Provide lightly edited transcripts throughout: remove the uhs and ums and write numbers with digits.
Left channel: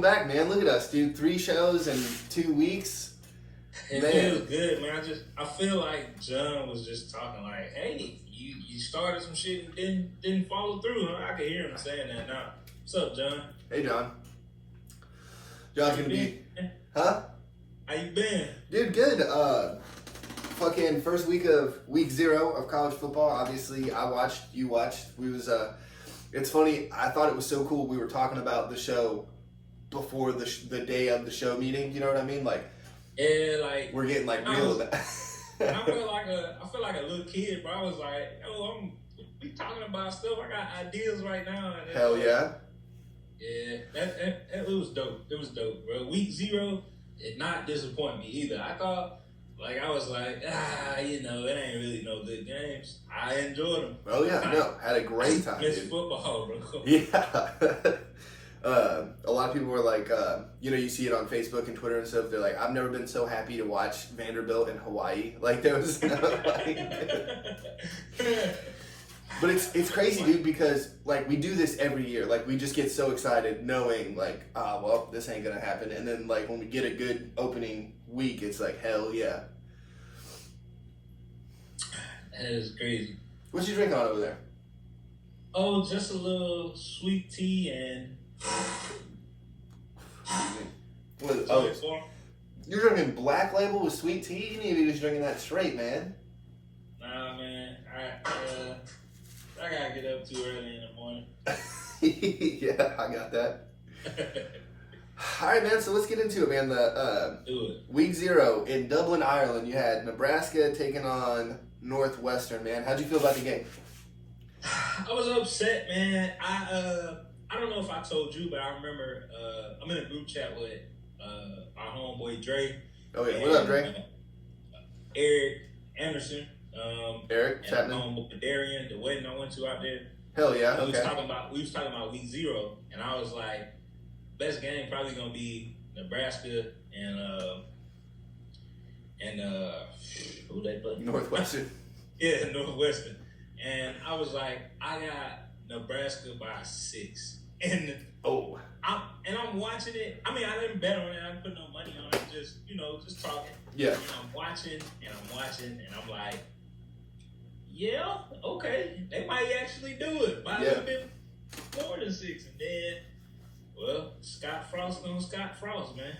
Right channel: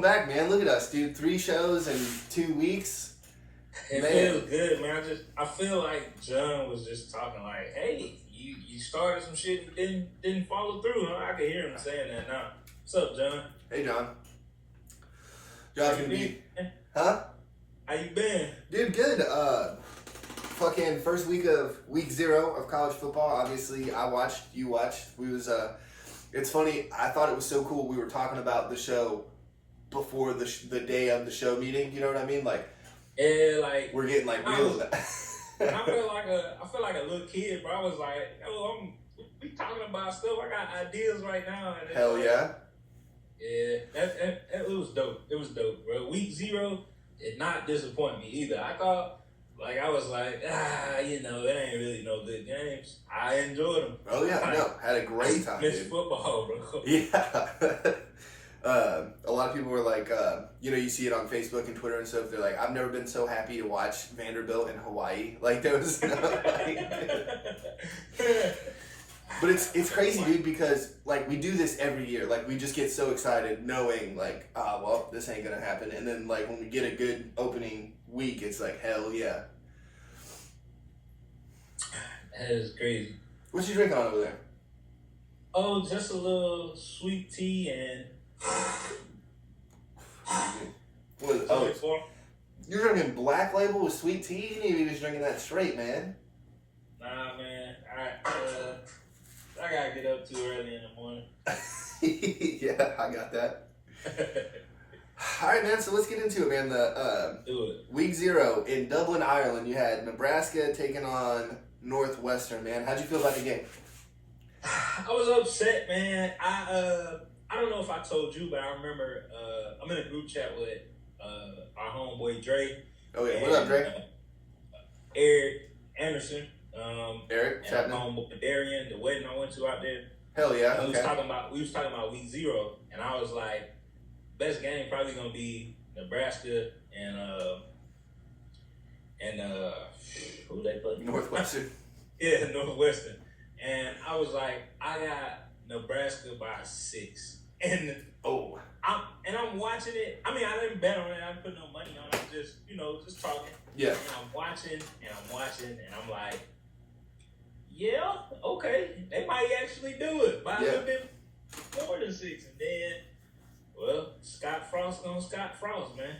welcome back, man. Look at us, dude. 3 shows in 2 weeks. It feels good, man. I feel like John was just talking like, "Hey, you started some shit and didn't follow through." Huh? I can hear him saying that now. What's up, John? Hey, John. John's gonna be, huh? How you been? Dude, good. Fucking first week of week 0 of college football. Obviously, I watched. You watched. It's funny. I thought it was so cool. We were talking about the show before the day of the show meeting. You know what I mean? Like, yeah, like we're getting like real with that. I feel like a little kid, bro. I was like, "Yo, we talking about stuff. I got ideas right now." And Hell yeah. Yeah, it was dope. It was dope, bro. Week 0 did not disappoint me either. I was like, it ain't really no good games. I enjoyed them. Oh yeah, had a great time. Missed football, bro. Yeah. A lot of people were like, you see it on Facebook and Twitter and stuff. They're like, I've never been so happy to watch Vanderbilt in Hawaii. Like there was, but it's crazy, dude, because like we do this every year. Like we just get so excited knowing like, well, this ain't gonna happen. And then like when we get a good opening week, it's like, hell yeah. That is crazy. What you drinking on over there? Oh, just a little sweet tea and. You're drinking Black Label with sweet tea? You need to be just drinking that straight, man. Nah, man. I gotta get up too early in the morning. Yeah, I got that. All right, man. So let's get into it, man. Do it. Week 0 in Dublin, Ireland. You had Nebraska taking on Northwestern. Man, how'd you feel about the game? I was upset, man. I don't know if I told you, but I remember I'm in a group chat with our homeboy Dre. Oh yeah, what up, Dre? Eric Anderson. Eric, and my homeboy Darian. The wedding I went to out there. Hell yeah. Okay. We was talking about week 0, and I was like, best game probably gonna be Nebraska and who they play? Northwestern. Yeah, Northwestern. And I was like, I got Nebraska by 6. And I'm watching it. I mean, I didn't bet on it. I didn't put no money on it. Just talking. Yeah. And I'm watching, and I'm like, yeah, okay, they might actually do it by a little bit more than 6. And then, well, Scott Frost gonna Scott Frost, man.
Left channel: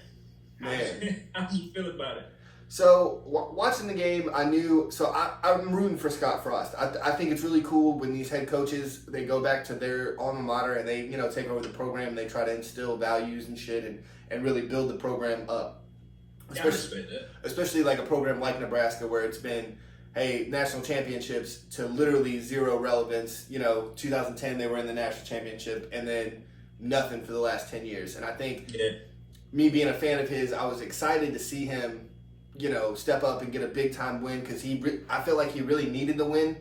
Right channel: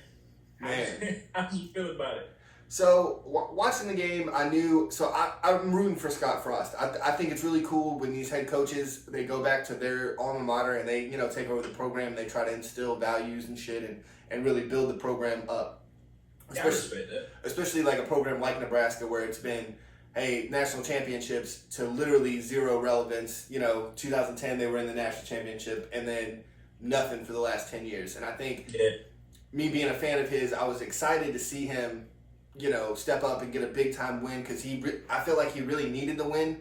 How did you feel about it? So watching the game, I knew. So I'm rooting for Scott Frost. I think it's really cool when these head coaches they go back to their alma mater and they take over the program. And they try to instill values and shit and really build the program up. Especially like a program like Nebraska where it's been, hey, national championships to literally 0 relevance. 2010 they were in the national championship and then nothing for the last 10 years. And I think me being a fan of his, I was excited to see him. Step up and get a big time win because I feel like he really needed the win.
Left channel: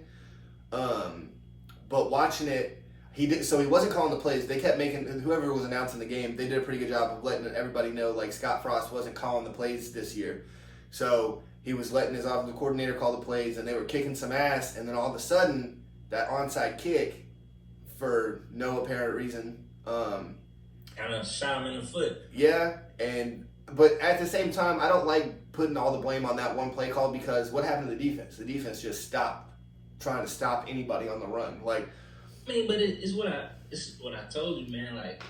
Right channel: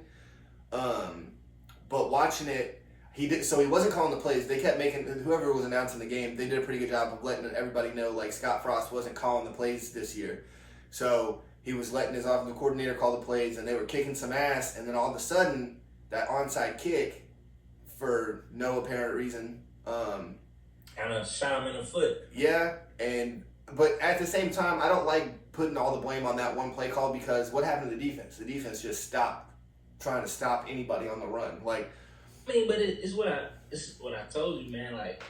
But watching it, he did. So he wasn't calling the plays. They kept making whoever was announcing the game. They did a pretty good job of letting everybody know like Scott Frost wasn't calling the plays this year. So he was letting his offensive coordinator call the plays, and they were kicking some ass. And then all of a sudden, that onside kick, for no apparent reason, kind of shot him in the foot. Yeah, but at the same time, I don't like putting all the blame on that one play call because what happened to the defense? The defense just stopped trying to stop anybody on the run. Like, I mean, but it's what I told you, man. Like,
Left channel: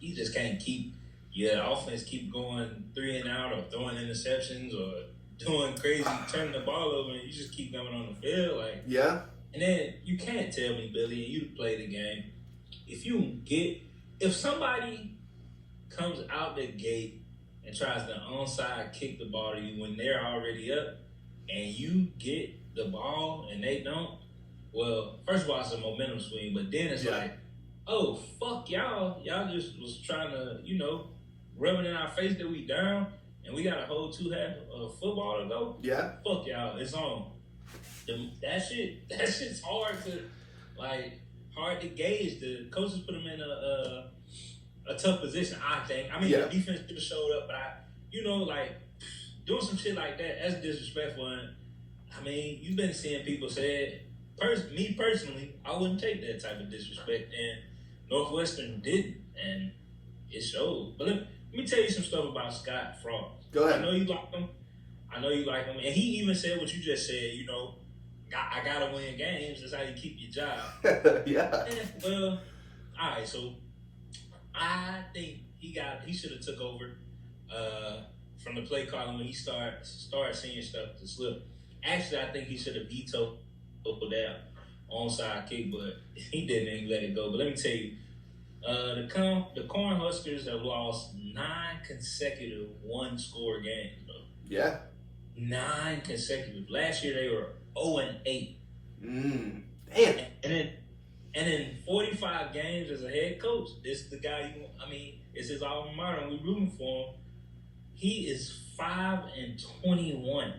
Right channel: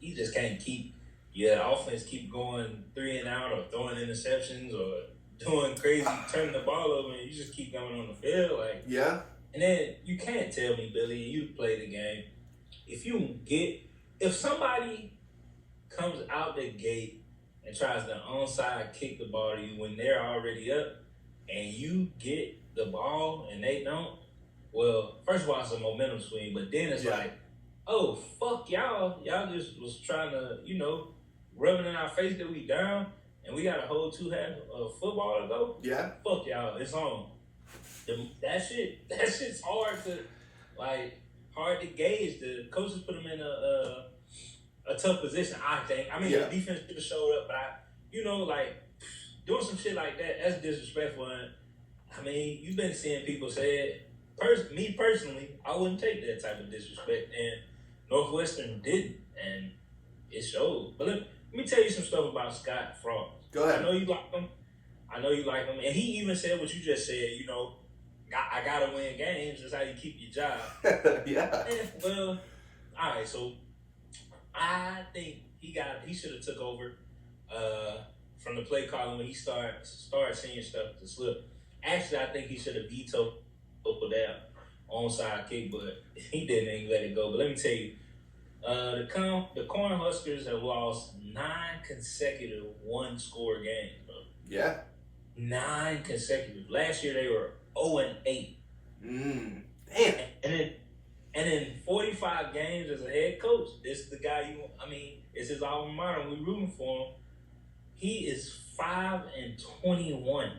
you just can't keep your offense keep going 3 and out or throwing interceptions or doing crazy, turning the ball over, and you just keep going on the field. Like, yeah. And then you can't tell me, Billy, and you play the game. If somebody comes out the gate and tries to onside kick the ball to you when they're already up and you get the ball and they don't, well, first of all, it's a momentum swing, but then it's like, oh, fuck y'all. Y'all just was trying to, rubbing in our face that we down and we got a whole 2 half of football to go. Yeah. Fuck y'all. It's on. That shit's hard to gauge. The coaches put them in a tough position, I think. I mean, the defense should have showed up, but doing some shit like that, that's disrespectful. And, I mean, you've been seeing people say it. Me personally, I wouldn't take that type of disrespect, and Northwestern didn't. And it showed. But let me tell you some stuff about Scott Frost. Go ahead. I know you like him. And he even said what you just said. I gotta win games. That's how you keep your job. Yeah. And, well, all right. So I think he should have took over from the play calling when he started seeing stuff to slip. Actually, I think he should have vetoed that onside kick, but he didn't even let it go. But let me tell you, the Cornhuskers have lost 9 consecutive one-score games, bro. Yeah. 9 consecutive. Last year they were 0-8. Damn. And in 45 games as a head coach, this is the guy it's his alma mater, and we're rooting for him. He is 5-21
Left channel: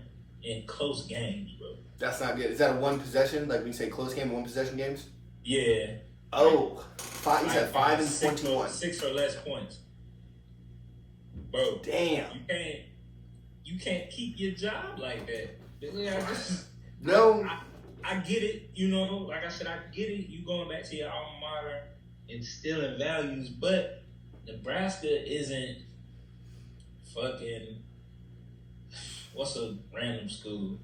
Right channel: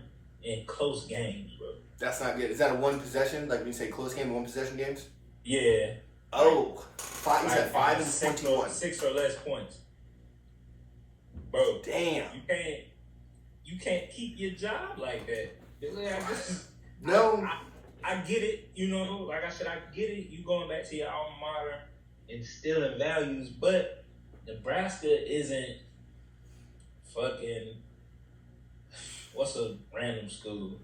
in close games, bro. That's not good. Is that a one possession? Like when you say close game, 1 possession games? Yeah. Oh, you said 5-21. 6 or less points. Bro. Damn. You can't keep your job like that. No. I get it, like I said, I get it. You going back to your alma mater, instilling values, but Nebraska isn't fucking, what's a random school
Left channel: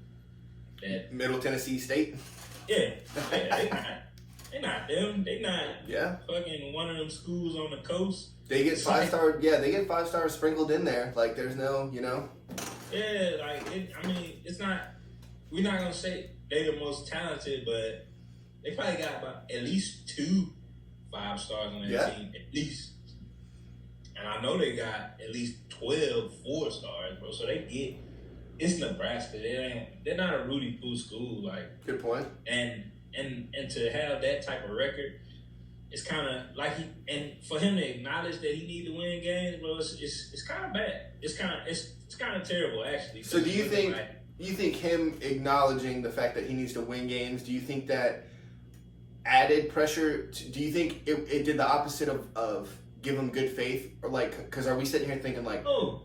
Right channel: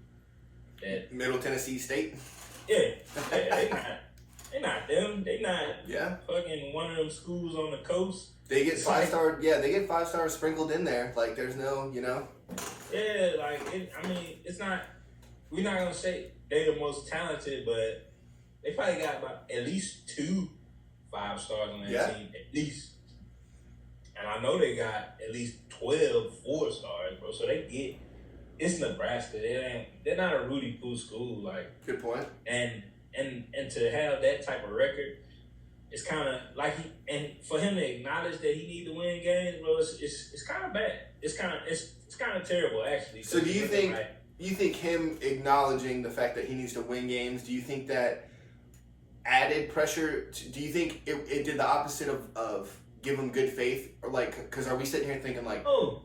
that Middle Tennessee State? Yeah, they not them. They not fucking one of them schools on the coast. They get 5-star. Yeah, they get 5 stars sprinkled in there. Like there's no, Yeah, it's not. We're not gonna say they're the most talented, but they probably got about at least 2 5 stars on their team, at least. And I know they got at least 12 4 stars, bro. So it's Nebraska. They're not a Rudy Poo school, like. Good point. And to have that type of record, it's kind of like and for him to acknowledge that he need to win games, bro, it's kind of bad. It's kind of terrible, actually. So do you think him acknowledging the fact that he needs to win games? Do you think that added pressure? Do you think it did the opposite of give him good faith, or like? Because are we sitting here thinking like, no,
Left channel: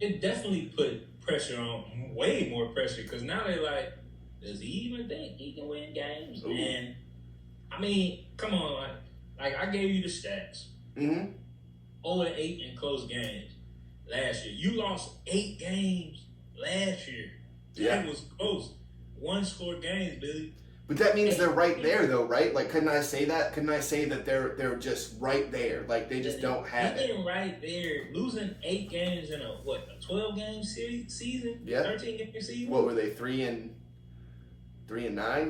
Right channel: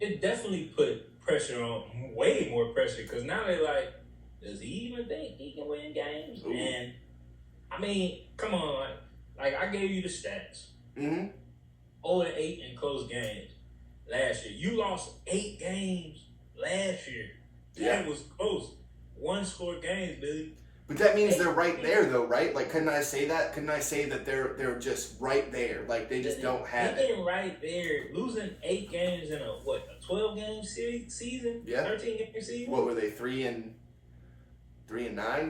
it definitely put pressure on, way more pressure. Because now they're like, does he even think he can win games? Ooh. And come on, like I gave you the stats. 0-8 in close games last year. You lost 8 games last year. That was close. 1-score games, Billy. But that means they're right there, though, right? Like, couldn't I say that? Couldn't I say that they're just right there? Like, they just don't have it. They're right there. Losing 8 games in a 12-game season? Yeah. 13-game season? What were they, 3-9?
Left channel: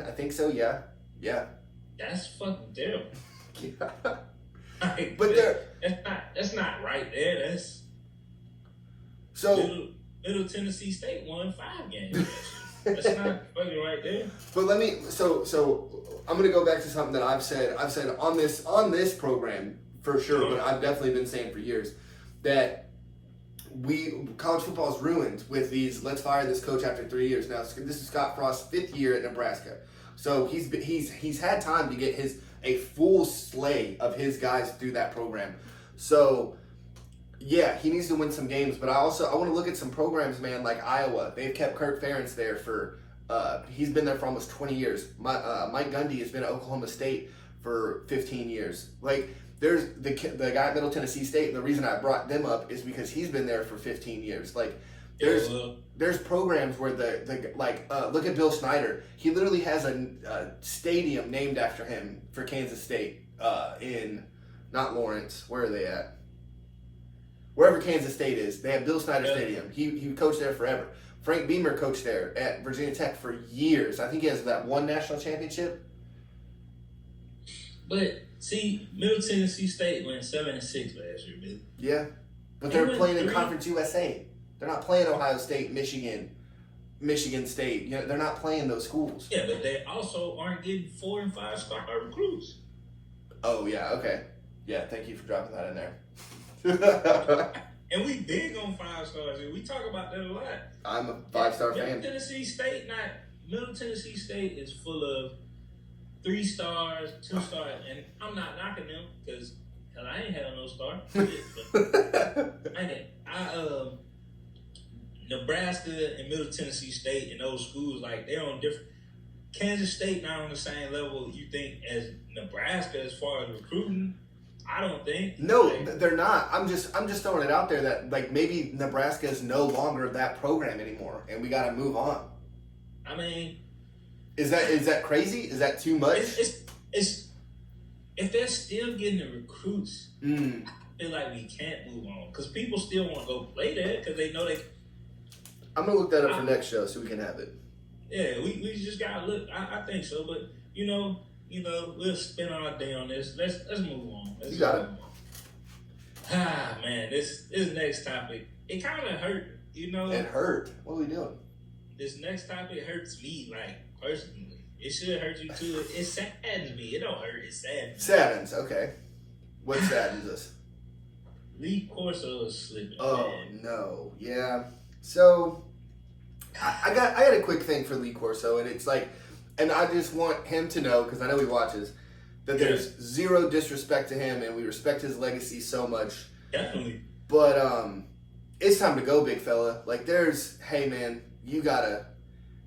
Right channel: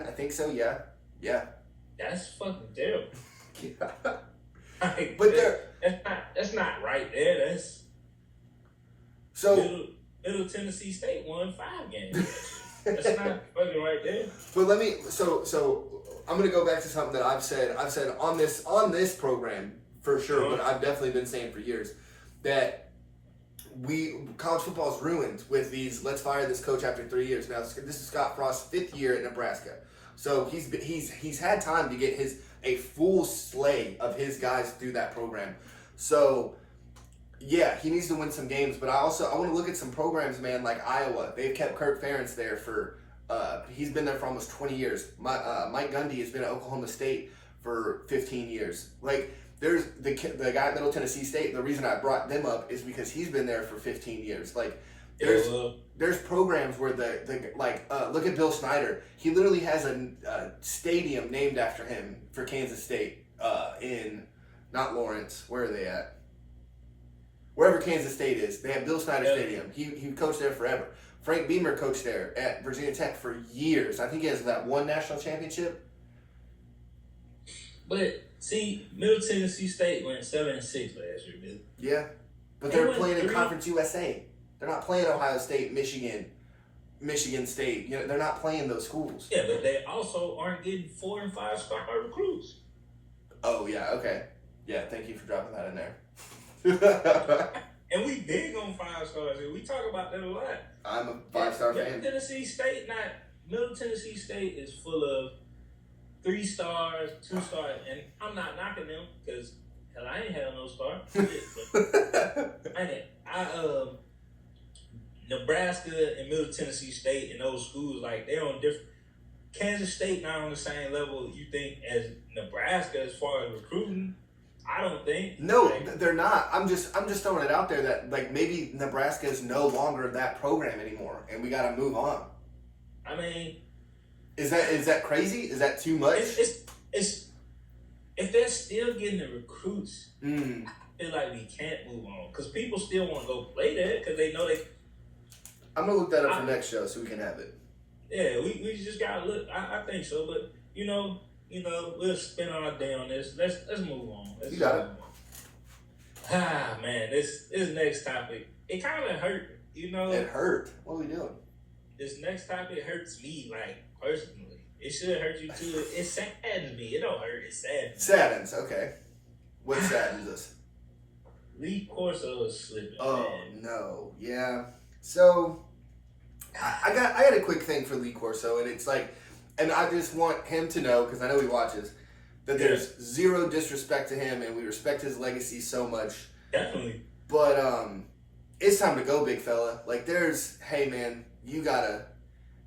I think so. Yeah. That's fucking terrible. But that's not right there. That's so. Middle Tennessee State won 5 games. That's not fucking right there. But so I'm gonna go back to something that I've said on this program for sure, but I've definitely been saying for years that college football is ruined with these. Let's fire this coach after 3 years. Now this is Scott Frost's 5th year at Nebraska, so he's had time to get a full slate of his guys through that program. So. Yeah, he needs to win some games, but I want to look at some programs, man, like Iowa. They've kept Kirk Ferentz there for he's been there for almost 20 years. Mike Gundy has been at Oklahoma State for 15 years. Like there's the guy at Middle Tennessee State. The reason I brought them up is because he's been there for 15 years. Like there's programs where look at Bill Snyder. He literally has a stadium named after him for Kansas State in not Lawrence. Where are they at? Wherever Kansas State is, they have Bill Snyder Stadium. He coached there forever. Frank Beamer coached there at Virginia Tech for years. I think he has that 1 national championship. But see, Middle Tennessee State went 7-6 last year, Bill. Yeah, but they're playing in Conference USA. They're not playing Ohio State, Michigan State. They're not playing those schools. Yeah, but they also aren't getting 4- and 5-star recruits. Oh yeah, okay, yeah. Thank you for dropping that in there. And we big on 5 stars. We talk about that a lot. I'm a 5-star fan. Middle Tennessee State is full of 3 stars, 2 stars, and I'm not knocking them because I ain't had no star. Nebraska and Middle Tennessee State and those schools, like they're on different. Kansas State not on the same level you think as Nebraska as far as recruiting. I don't think. No, Like, they're not. I'm just throwing it out there that like maybe Nebraska is no longer that program anymore, and we got to move on. I mean, Is that crazy? Is that too much? It's if they're still getting the recruits, Mm. I feel like we can't move on because people still want to go play there because they know they. I'm gonna look that up for next show so we can have it. Yeah, we just gotta look. I think so, but we'll spend our day on this. Let's move on. You got it. Ah man, this next topic it kind of hurt. It hurt. What are we doing? This next topic hurts me like personally. It should hurt you too. It saddens me. It don't hurt. It saddens. Saddens. Okay. What saddens us? Lee Corso is slipping. Oh man. no. Yeah. So I got a quick thing for Lee Corso, and it's like, and I just want him to know because I know he watches that there's zero disrespect to him, and we respect his legacy so much. Definitely. But it's time to go, big fella. Like, hey man, you gotta.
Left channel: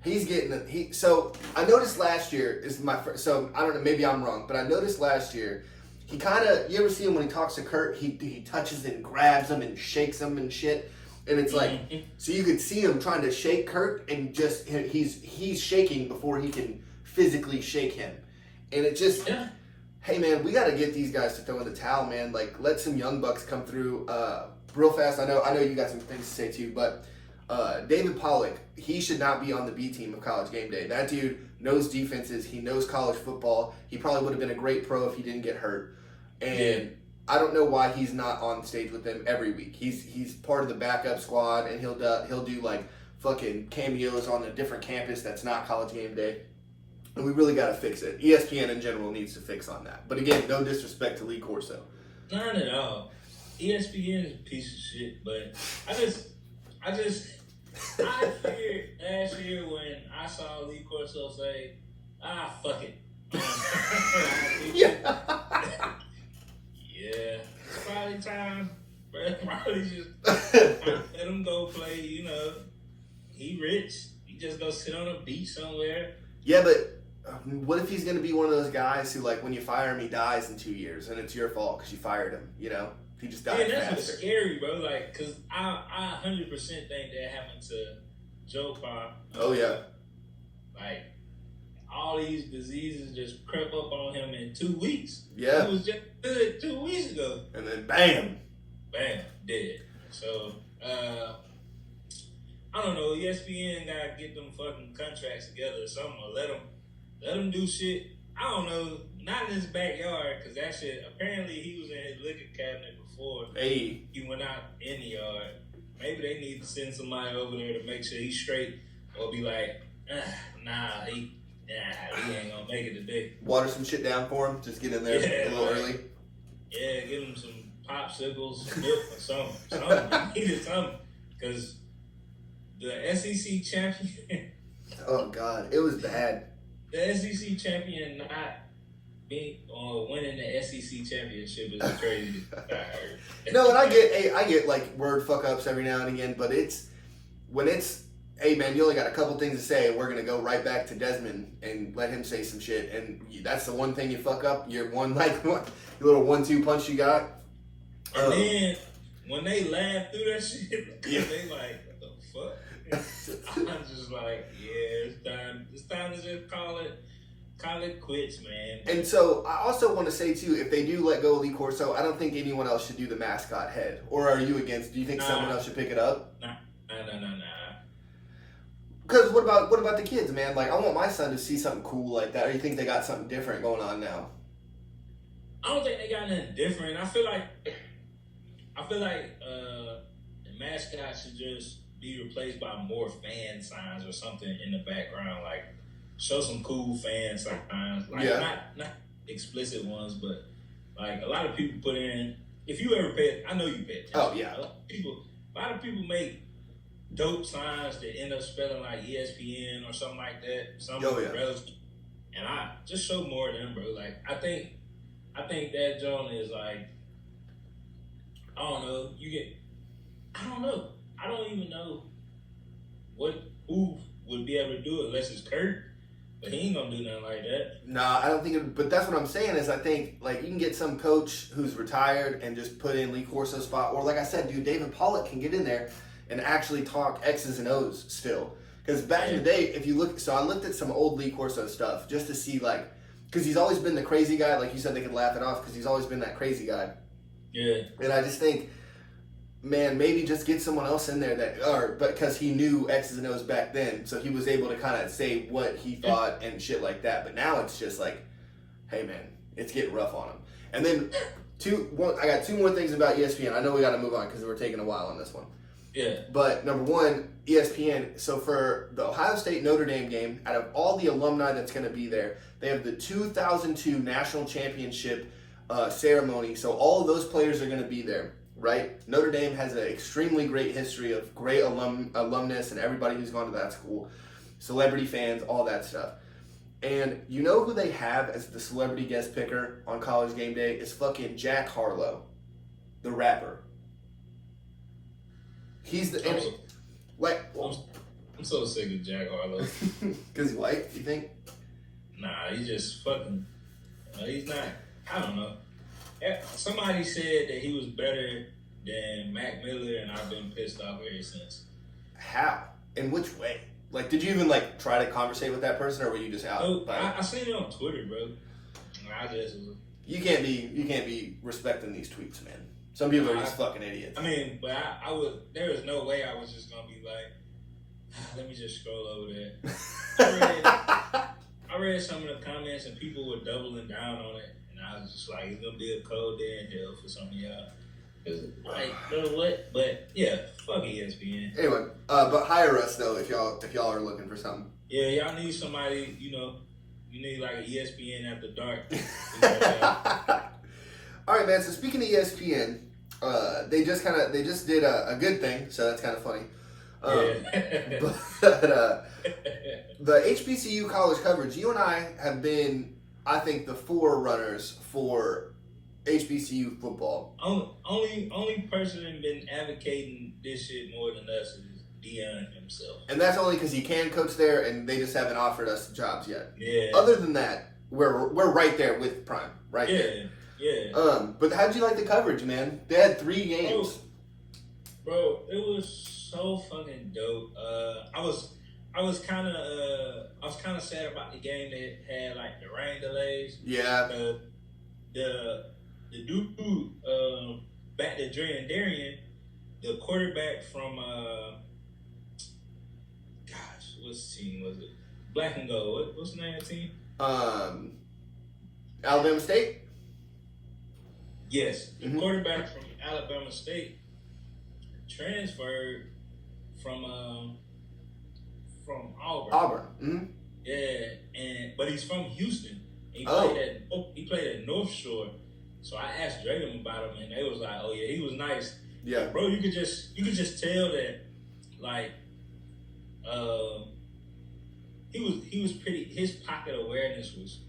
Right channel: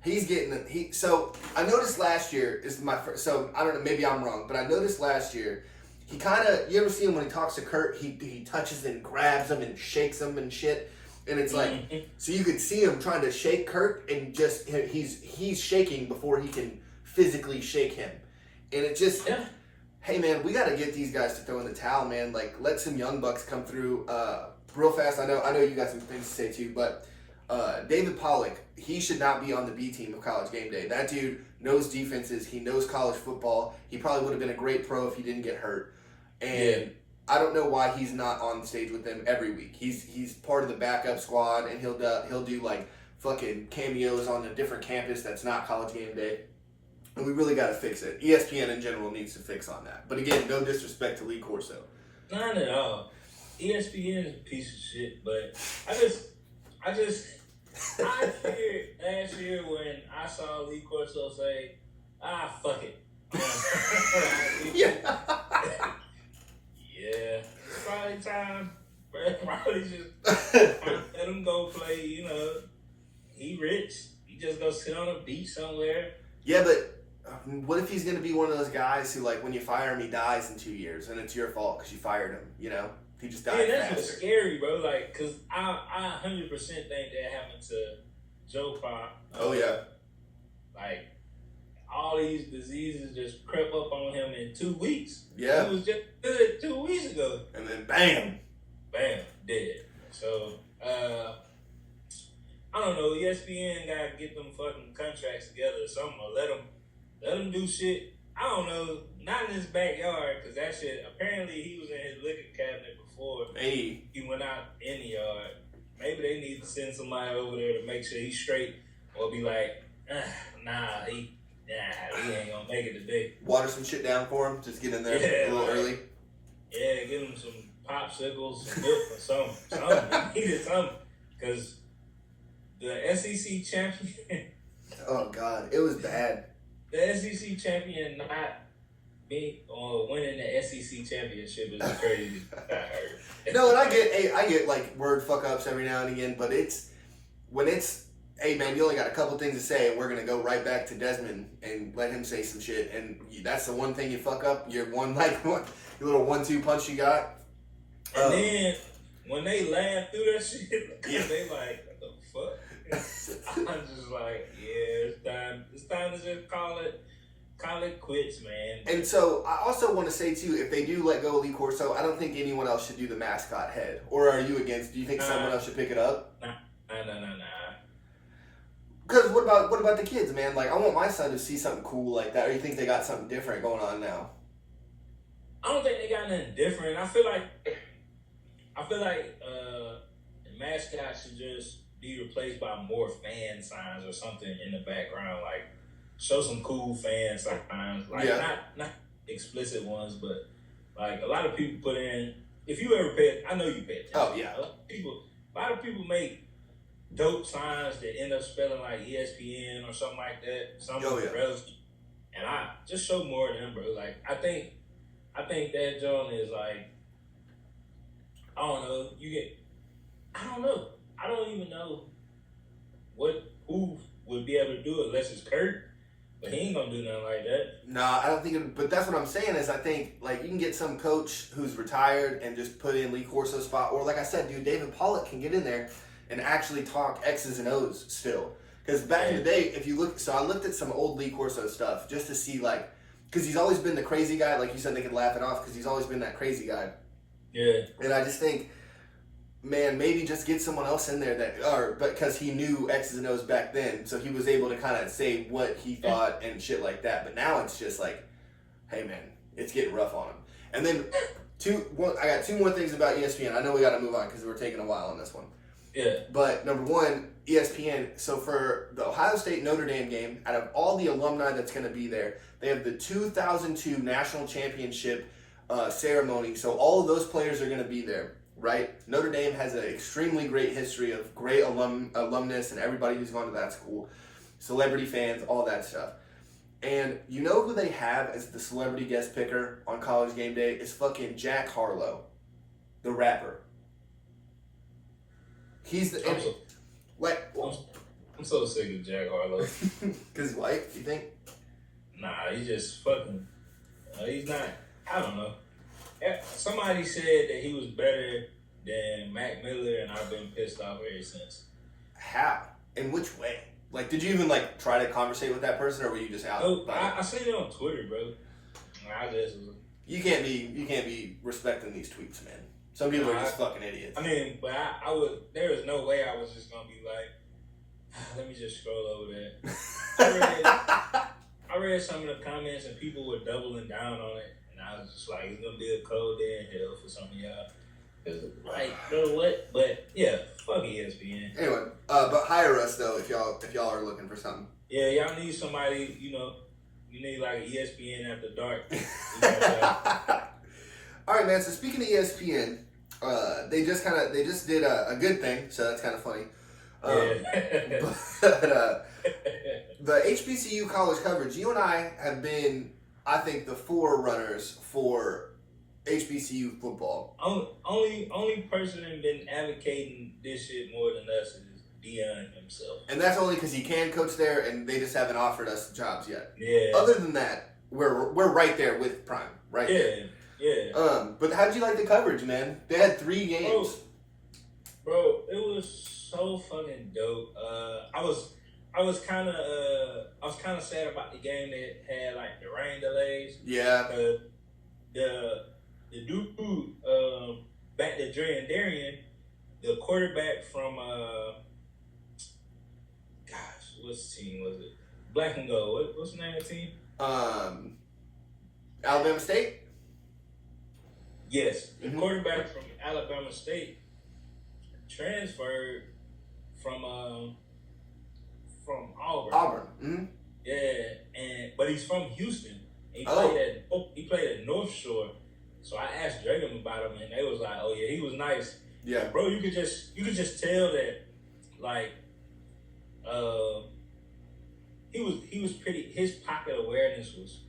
He's getting So I noticed last year is my first. So I don't know, maybe I'm wrong, but I noticed last year he kind of. You ever see him when he talks to Kurt? He touches and grabs him and shakes him and shit. And it's like, so you could see him trying to shake Kurt, and just he's shaking before he can physically shake him, and it just. Yeah. Hey man, we got to get these guys to throw in the towel, man. Like, let some young bucks come through real fast. I know you got some things to say too, but David Pollock, he should not be on the B team of College Game Day. That dude knows defenses. He knows college football. He probably would have been a great pro if he didn't get hurt. And I don't know why he's not on stage with them every week. He's part of the backup squad, and he'll do like fucking cameos on a different campus that's not College Game Day. And we really got to fix it. ESPN in general needs to fix on that. But again, no disrespect to Lee Corso. Not at all. ESPN is a piece of shit, but I figured last year when I saw Lee Corso say, fuck it. Yeah. Yeah. It's probably time. Probably just let him go play, he rich. He just go sit on a beach somewhere. Yeah, but what if he's going to be one of those guys who, like, when you fire him, he dies in 2 years, and it's your fault because you fired him, He just died that's faster. what's scary, bro. Like, because I 100% think that happened to Joe Pa. Oh, yeah. Like, all these diseases just crept up on him in 2 weeks. Yeah. He was just good 2 weeks ago. And then, bam. Bam, dead. So, I don't know. ESPN got to get them fucking contracts together or something, or let him do shit. I don't know. Not in his backyard, because that shit, apparently he was in his liquor cabinet before he went out in the yard. Maybe they need to send somebody over there to make sure he's straight, or be like, he ain't gonna make it today. Water some shit down for him. Just get in there a little early. Yeah, give him some popsicles, some milk, or something. He needed something, because the SEC champion. Oh, God. It was bad. The SEC champion not being or winning the SEC championship is crazy. No, and I get like word fuck ups every now and again, but hey man, you only got a couple things to say, and we're gonna go right back to Desmond and let him say some shit, and that's the one thing you fuck up. Your one your little 1-2 punch you got. And then when they laugh through that shit, they like, what the fuck? I'm just like, it's time to just call it quits, man. And so I also want to say too, if they do let go of Lee Corso, I don't think anyone else should do the mascot head. Or are you against? Do you think someone else should pick it up? Nah. Because what about the kids, man? Like, I want my son to see something cool like that. Or you think they got something different going on now? I don't think they got nothing different. I feel like the mascot should just be replaced by more fan signs or something in the background, like show some cool fan signs, like not explicit ones, but like a lot of people put in. If you ever I know you pay attention. Oh yeah. A lot of people make dope signs that end up spelling like ESPN or something like that. Something relevant. And I just show more of them, bro. Like I think that John is like, I don't know. I don't know. I don't even know who would be able to do it unless it's Kurt. But he ain't gonna do nothing like that. Nah, I don't think it, but that's what I'm saying is I think, like, you can get some coach who's retired and just put in Lee Corso's spot. Or, like I said, dude, David Pollock can get in there and actually talk X's and O's still. Because back in the day, if you look, so I looked at some old Lee Corso stuff just to see, like, because he's always been the crazy guy. Like you said, they could laugh it off because he's always been that crazy guy. Yeah. And I just think, man, maybe just get someone else in there but because he knew X's and O's back then, so he was able to kind of say what he thought and shit like that. But now it's just like, hey man, it's getting rough on him. And then I got two more things about ESPN. I know we got to move on because we're taking a while on this one. Yeah. But number one, ESPN. So for the Ohio State Notre Dame game, out of all the alumni that's going to be there, they have the 2002 national championship ceremony. So all of those players are going to be there, right? Notre Dame has an extremely great history of great alumnus and everybody who's gone to that school, celebrity fans, all that stuff. And you know who they have as the celebrity guest picker on College Game Day is fucking Jack Harlow, the rapper. He's the I'm so sick of Jack Harlow. Because he's white, you think? Nah, he just fucking. He's not. I don't know. Somebody said that he was better than Mac Miller, and I've been pissed off ever since. How? In which way? Like, did you even like try to conversate with that person, or were you just out? Oh, I seen it on Twitter, bro. I just. You can't be respecting these tweets, man. Some people are just fucking idiots. I mean, but I would. There is no way I was just gonna be like, let me just scroll over that. I read some of the comments and people were doubling down on it, and I was just like, it's gonna be a cold day in hell for some of y'all. Like, you know what? But yeah, fuck ESPN. Anyway, but hire us though if y'all are looking for something. Yeah, y'all need somebody. You know, you need like ESPN after dark. All right, man. So speaking of ESPN, they just did a good thing, so that's kind of funny. But the HBCU college coverage, you and I have been, I think, the forerunners for HBCU football. Only person that's been advocating this shit more than us is Deion himself. And that's only because he can coach there, and they just haven't offered us jobs yet. Yeah. Other than that, we're right there with Prime, right? Yeah. Yeah. But how'd you like the coverage, man? They had 3 games. Bro, it was so fucking dope. I was kind of sad about the game that had like the rain delays. Yeah. The dude back to Dre and Darian, the quarterback from what's the team was it? Black and Gold. What's the name of the team? Alabama State. Yes, the quarterback from Alabama State transferred from Auburn. Mm-hmm. Yeah, but he's from Houston. He played at North Shore. So I asked Dragon about him, and they was like, "Oh yeah, he was nice." Yeah, bro, you could just tell that, like, he was pretty. His pocket awareness was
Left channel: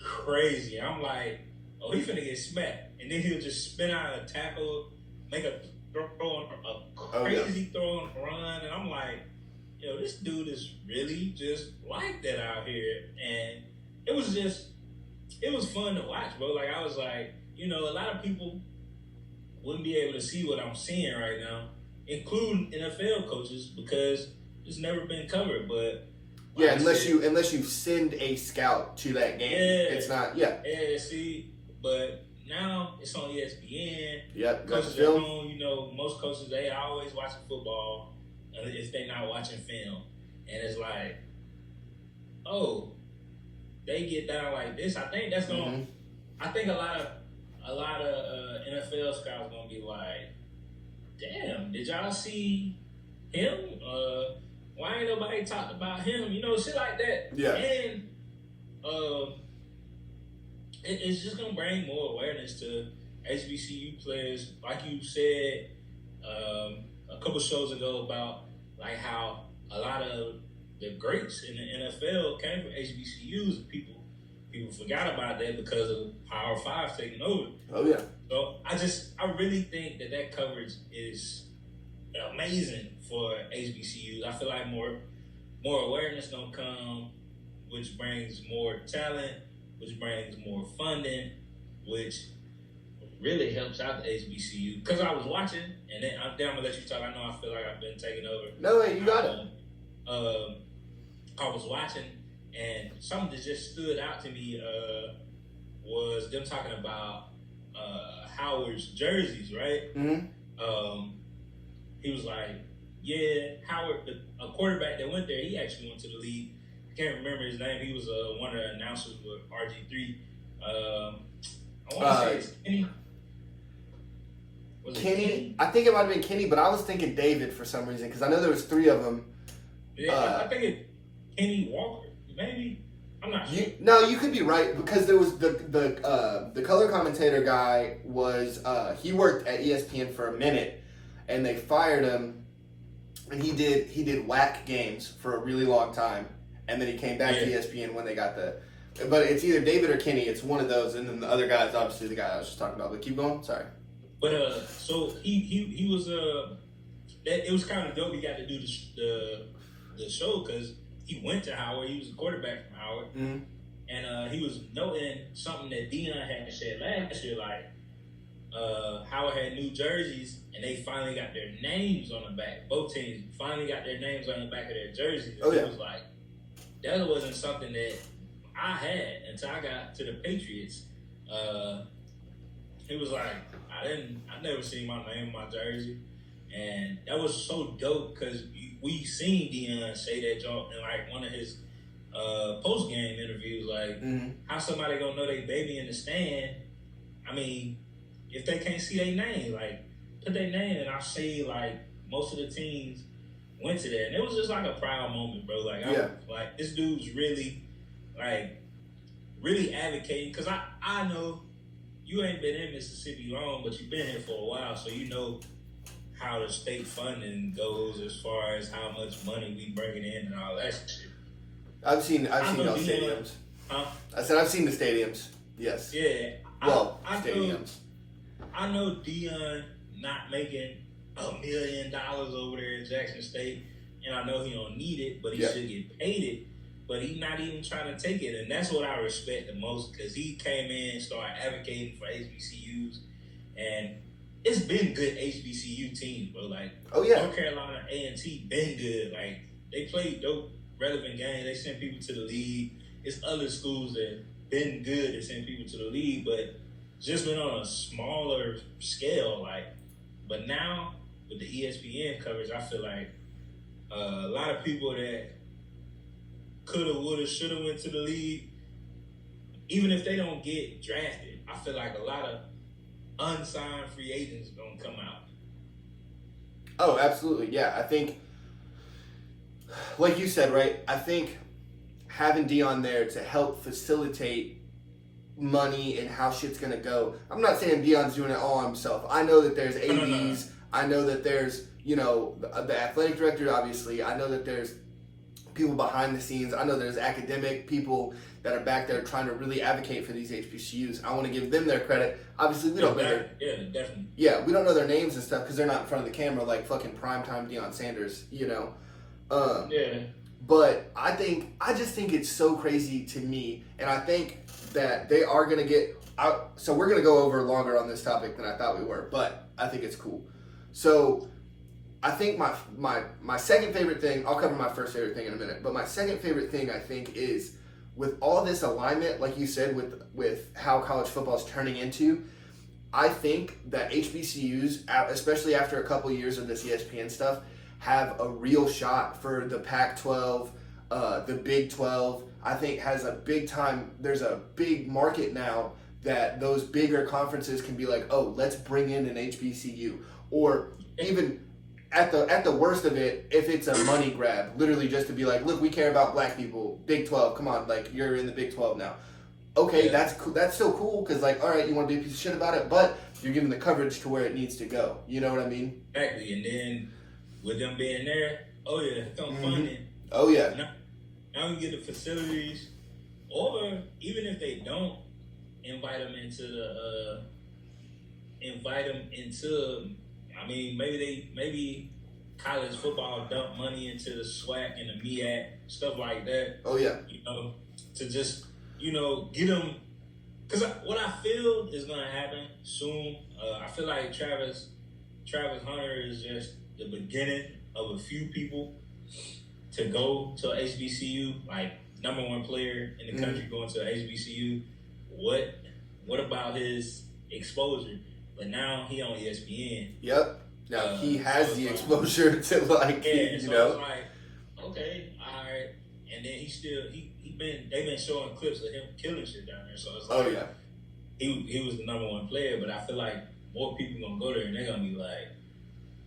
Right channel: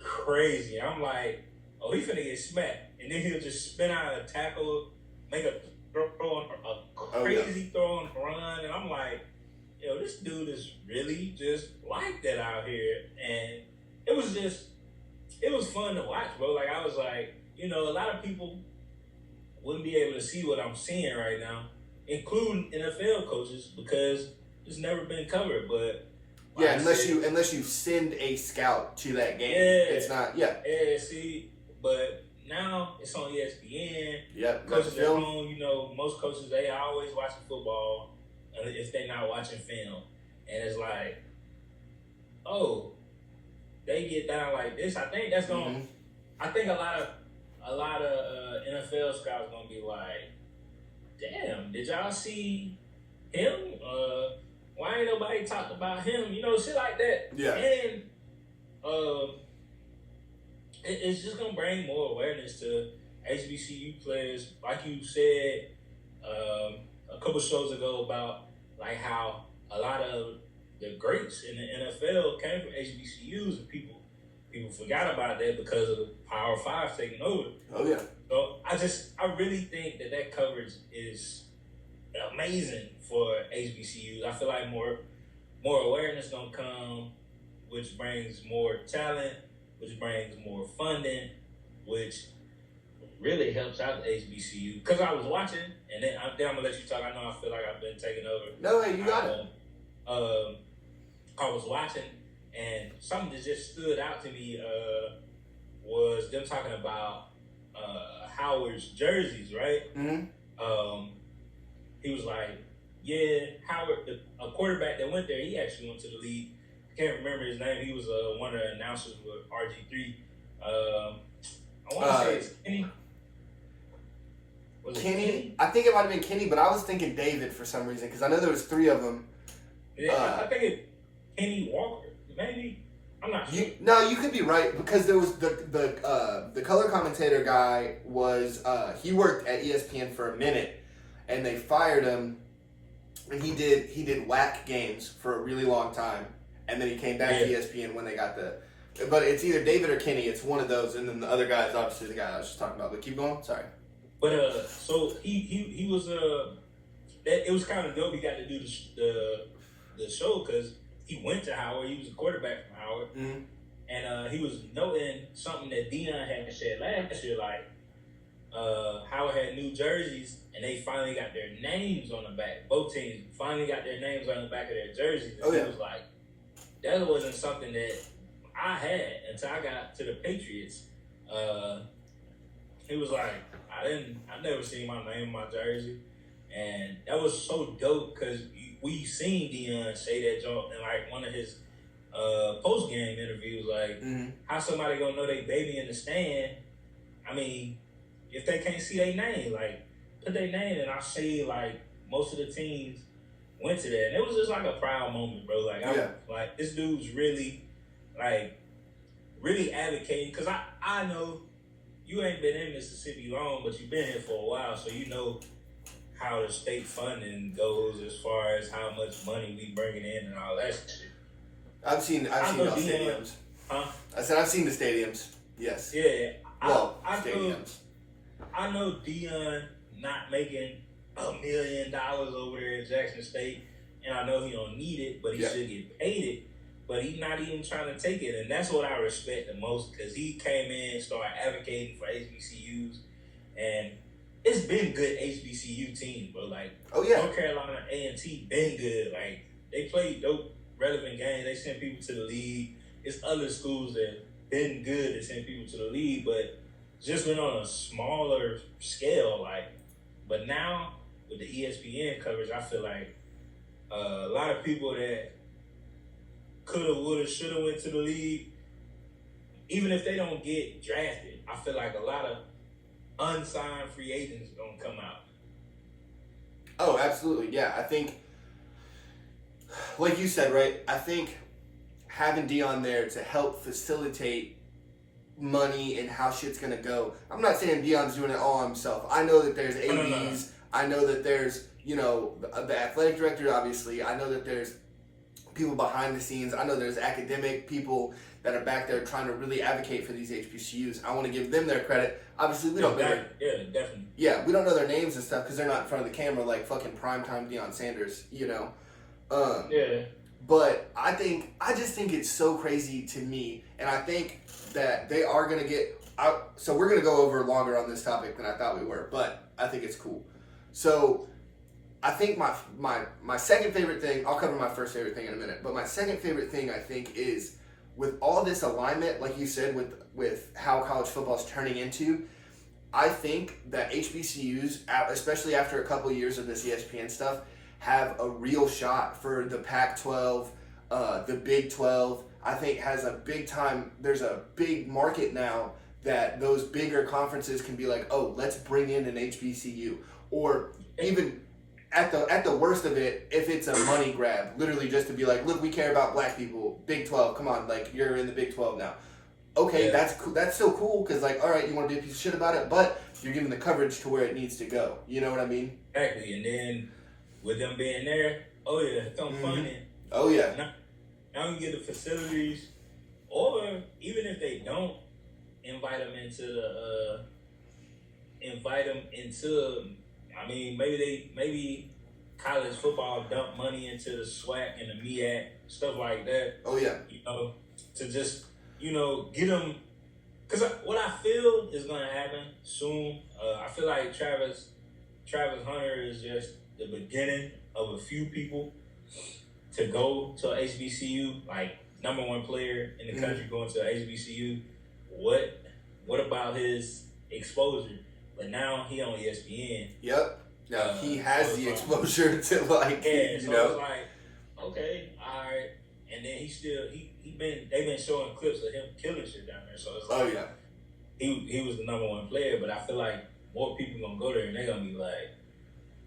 crazy. I'm like, oh, he finna get smacked, and then he'll just spin out a tackle, make a crazy throw and run, and I'm like, yo, this dude is really just like that out here, and it was fun to watch, bro. Like, I was like, you know, a lot of people wouldn't be able to see what I'm seeing right now, including NFL coaches, because it's never been covered. But yeah, unless you send a scout to that game, it's not. Yeah. Yeah. See, but now it's on ESPN. Yep. Coaches at home, you know, most coaches, they always watching football if they're not watching film, and it's like, oh, they get down like this. I think that's gonna. Mm-hmm. I think a lot of NFL scouts gonna be like, damn, did y'all see him? Why ain't nobody talked about him? You know, shit like that. Yeah. And it's just gonna bring more awareness to HBCU players, like you said a couple shows ago about like how a lot of the greats in the NFL came from HBCUs, and people forgot about that because of Power 5 taking over. Oh yeah. So I really think that coverage is amazing for HBCUs. I feel like more awareness gonna come which brings more talent, which brings more funding, which really helps out the HBCU. Because I was watching, and then I'm gonna let you talk. I know I feel like I've been taking over. No, hey, you got it. I was watching, and something that just stood out to me was them talking about Howard's jerseys, right? He was like, yeah, Howard, a quarterback that went there, he actually went to the league. I can't remember his name. He was one of the announcers with RG3. I want to say it's Kenny. Was it Kenny? I think it might have been Kenny, but I was thinking David for some reason because I know there was 3 of them. Yeah, I think it's Kenny Walker, maybe. I'm not sure. You could be right because there was the color commentator guy was he worked at ESPN for a minute, and they fired him, and he did whack games for a really long time, and then he came back to ESPN when they got the. But it's either David or Kenny. It's one of those, and then the other guy is obviously the guy I was just talking about. But keep going. Sorry. But so he was it was kind of dope. He got to do the show because he went to Howard. He was a quarterback from Howard, and he was noting something that Deion had said last year, like Howard had new jerseys, and they finally got their names on the back. Both teams finally got their names on the back of their jerseys. And he was like, that wasn't something that I had until I got to the Patriots. He was like, I never seen my name on my jersey, and that was so dope because we seen Deion say that joke in like one of his post game interviews, like how somebody gonna know they baby in the stand? I mean, if they can't see their name, like put their name, and I see like most of the teams went to that, and it was just like a proud moment, bro. Like like this dude's really advocating because I know. You ain't been in Mississippi long, but you've been here for a while, so you know how the state funding goes as far as how much money we bringing in and all that shit. I've seen those stadiums. Huh? I said I've seen the stadiums. Yes. Yeah. Stadiums. I know Deion not making $1 million over there in Jackson State, and I know he don't need it, but he should get paid it. But he's not even trying to take it, and that's what I respect the most because he came in and started advocating for HBCUs, and it's been good HBCU teams, bro. Like, North Carolina A&T been good. Like, they play dope, relevant games. They send people to the league. It's other schools that been good that send people to the league, but just been on a smaller scale. Like, but now with the ESPN coverage, I feel like a lot of people that coulda, woulda, shoulda went to the league, even if they don't get drafted, I feel like a lot of unsigned free agents gonna come out. Oh, absolutely. Yeah, I think, like you said, right? I think having Deion there to help facilitate money and how shit's gonna go. I'm not saying Deion's doing it all himself. I know that there's ADs. I know that there's, the athletic director, obviously. I know that there's people behind the scenes. I know there's academic people that are back there trying to really advocate for these HBCUs. I want to give them their credit. Obviously, we don't know their, definitely. Yeah, we don't know their names and stuff because they're not in front of the camera like fucking primetime Deion Sanders, But I just think it's so crazy to me, and I think that they are gonna get out. So we're gonna go over longer on this topic than I thought we were, but I think it's cool. So I think my second favorite thing, I'll cover my first favorite thing in a minute, but my second favorite thing I think is with all this alignment, like you said, with how college football is turning into, I think that HBCUs, especially after a couple of years of this ESPN stuff, have a real shot for the Pac-12, the Big 12. I think has a big time, there's a big market now that those bigger conferences can be like, oh, let's bring in an HBCU. Or even at the worst of it, if it's a money grab, literally just to be like, look, we care about black people, Big 12, come on, like, you're in the Big 12 now. Okay, that's cool. That's so cool because, like, all right, you want to be a piece of shit about it, but you're giving the coverage to where it needs to go. You know what I mean? Exactly, and then with them being there, oh yeah, it's on funding. Oh yeah. Now we get the facilities, or even if they don't invite them into, I mean, maybe college football dump money into the SWAC and the MEAC, stuff like that. Oh yeah. to just get him. Because what I feel is gonna happen soon. I feel like Travis Hunter is just the beginning of a few people to go to HBCU, like #1 player in the country going to HBCU. What about his exposure? But now he on ESPN. Yep. Now he has so the exposure to like it's like, okay, all right. And then they've been showing clips of him killing shit down there. So it's like he was the #1 player, but I feel like more people gonna go there and they're gonna be like,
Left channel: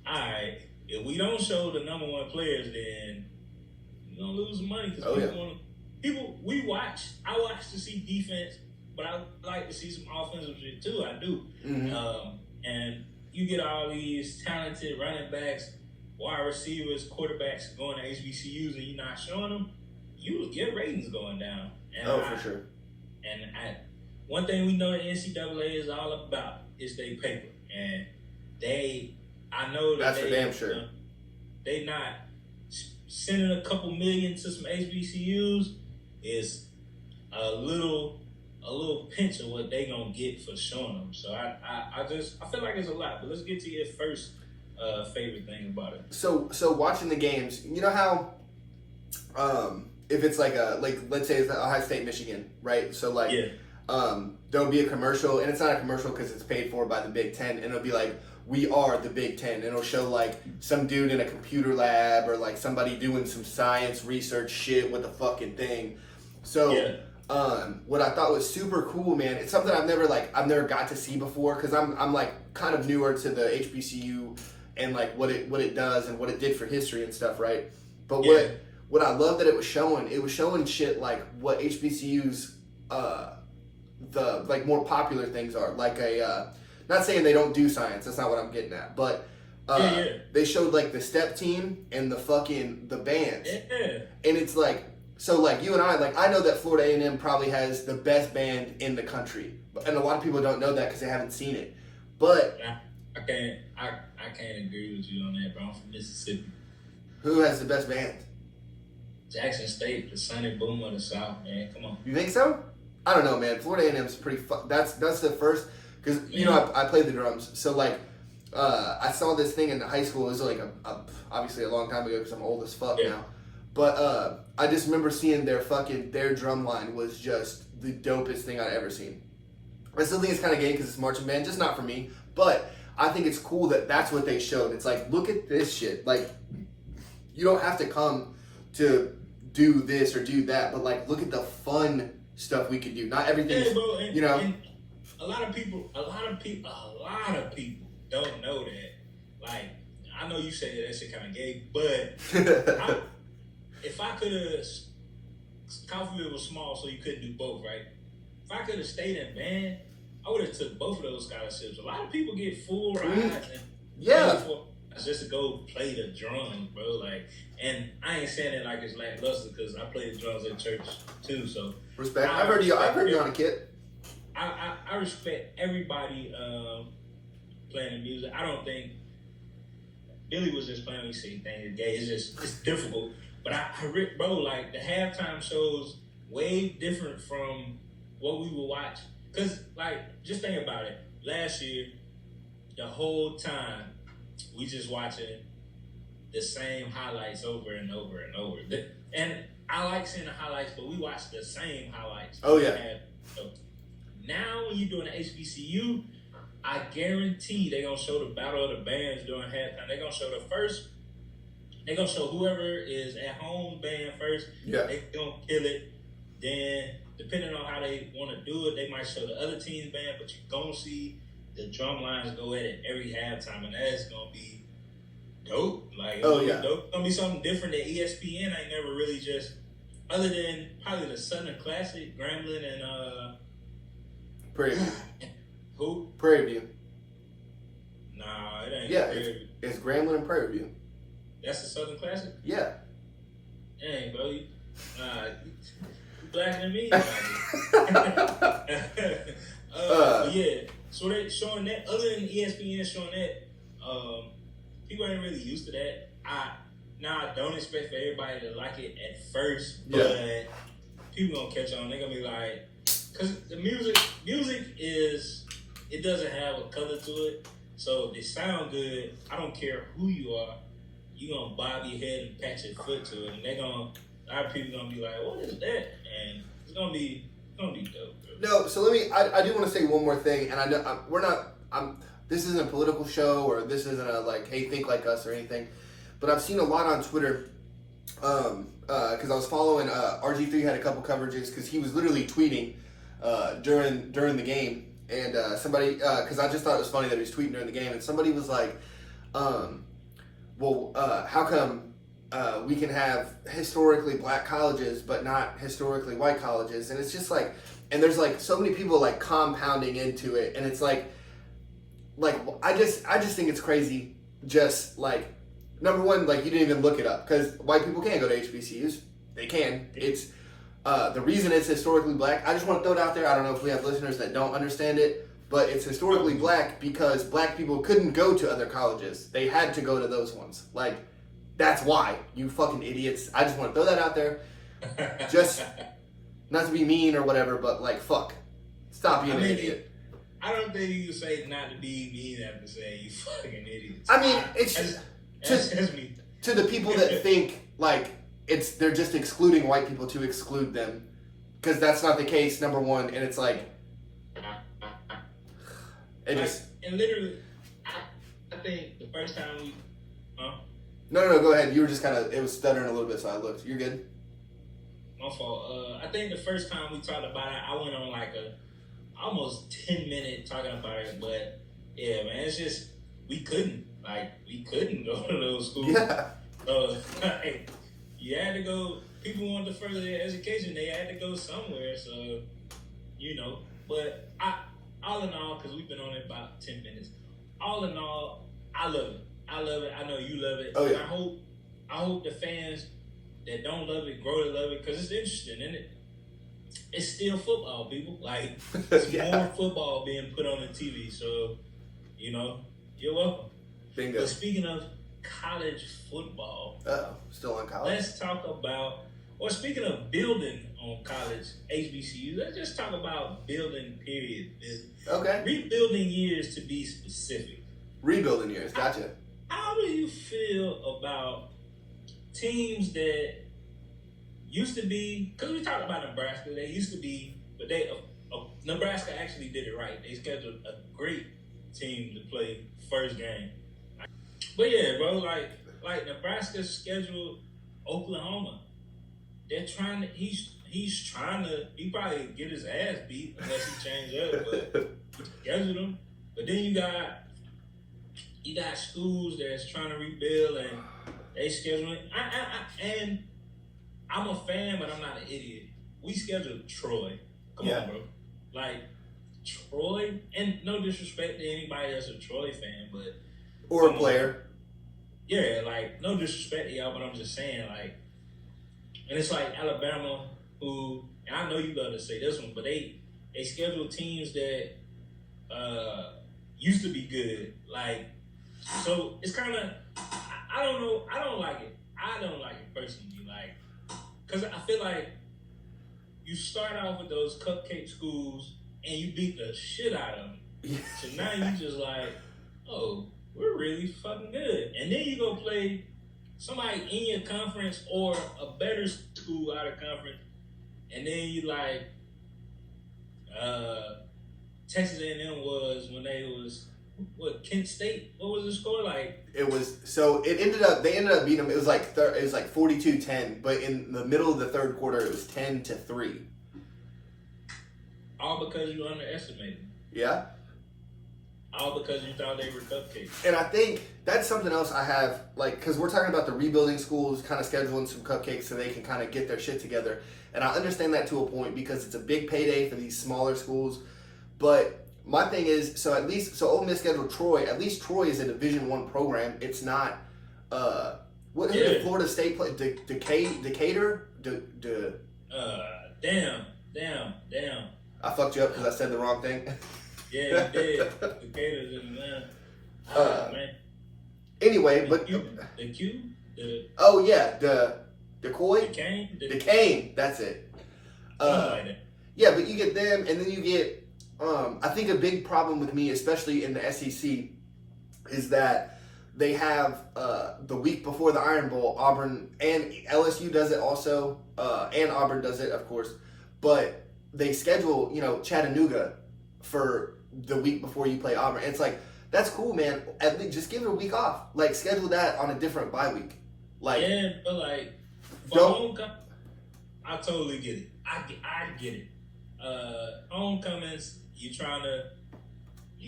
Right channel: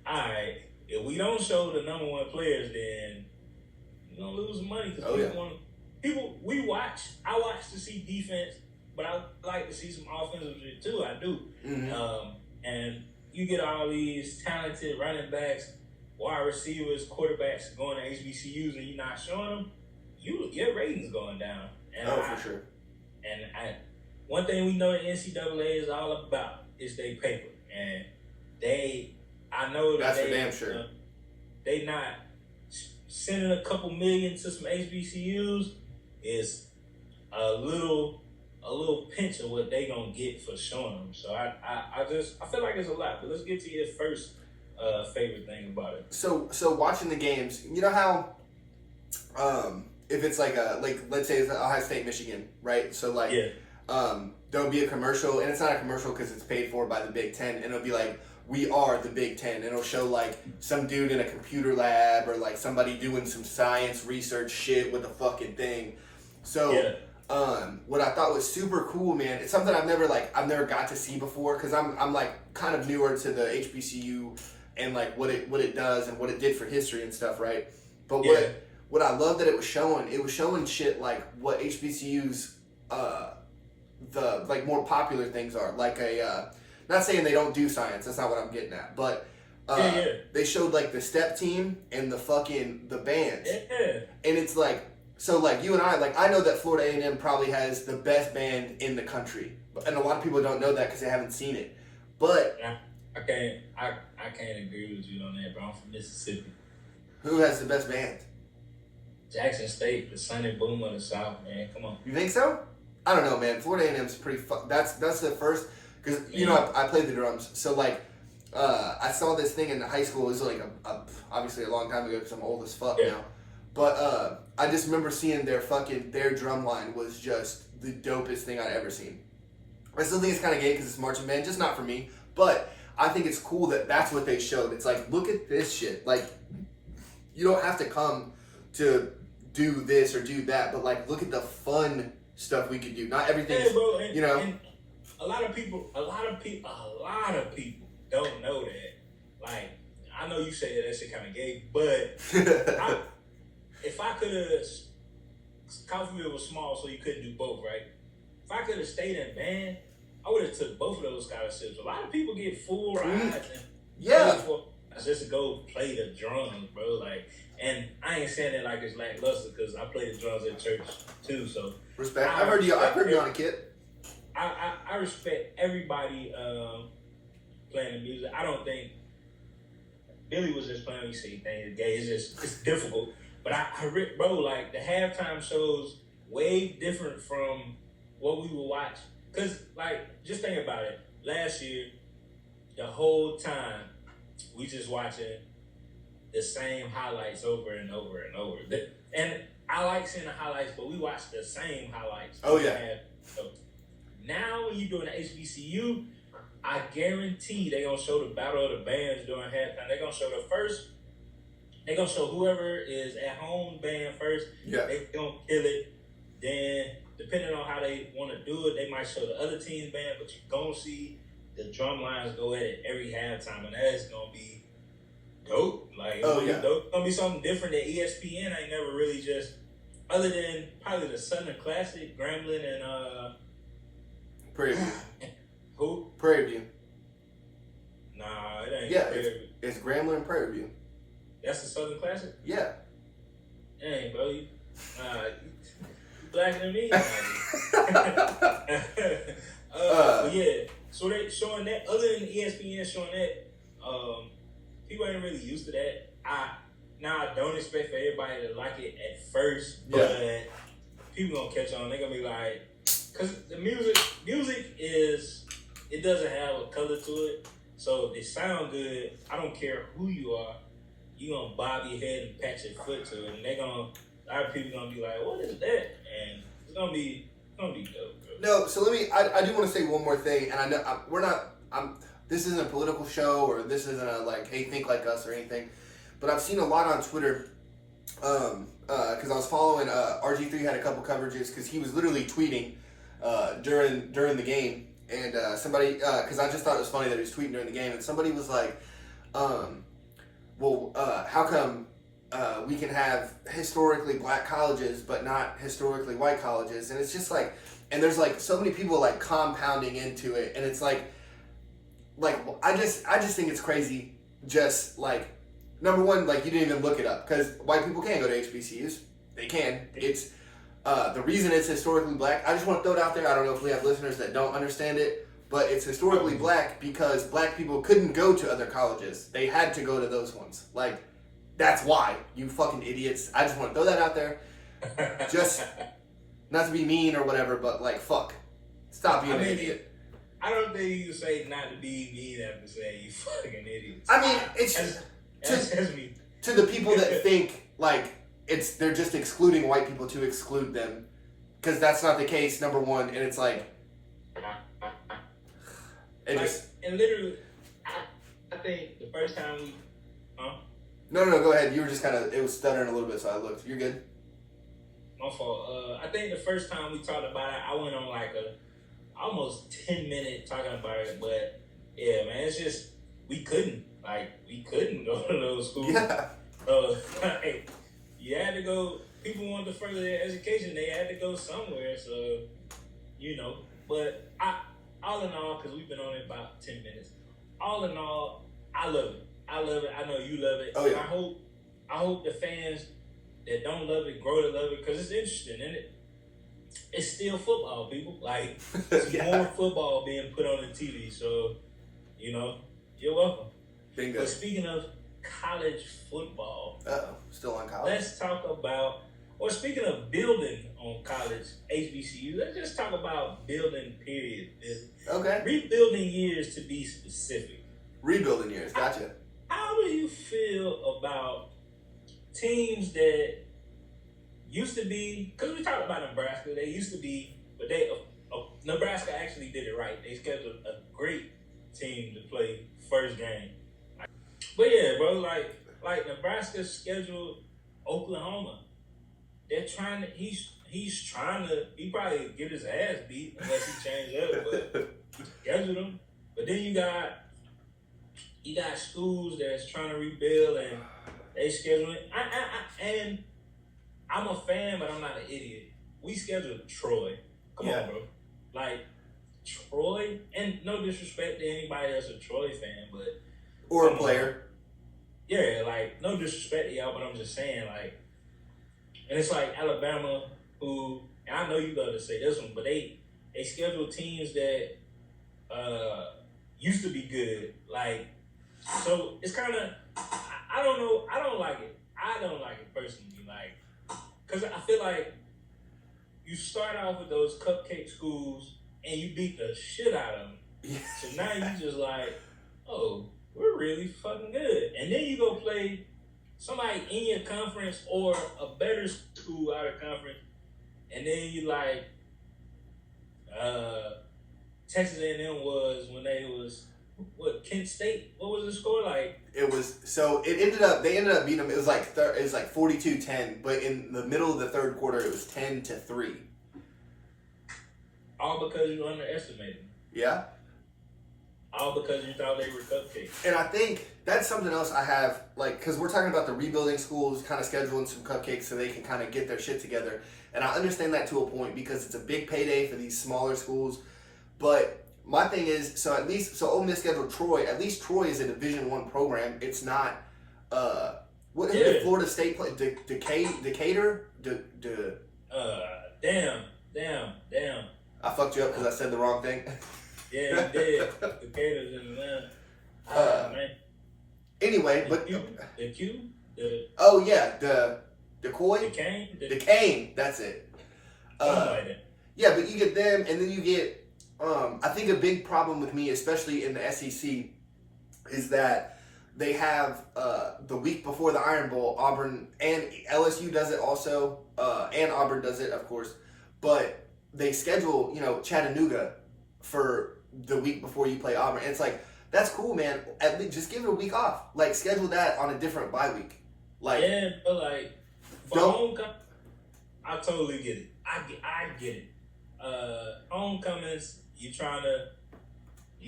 all right, if we don't show the #1 players, then we're gonna lose money because I watch to see defense, but I like to see some offensive shit too. I do. And you get all these talented running backs, wide receivers, quarterbacks going to HBCUs, and you're not showing them, your ratings going down. And for sure. And one thing we know the NCAA is all about is they paper, and I know that that's for damn sure. They not sending a couple million to some HBCUs is a little pinch of what they gonna get for showing them. So I feel like it's a lot. But let's get to your first favorite thing about it. So watching the games, you know how if it's like let's say it's Ohio State, Michigan, right? So there'll be a commercial, and it's not a commercial because it's paid for by the Big Ten, and it'll be like, we are the Big Ten, and it'll show like some dude in a computer lab or like somebody doing some science research shit with a fucking thing. So what I thought was super cool, man, it's something I've never got to see before because I'm like kind of newer to the HBCU and like what it does and what it did for history and stuff, right? But what I love that it was showing shit like what HBCUs the like more popular things are, like not saying they don't do science, that's not what I'm getting at, but they showed like the step team and the bands, and it's like, so like you and I know that Florida A&M probably has the best band in the country, and a lot of people don't know that because they haven't seen it. But I can't agree with you on that, bro. I'm from Mississippi. Who has the best band? Jackson State, the Sunny Boom of the South, man. Come on. You think so? I don't know, man. Florida A&M's pretty. That's the first, because I played the drums, so like I saw this thing in high school. It was like obviously a long time ago because I'm old as fuck now. But I just remember seeing their drum line was just the dopest thing I'd ever seen. I still think it's kind of gay because it's marching band, just not for me. But I think it's cool that that's what they showed. It's like, look at this shit. Like, you don't have to come to do this or do that, but like, look at the fun stuff we could do. Not everything, and a lot of people don't know that. Like, I know you say that shit kind of gay, but if I could have, Coffeeville was small, so you couldn't do both, right? If I could have stayed in band, I would have took both of those scholarships. A lot of people get full rides and just to go play the drums, bro. Like, and I ain't saying it like it's lackluster because I play the drums at church too. So respect. I've heard you on a kit. I respect everybody playing the music. I don't think Billy was just playing. He said he thinks it's gay. It's difficult. But bro, like the halftime shows way different from what we would watch. Cause like, just think about it. Last year, the whole time we just watching the same highlights over and over and over. And I like seeing the highlights, but we watch the same highlights. Oh yeah. So now when you're doing the HBCU, I guarantee they're gonna show the battle of the bands during halftime. They're gonna show whoever is at home band first. Yeah. They gonna kill it. Then, depending on how they want to do it, they might show the other team's band, but you're gonna see the drum lines go at it every halftime, and that's gonna be dope. Like, it's gonna be something different that ESPN ain't never really just, other than probably the Southern Classic, Grambling and Prairie View. Who? Prairie View. Nah, it ain't. Yeah, it's Grambling and Prairie View. That's the Southern Classic? Yeah. Dang, bro, you blacker than me. But yeah, so they showing that. Other than ESPN showing that, people ain't really used to that. I don't expect for everybody to like it at first, but people gonna catch on. They're gonna be like, cause the music is, it doesn't have a color to it. So if it sound good, I don't care who you are. You gonna bob your head and pat your foot to it, and a lot of people gonna be like, what is that? And it's gonna be dope, bro. No, so I do want to say one more thing, and I know this isn't a political show, or this isn't a like, hey, think like us or anything, but I've seen a lot on Twitter, because I was following, RG3 had a couple coverages, because he was literally tweeting, during the game, and somebody, because I just thought it was funny that he was tweeting during the game, and somebody was like, how come we can have historically black colleges but not historically white colleges? And it's just like, and there's like so many people like compounding into it, and it's like I just think it's crazy. Just like, number one, like, you didn't even look it up, because white people can go to HBCUs. They can. It's the reason it's historically black. I just want to throw it out there. I don't know if we have listeners that don't understand it, but it's historically black because black people couldn't go to other colleges. They had to go to those ones. Like, that's why, you fucking idiots. I just want to throw that out there. Just not to be mean or whatever, but like, fuck. Stop being an idiot. I don't think you can say not to be mean after saying you fucking idiots. I mean, it's that's me. To the people that think like they're just excluding white people to exclude them, because that's not the case, number one, and it's like, and literally, I think the first time we, No, go ahead. You were just kind of, it was stuttering a little bit, so I looked. You're good. My fault. I think the first time we talked about it, I went on like a almost 10-minute talking about it, but yeah, man, it's just, we couldn't go to those schools. Yeah. Like, you had to go, people wanted to further their education, they had to go somewhere, so, but all in all, because we've been on it about 10 minutes, all in all, I love it. I know you love it. Oh, yeah. I hope the fans that don't love it grow to love it, because it's interesting, isn't it? It's still football, people. Like, it's more football being put on the TV, so, you're welcome. Bingo. But speaking of college football, still on college? Let's talk about, or speaking of building on college HBCUs, let's just talk about building, period. Okay. Rebuilding years, to be specific. Rebuilding years, gotcha. How do you feel about teams that used to be, because we talked about Nebraska, they used to be, but Nebraska actually did it right. They scheduled a great team to play first game. But yeah, bro, like Nebraska scheduled Oklahoma. They're trying to, he probably get his ass beat unless he change up, but he scheduled them. But then you got schools that's trying to rebuild, and they schedule it. And I'm a fan, but I'm not an idiot. We scheduled Troy. Come on, bro. Like, Troy, and no disrespect to anybody that's a Troy fan, but or a player. Yeah, like, no disrespect to y'all, but I'm just saying, like, and it's like Alabama, who, and I know you got to say this one, but they schedule teams that used to be good. Like, so it's kind of, I don't know, I don't like it. I don't like it personally, like, because I feel like you start off with those cupcake schools and you beat the shit out of them. So now you just like, oh, we're really fucking good. And then you go play somebody in your conference or a better school out of conference, and then you like, Texas A&M was when they was, Kent State? What was the score like? It was, so they ended up beating them. It was like 42-10, but in the middle of the third quarter, it was 10-3. All because you underestimated them. Yeah. All because you thought they were cupcakes. And I think that's something else I have, like, because we're talking about the rebuilding schools, kind of scheduling some cupcakes so they can kind of get their shit together. And I understand that to a point because it's a big payday for these smaller schools. But my thing is, so Ole Miss scheduled Troy. At least Troy is a Division I program. It's not, who did Florida State play? Decatur? Damn. I fucked you up because I said the wrong thing. Yeah, you did. Decatur's in Atlanta. Man. Anyway, The oh yeah, the Decoy? Duquesne? Duquesne, that's it. Something like that. Yeah, but you get them, and then you get. I think a big problem with me, especially in the SEC, is that they have the week before the Iron Bowl, Auburn and LSU does it also, and Auburn does it, of course. But they schedule, Chattanooga for the week before you play Auburn. And it's like, that's cool, man. At least just give it a week off. Like, schedule that on a different bye week. Like, yeah, but like, for homecoming, I totally get it. I get it. Homecomings, you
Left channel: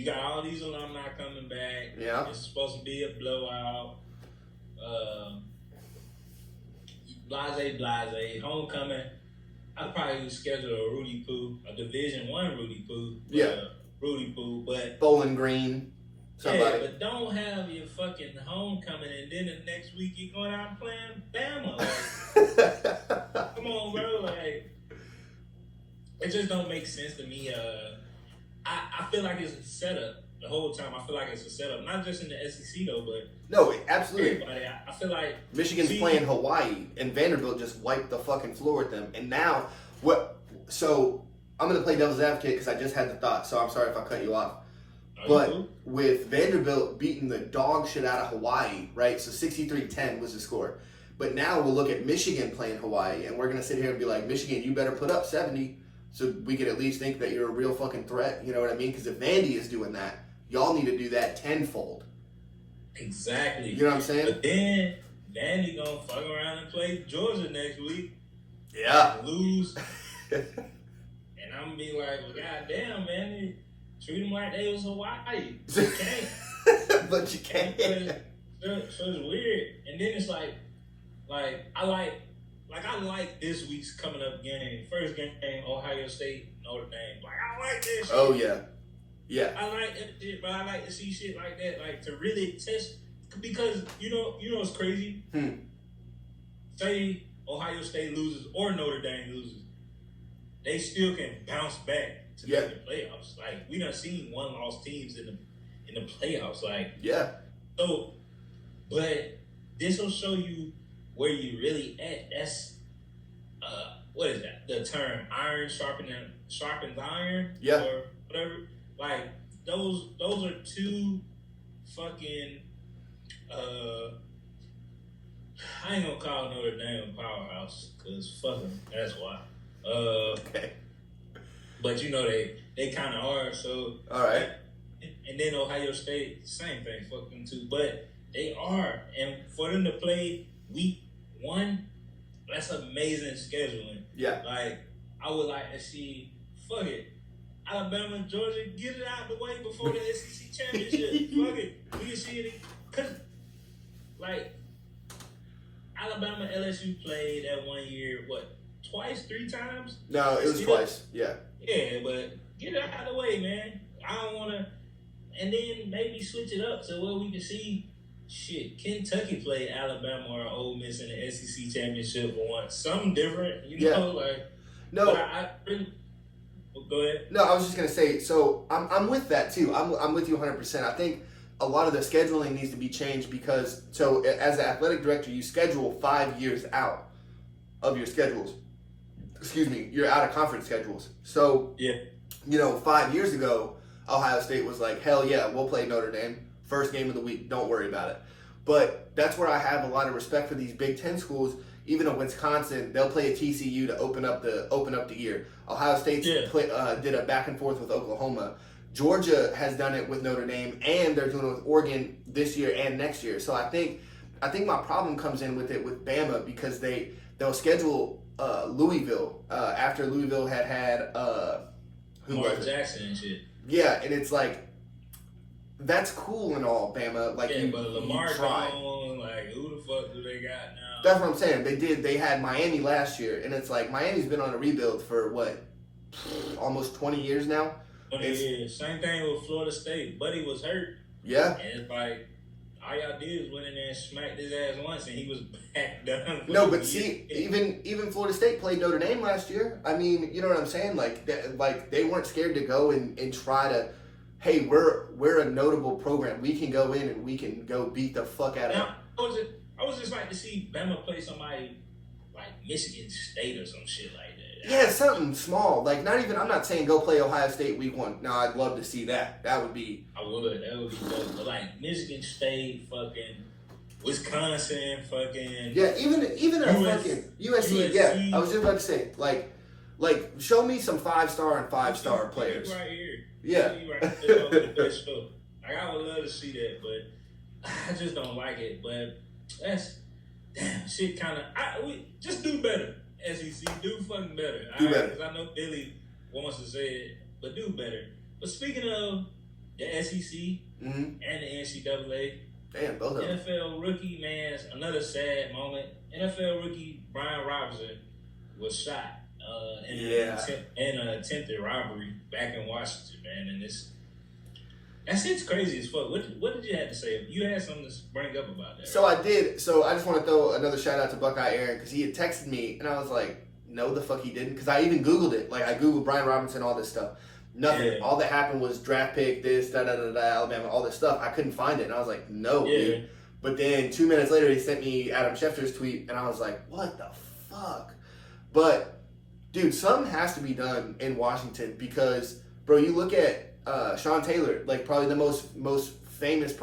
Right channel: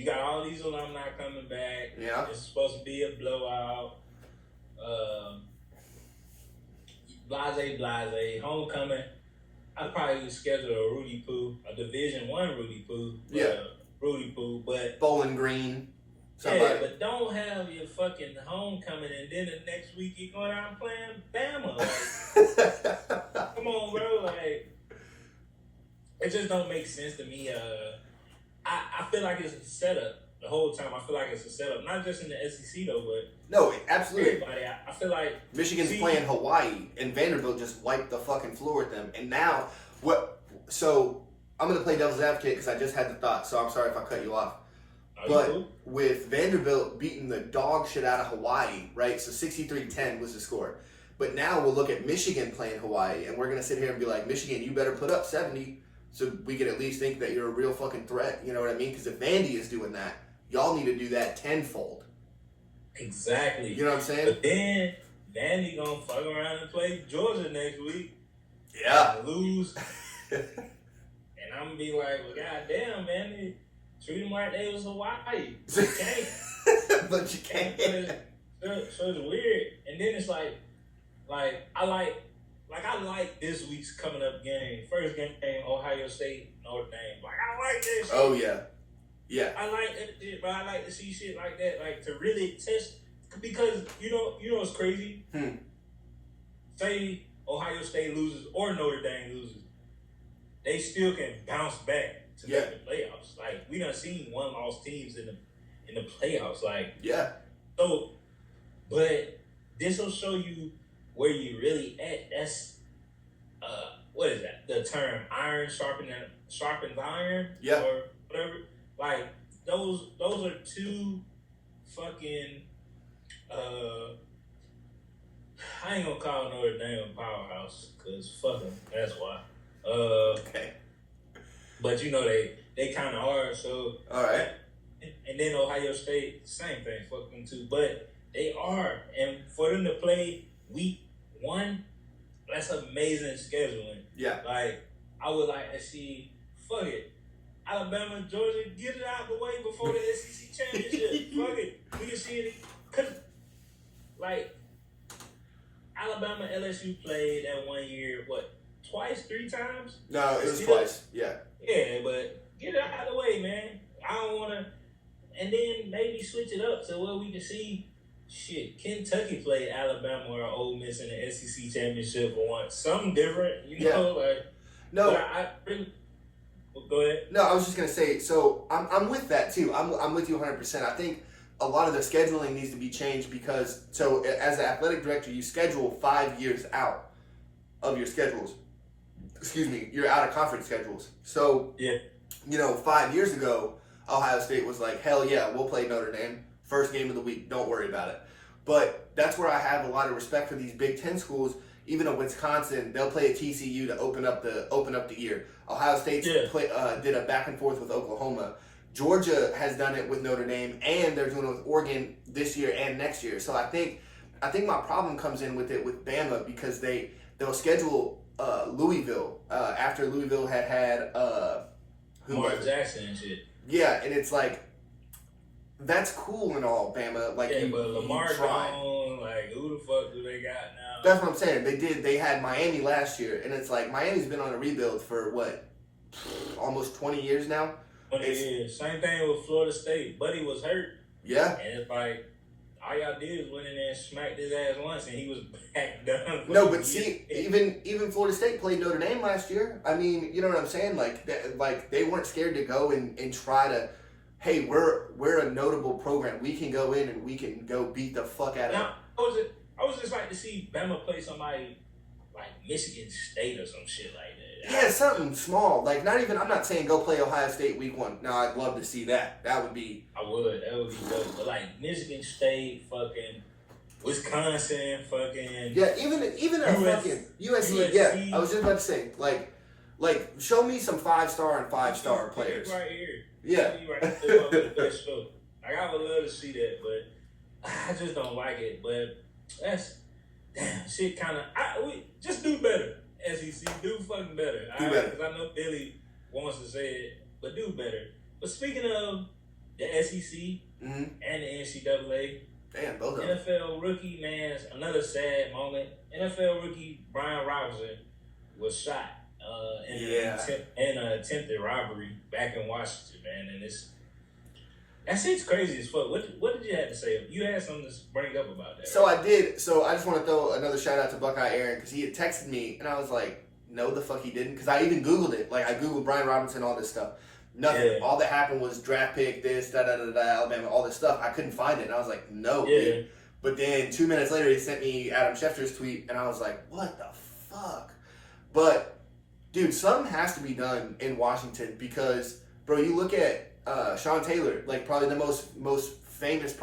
got all these alumni coming back. Yeah. It's supposed to be a blowout. Blase. Homecoming, I'd probably schedule a Rudy Poo, a Division I Rudy Poo. Yeah. Rudy Poo, but Bowling Green. Somebody. Yeah, but don't have your fucking homecoming and then the next week you're going out and playing Bama. Like, come on, bro. Like, it just don't make sense to me. I feel like it's a setup the whole time. I feel like it's a setup, not just in the SEC though, but no, absolutely. everybody. I feel like Michigan's playing Hawaii, and Vanderbilt just wiped the fucking floor with them. And now, what? So I'm gonna play devil's advocate because I just had the thought. So I'm sorry if I cut you off. But with Vanderbilt beating the dog shit out of Hawaii, right? So 63-10 was the score. But now we'll look at Michigan playing Hawaii, and we're going to sit here and be like, Michigan, you better put up 70 so we can at least think that you're a real fucking threat. You know what I mean? Because if Vandy is doing that, y'all need to do that tenfold. Exactly. You know what I'm saying? But then Vandy going to fuck around and play Georgia next week. Yeah. And lose. And I'm going to be like, well, goddamn, Vandy. Treat them like they was Hawaii. You can't. But you can't. So it's weird. And then it's like I like this week's coming up game. First game, Ohio State, Notre Dame. Like, I like this shit. Oh, yeah. Yeah. I like that shit, but I like to see shit like that. Like, to really test. Because, you know what's crazy? Say Ohio State loses or Notre Dame loses. They still can bounce back to make the playoffs. Like, we done seen one-loss teams in the playoffs. Like, yeah. So, but this will show you where you really at. That's what is that? The term iron sharpens iron, or whatever. Like, those are two fucking. I ain't gonna call Notre Dame a powerhouse because fuck them. That's why. Okay. But they kind of are. So all right. And then Ohio State, same thing. Fuck them too. But they are, and for them to play week 1, that's amazing scheduling. Yeah. Like, I would like to see. Fuck it. Alabama and Georgia, get it out of the way before the SEC championship. Fuck it. We can see it. Cause, like, Alabama LSU played that 1 year, what, twice, 3 times? No, it was twice. Yeah. Yeah, but get it out of the way, man. I don't want to. And then maybe switch it up to where we can see, shit, Kentucky played Alabama or Ole Miss in the SEC championship for once. Something different, like. No. I really. Go ahead. No, I was just gonna say. So I'm with that too. I'm with you 100%. I think a lot of the scheduling needs to be changed because as the athletic director, you schedule 5 years out of your schedules. Excuse me, your out of conference schedules. So 5 years ago, Ohio State was like, hell yeah, we'll play Notre Dame. First game of the week, don't worry about it. But that's where I have a lot of respect for these Big Ten schools. Even in Wisconsin, they'll play a TCU to open up the year. Ohio State did a back and forth with Oklahoma. Georgia has done it with Notre Dame, and they're doing it with Oregon this year and next year. So I think my problem comes in with it with Bama because they'll schedule Louisville after Louisville had Mark Jackson and shit. Yeah, and it's like, that's cool and all, Bama. Like, but Lamar gone, like, who the fuck do they got now? That's what I'm saying. They had Miami last year, and it's like, Miami's been on a rebuild for, what, almost 20 years now? 20 years. Same thing with Florida State. Buddy was hurt. Yeah. And it's like, all y'all did is went in there and smacked his ass once, and he was back done. No, but see, even Florida State played Notre Dame last year. I mean, you know what I'm saying? Like they weren't scared to go and try to, hey, we're a notable program. We can go in and we can go beat the fuck out of them. I was just like to see Bama play somebody like Michigan State or some shit like that. Yeah, something small. Like, not even, I'm not saying go play Ohio State week 1. No, I'd love to see that. That would be. I would. That would be dope. But like Michigan State, fucking Wisconsin, fucking Yeah, even a fucking USC. Yeah, I was just about to say, like, show me some 5-star and 5-star players. Right here. Yeah. Right here. The best show. Like, I would love to see that, but I just don't like it. But that's damn shit. Kind of. We just do better. SEC, do fucking better. Do better. Because I know Billy wants to say it, but do better. But speaking of the SEC and the NCAA, damn, both of them. NFL rookie, man, another sad moment. NFL rookie Brian Robinson was shot in an attempted robbery back in Washington, man. And that shit's crazy as fuck. What did you have to say? You had something to bring up about that. So I did. So I just want to throw another shout out to Buckeye Aaron because he had texted me and I was like, no, the fuck he didn't. Because I even Googled it. Like, I Googled Brian Robinson, all this stuff. Nothing. Yeah. All that happened was draft pick, this, Alabama, all this stuff. I couldn't find it. And I was like, no, dude. But then 2 minutes later, he sent me Adam Schefter's tweet, and I was like, what the fuck? But, dude, something has to be done in Washington because, bro, you look at Sean Taylor, like, probably the most famous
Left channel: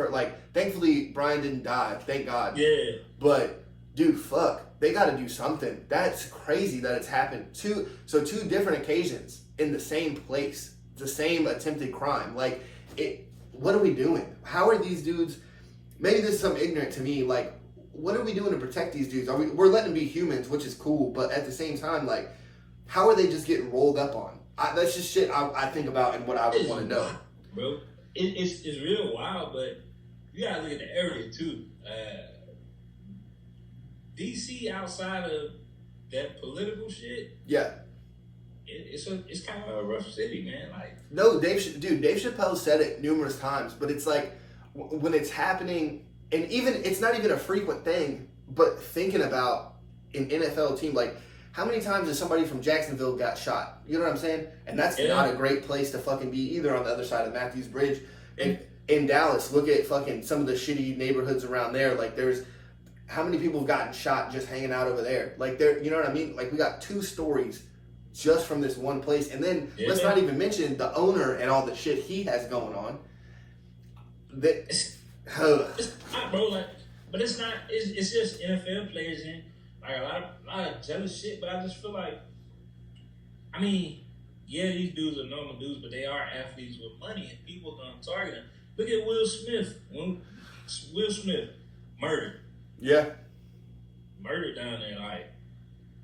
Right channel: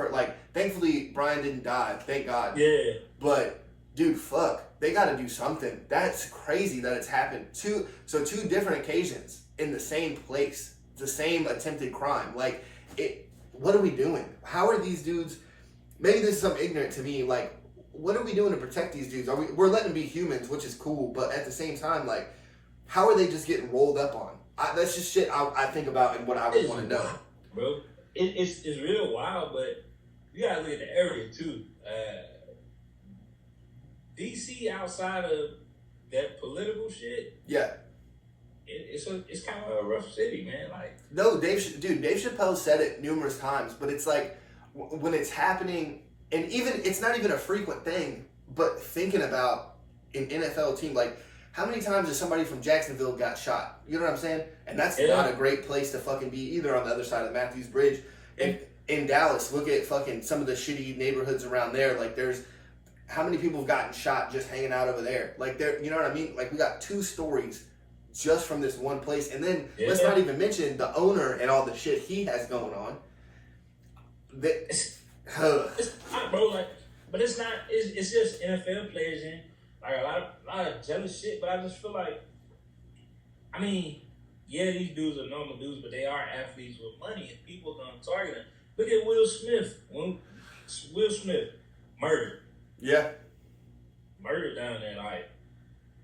thankfully, Brian didn't die. Thank God. Yeah. But, dude, fuck. They got to do something. That's crazy that it's happened. Two different occasions in the same place. The same attempted crime. Like, what are we doing? How are these dudes? Maybe this is something ignorant to me. Like, what are we doing to protect these dudes? We're letting them be humans, which is cool, but at the same time, like, how are they just getting rolled up on? That's just shit I think about and what I would want to know, bro. It's real wild, but you gotta look at the area too. DC outside of that political shit, yeah. It's kind of a rough city, man. Like, no, Dave Chappelle said it numerous times, but it's like when it's happening, and even it's not even a frequent thing. But thinking about an NFL team, like how many times has somebody from Jacksonville got shot? You know what I'm saying? And that's not a great place to fucking be either. On the other side of Matthews Bridge, and in Dallas, look at fucking some of the shitty neighborhoods around there. Like there's how many people have gotten shot just hanging out over there? Like there, you know what I mean? Like we got 2 stories just from this one place. And then let's not even mention the owner and all the shit he has going on. It's not, bro, like, but it's not, it's just NFL players and like a lot of jealous shit, but I just feel like, I mean, yeah, these dudes are normal dudes, but they are athletes with money and people are gonna target them. Look at Will Smith. When Will Smith murdered. Yeah. Murdered down there, like,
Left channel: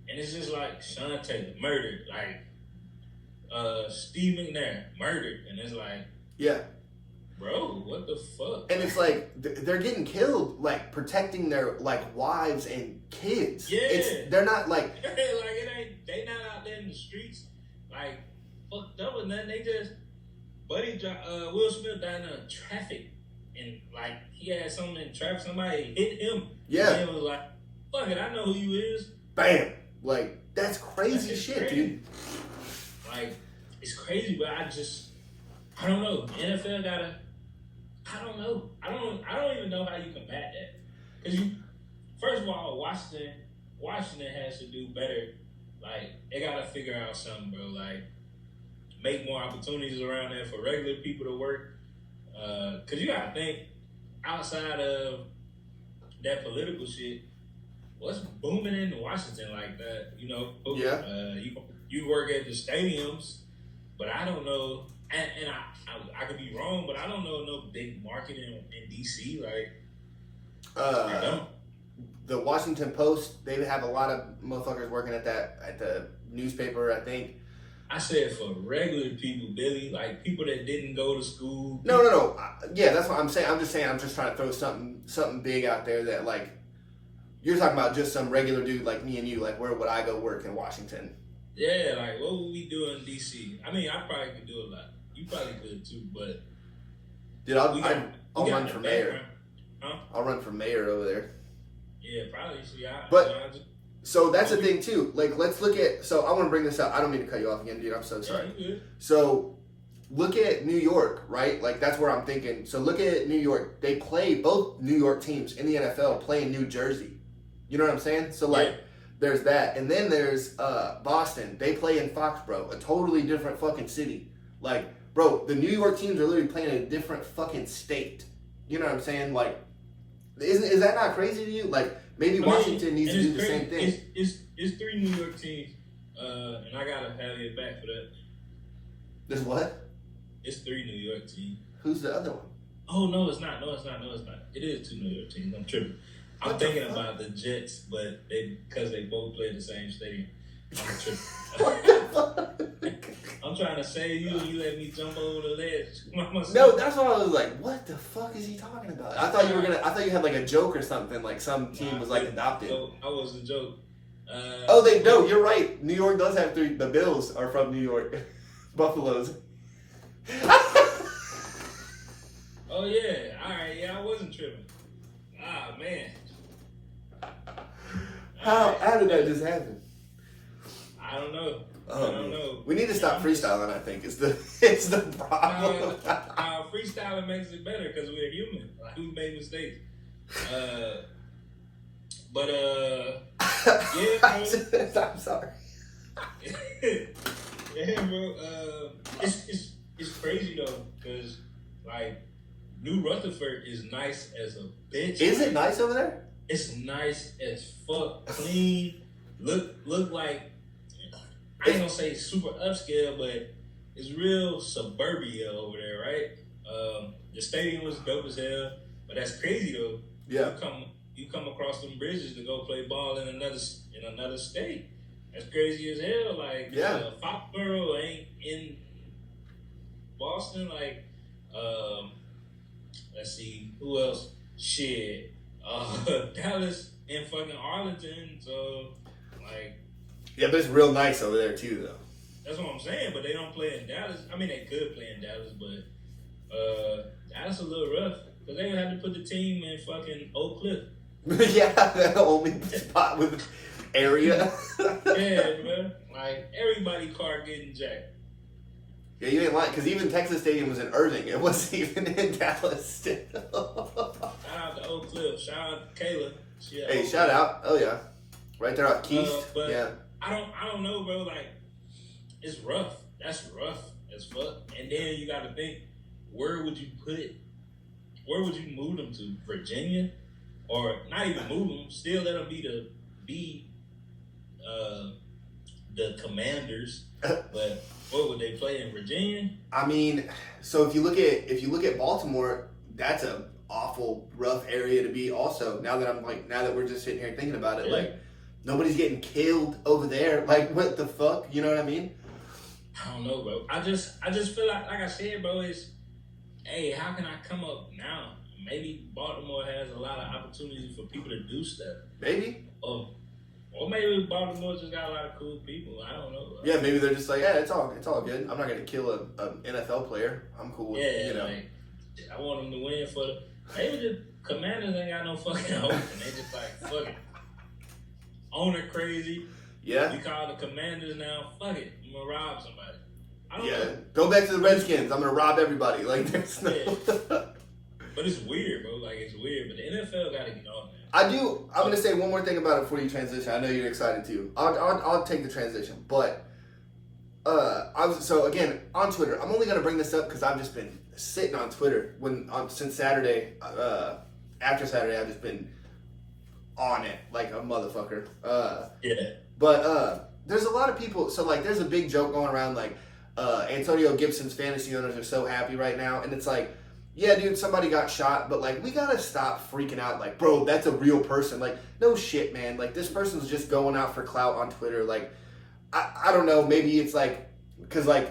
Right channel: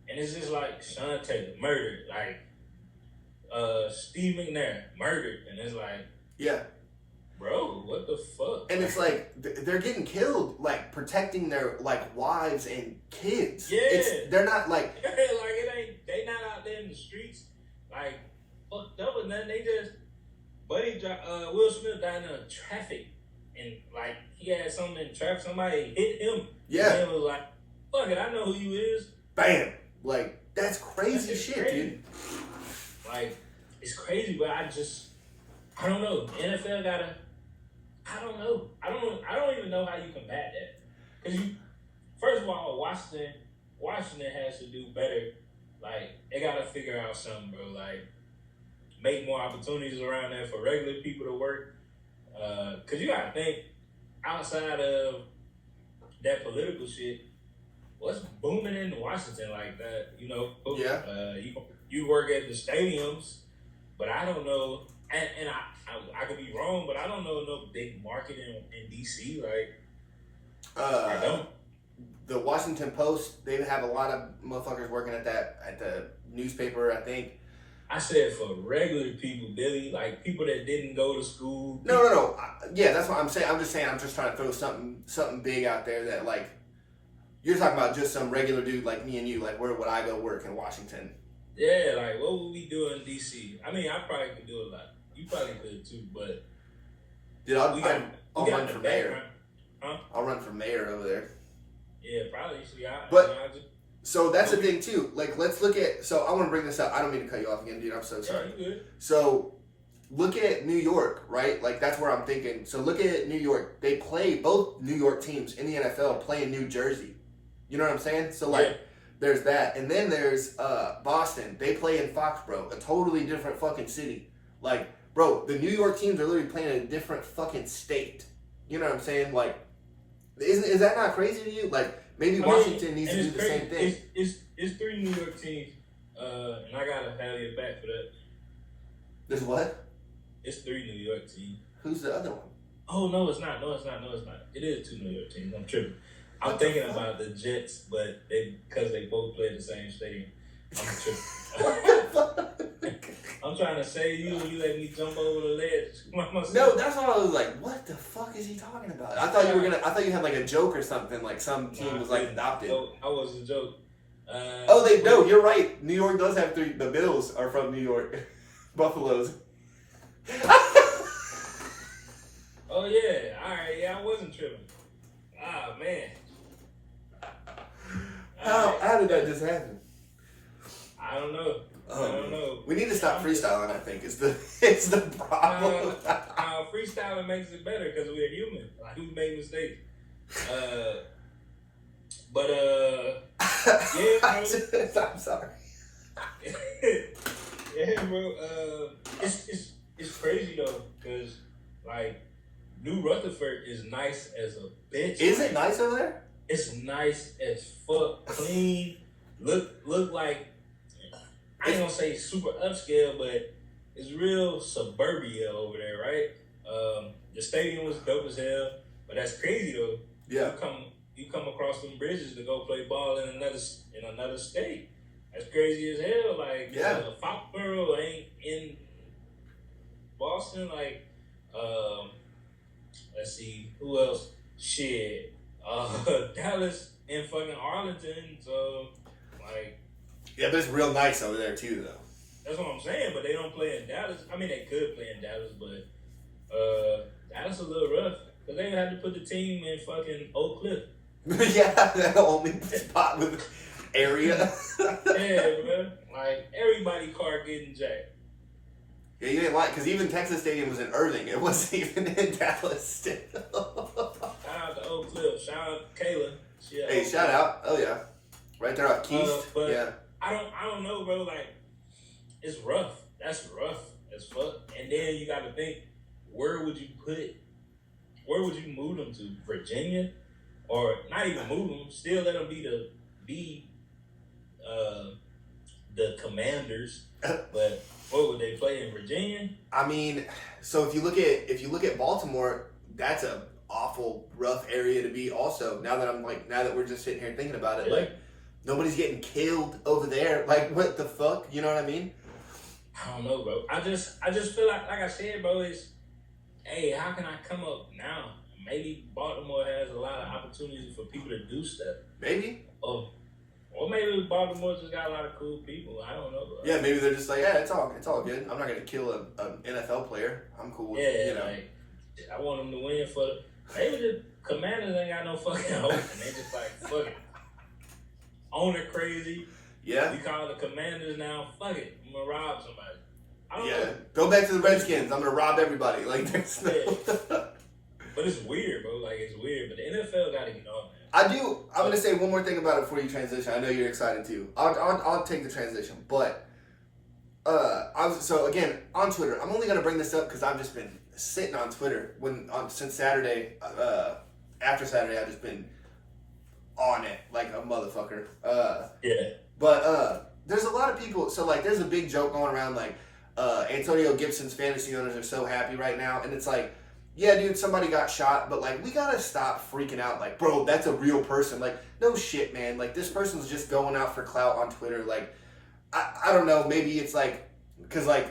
and it's just like Sean Taylor murdered, like Steve McNair murdered, and it's like, yeah, bro, what the fuck? And it's like they're getting killed, like protecting their like wives and kids. Yeah, they're not like it ain't. They not out there in the streets like fucked up or nothing. They just Will Smith died in traffic, and like he had something in traffic. Somebody hit him. Yeah, and it was like, fuck it, I know who you is. Bam. Like, that's crazy shit, crazy. Dude. Like, it's crazy, but I don't know. NFL gotta, I don't know. I don't even know how you combat that. Because first of all, Washington has to do better. Like, they gotta figure out something, bro. Like, make more opportunities around there for regular people to work. Because you gotta think, outside of that political shit, what's booming in Washington like that? You know, yeah. You work at the stadiums, but I don't know, and I could be wrong, but I don't know no big market in DC. Like, I don't. The Washington Post, they have a lot of motherfuckers working at the newspaper. I think. I said for regular people, Billy, like people that didn't go to school. No. Yeah, that's what I'm saying. I'm just trying to throw something big out there that like. You're talking about just some regular dude like me and you, like where would I go work in Washington? Yeah, like what would we do in DC? I mean, I probably could do a lot. You probably could too, but dude, I'll run for mayor. Huh? I'll run for mayor over there. Yeah, probably. So that's the thing too. Like, let's look at. So I want to bring this up. I don't mean to cut you off again, dude. I'm so sorry. Yeah, you good. So look at New York, right? Like that's where I'm thinking. So look at New York. They play both New York teams in the NFL play in New Jersey. You know what I'm saying? So like there's that, and then there's Boston. They play in Foxborough, a totally different fucking city. Like, bro, the New York teams are literally playing in a different fucking state. You know what I'm saying? Like, is that not crazy to you? Like, maybe Washington needs to do the same thing. It's 3 New York teams, and I gotta have you back for that. There's what? It's 3 New York teams. Who's the other one? Oh no, it's not. No, it's not. It is 2 New York teams. I'm tripping. I'm thinking about the Jets, but because they both play the same stadium. I'm tripping. What the fuck? I'm trying to save you, and you let me jump over the ledge. No, that's why I was like, what the fuck is he talking about? I thought you had like a joke or something, like some team was like adopted. No, I was a joke. No, you're right. New York does have 3. The Bills are from New York. Buffaloes. Oh yeah, all right, yeah, I wasn't tripping. Ah man. How did that just happen? I don't know. Oh, I don't know. We need to stop freestyling. I think it's the problem. Freestyling makes it better because we're human. Like, we make mistakes. But yeah, bro. I'm sorry. Yeah, bro. It's crazy though, cause like New Rutherford is nice as a bitch. Is it nice over there? It's nice as fuck, clean. Look like, I ain't gonna say super upscale, but it's real suburbia over there, right? The stadium was dope as hell, but that's crazy though. Yeah. You come across them bridges to go play ball in another state. That's crazy as hell. Like, yeah, Foxborough ain't in Boston. Like, let's see, who else? Shit, Dallas and fucking Arlington. So, like, yeah, but it's real nice over there too, though. That's what I'm saying. But they don't play in Dallas. I mean, they could play in Dallas, but Dallas a little rough because they had to put the team in fucking Oak Cliff. Yeah, that only spot with area. Yeah, bro. Like, everybody car getting jacked. Yeah, you ain't lying, because even Texas Stadium was in Irving. It wasn't even in Dallas still. Shout out to Oak Cliff. Shout out to Kayla. Hey, shout out. Oh, yeah. Right there at Keith. But yeah. I don't know, bro. Like, it's rough. That's rough as fuck. And then you got to think, where would you move them to? Virginia? Or not even move them, still let them be the Commanders. But what would they play in Virginia? I mean, so if you look at Baltimore, that's a awful rough area to be. Also, now that we're just sitting here thinking about it, like, nobody's getting killed over there. Like, what the fuck? You know what I mean? I don't know, bro. I just feel like I said, bro, hey, how can I come up now? Maybe Baltimore has a lot of opportunities for people to do stuff. Maybe. Or maybe Baltimore just got a lot of cool people. I don't know. Bro. Yeah, maybe they're just like, yeah, it's all good. I'm not gonna kill an NFL player. I'm cool with it. You know. Like, I want them to win maybe the Commanders ain't got no fucking hope, and they just like, fuck it. Owner crazy. Yeah. We call the Commanders now. Fuck it. I'm gonna rob somebody. I don't know. Go back to the Redskins. I'm gonna rob everybody. Like, there's no. But it's weird, bro. Like, it's weird. But the NFL got to get on, man. I'm going to say one more thing about it before you transition. I know you're excited too. I'll take the transition. But, so again, on Twitter, I'm only going to bring this up because I've just been sitting on Twitter since Saturday. After Saturday, I've just been on it like a motherfucker. Yeah. But there's a lot of people. So, like, there's a big joke going around like, Antonio Gibson's fantasy owners are so happy right now. And it's like, yeah, dude, somebody got shot, but, like, we gotta stop freaking out. Like, bro, that's a real person. Like, no shit, man. Like, this person's just going out for clout on Twitter. Like, I don't know. Maybe it's, like, because, like,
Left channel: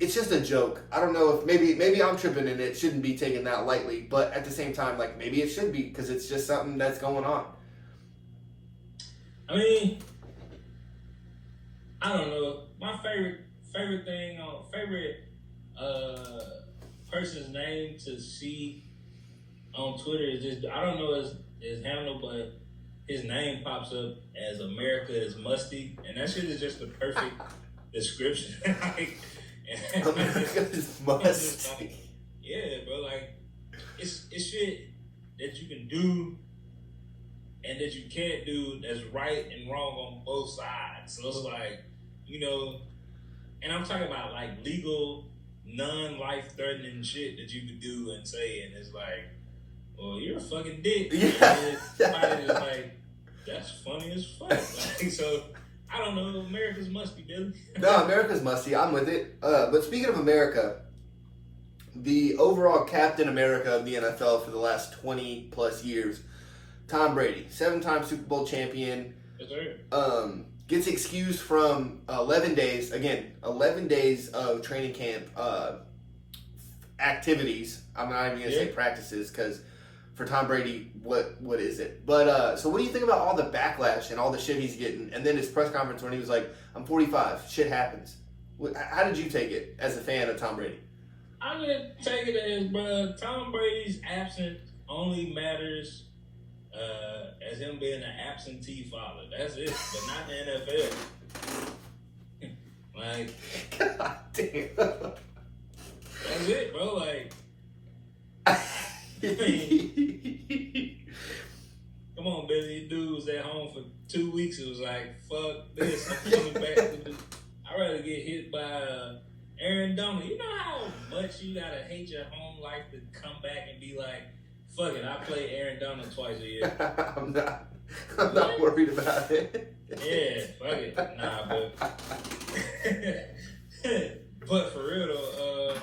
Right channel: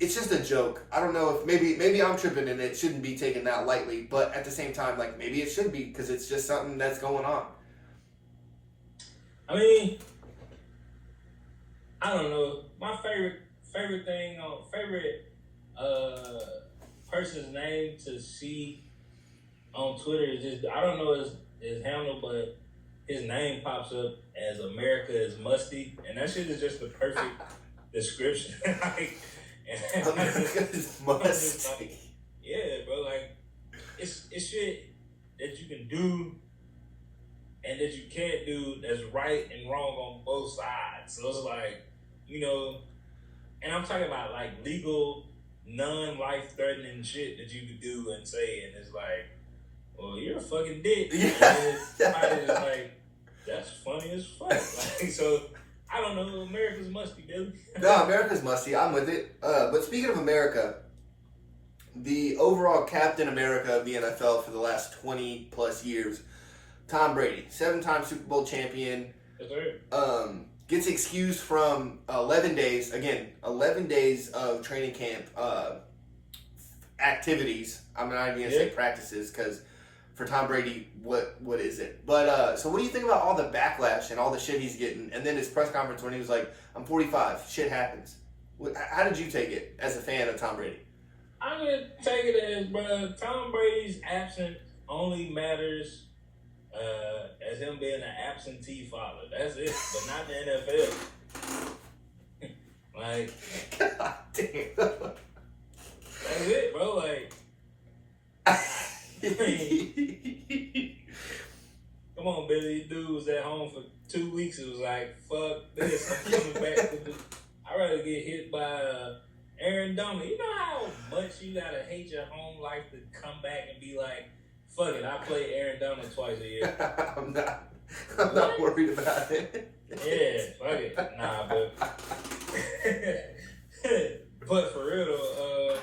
it's just a joke. I don't know if maybe I'm tripping and it shouldn't be taken that lightly. But at the same time, like, maybe it should be because it's just something that's going on. I mean, I don't know. My favorite thing on person's name to see on Twitter is just, I don't know his handle, but his name pops up as America is Musty, and that shit is just the perfect description. Like, America is musty. Like, yeah, bro. Like, it's shit that you can do, and and that you can't do that's right and wrong on both sides. So it's like, you know, and I'm talking about like legal, non-life-threatening shit that you could do and say, and it's like, well, you're a fucking dick. Yeah. And then somebody is like, that's funny as fuck. Like, so I don't know. America's musty, Billy. No, America's musty. I'm with it. But speaking of America, the overall Captain America of the NFL for the last 20 plus years, Tom Brady, 7-time Super Bowl champion, Yes, sir. gets excused from 11 days. Again, 11 days of training camp activities. I'm not even gonna say practices because for Tom Brady, what is it? But so what do you think about all the backlash and all the shit he's getting? And then his press conference when he was like, "I'm 45. Shit happens." How did you take it as a fan of Tom Brady? I'm gonna take it as, bro, Tom Brady's absence only matters as him being an absentee father. That's it, but not the NFL. Like, God damn. that's it, bro. Like, come on, Billy. Dude was at home for 2 weeks. It was like, fuck this. I'm coming back. I'd rather get hit by Aaron Donald. You know how much you gotta hate your home life to come back and be like, fuck it, I play Aaron Donald twice a year. I'm not worried about it. Yeah, fuck it. Nah, but for real though,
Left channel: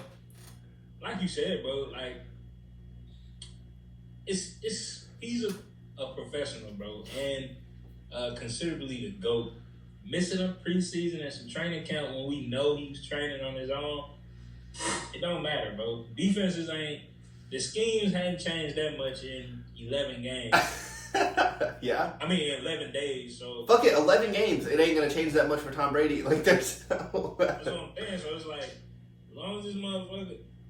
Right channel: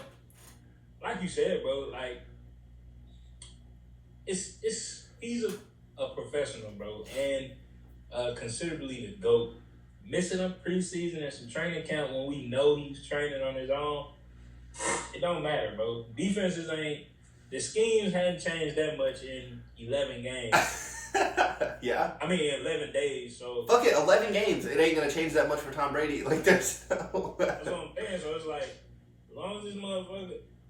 like you said, bro, like he's a professional, bro, and considerably the GOAT. Missing a preseason and some training camp when we know he's training on his own, it don't matter, bro. Defenses the schemes haven't changed that much in 11 games. Yeah. I mean, 11 days, so. Fuck it, 11 games. It ain't gonna change that much for Tom Brady. Like, there's That's what I'm saying. So it's like, as long as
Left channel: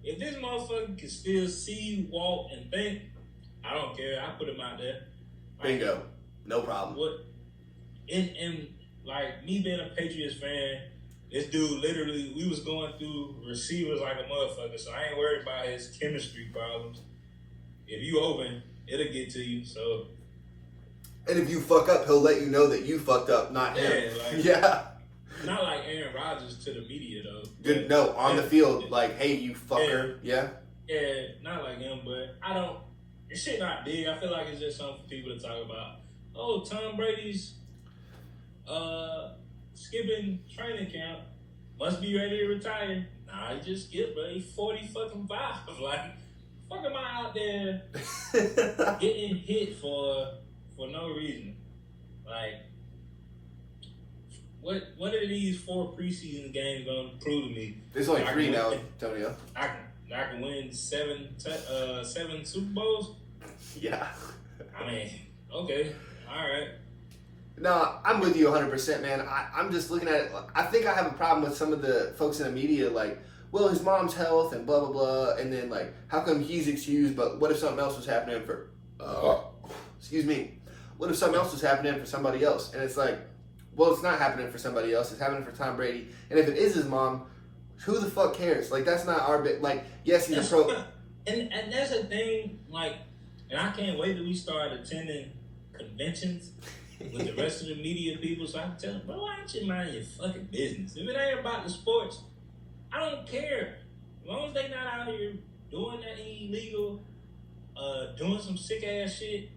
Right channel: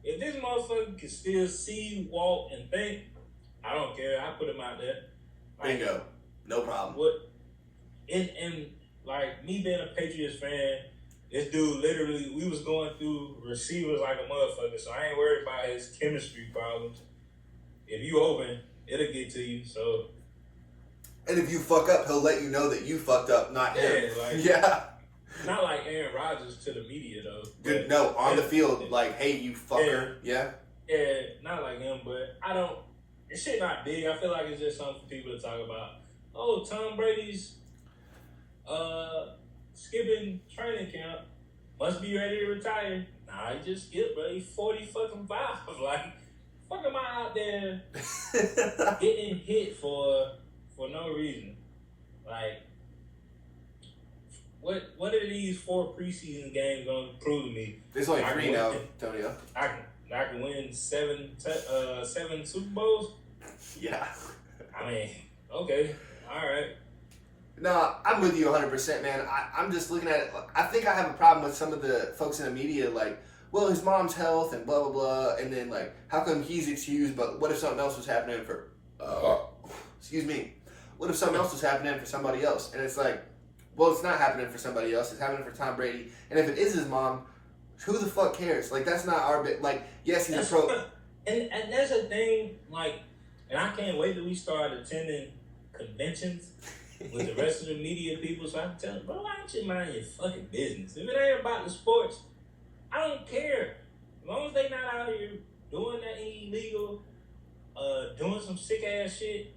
if this motherfucker can still see, walk, and think, I don't care. I put him out there. Like, bingo. No problem. What? And like me being a Patriots fan, this dude literally, we was going through receivers like a motherfucker, so I ain't worried about his chemistry problems. If you open, it'll get to you. So. And if you fuck up, he'll let you know that you fucked up, not him. Like, yeah. Not like Aaron Rodgers to the media though. Good. No, on the field, like, hey, you fucker. Yeah. Yeah, not like him, but I don't. This shit not big. I feel like it's just something for people to talk about. Oh, Tom Brady's skipping training camp. Must be ready to retire. Nah, he just skipped, bro. He's 40 fucking 5. Like, fuck am I out there getting hit for no reason? Like, what are these 4 preseason games gonna prove to me? There's only 3 now, Tonio. I can win 7 Super Bowls. Yeah. I mean, okay, all right. No, I'm with you 100%, man. I'm just looking at it. I think I have a problem with some of the folks in the media, like, well, his mom's health and blah, blah, blah. And then, like, how come he's excused, but what if something else was happening for, excuse me, what if something else was happening for somebody else? And it's like, well, it's not happening for somebody else. It's happening for Tom Brady. And if it is his mom, who the fuck cares? Like, that's not our bit. Like, yes, he's a pro. And that's the thing, like, and I can't wait till we start attending conventions with the rest of the media people so I can tell them, bro, why don't you mind your fucking business? If it ain't about the sports, I don't care. As long as they not out here doing that illegal, doing some sick ass shit,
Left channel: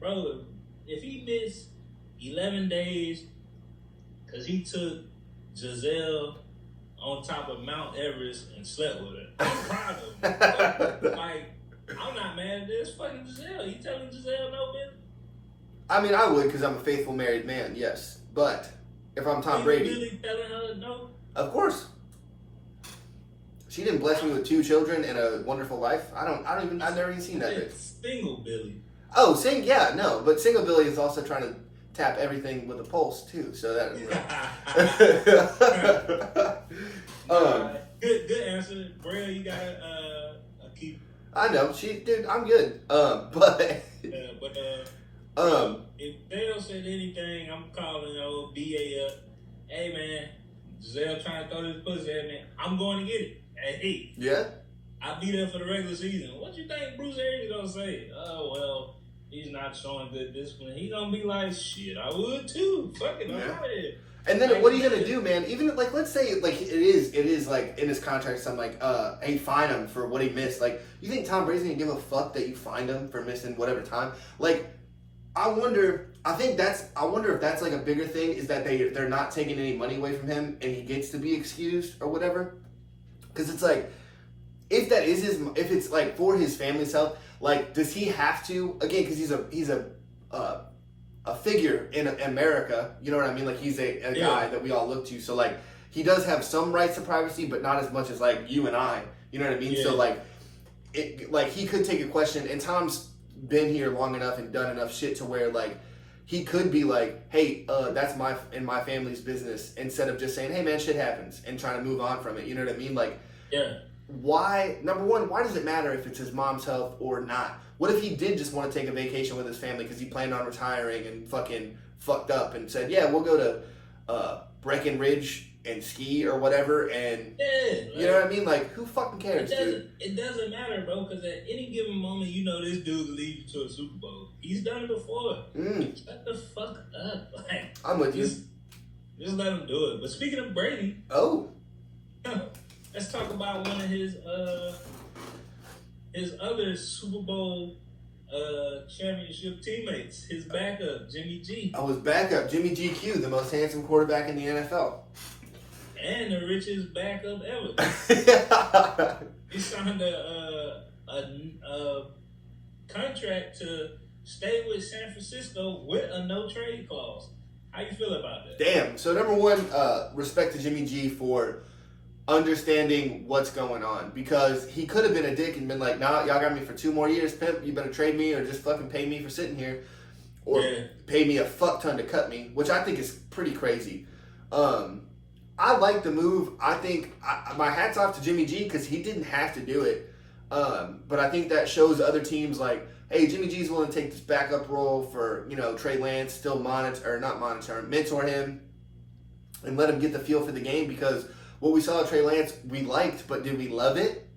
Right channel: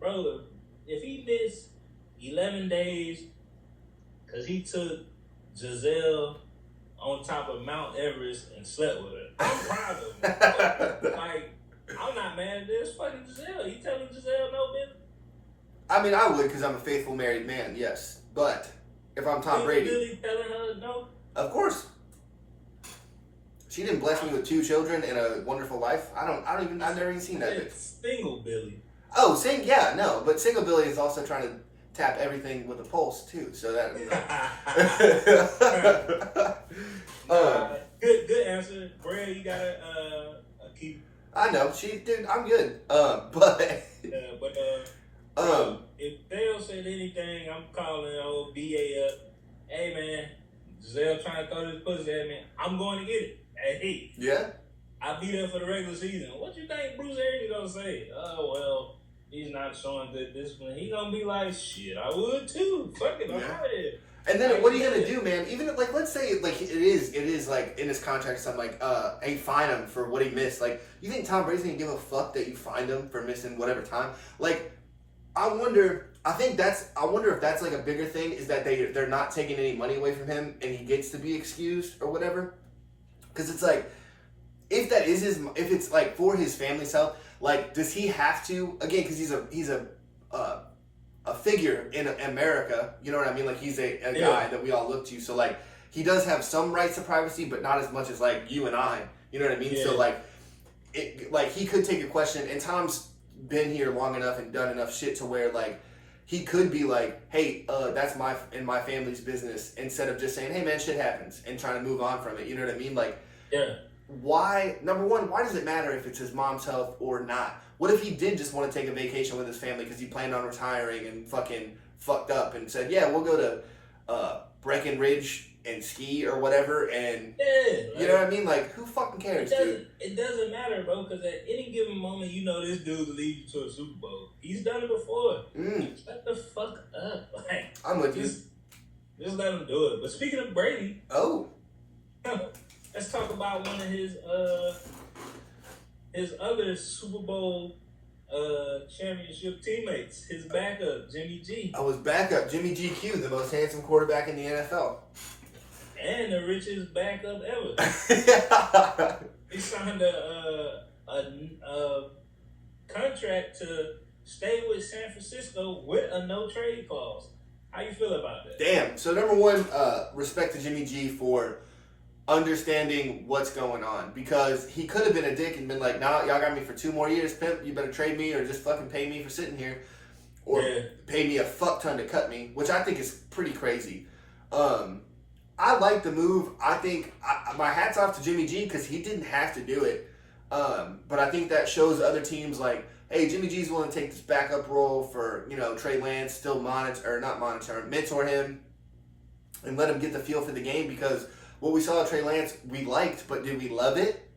bro, if he missed 11 days because he took Giselle on top of Mount Everest and slept with her, I'm proud of him. Like, I'm not mad at this fucking Giselle. You telling Giselle no business? I mean, I would because I'm a faithful married man, yes. But if I'm Tom Brady, really telling her no? Of course. She didn't bless me with 2 children and a wonderful life. I've never even seen that. It's single Billy. Oh, yeah, no, but single Billy is also trying to tap everything with a pulse too. So that. Good answer, Brea. You got a keep. I know, dude. I'm good. If Dale said anything, I'm calling old BA up. Hey man, Giselle trying to throw this pussy at me. I'm going to get it. Hey, yeah. I'll be there for the regular season. What you think Bruce Arians gonna say? Oh well, he's not showing good discipline, he gonna be like, shit, I would too. Fuck it, I'm out of here. And then Like, what are you gonna do, man? Even if, like, let's say like it is like in his contract something like hey, fine him for what he missed. Like, you think Tom Brady's gonna give a fuck that you fined him for missing whatever time? Like, I wonder if that's like a bigger thing, is that they're not taking any money away from him and he gets to be excused or whatever. Because it's like, if that is if it's like for his family's health, like, does he have to, again, because he's a figure in America, you know what I mean? Like, he's a guy that we all look to. So, like, he does have some rights to privacy, but not as much as, like, you and I. You know what I mean? Yeah. So, like, he could take a question, and Tom's been here long enough and done enough shit to where, like, he could be like, hey, that's my family's business, instead of just saying, hey, man, shit happens, and trying to move on from it. You know what I mean? Like, yeah. Why, number one, why does it matter if it's his mom's health or not? What if he did just want to take a vacation with his family because he planned on retiring and fucking fucked up and said, yeah, we'll go to Breckenridge and ski or whatever, and you know what I mean? Like, who fucking cares, dude? It doesn't matter, bro, because at any given moment, you know this dude will lead you to a Super Bowl. He's done it before. Shut the fuck up. Like, I'm with you. Just let him do it. But speaking of Brady, let's talk about one of his other Super Bowl championship teammates, his backup, Jimmy G. I was backup, Jimmy GQ, the most handsome quarterback in the NFL. And the richest backup ever. He signed a contract to stay with San Francisco with a no trade clause. How you feel about that? Damn. So number one, respect to Jimmy G for understanding what's going on, because he could have been a dick and been like, nah, y'all got me for 2 more years, pimp, you better trade me or just fucking pay me for sitting here, or pay me a fuck ton to cut me, which I think is pretty crazy. I like the move. I think my hat's off to Jimmy G, because he didn't have to do it, but I think that shows other teams like, hey, Jimmy G's willing to take this backup role for, you know, Trey Lance, still mentor him and let him get the feel for the game, because what we saw at Trey Lance, we liked, but did we love it?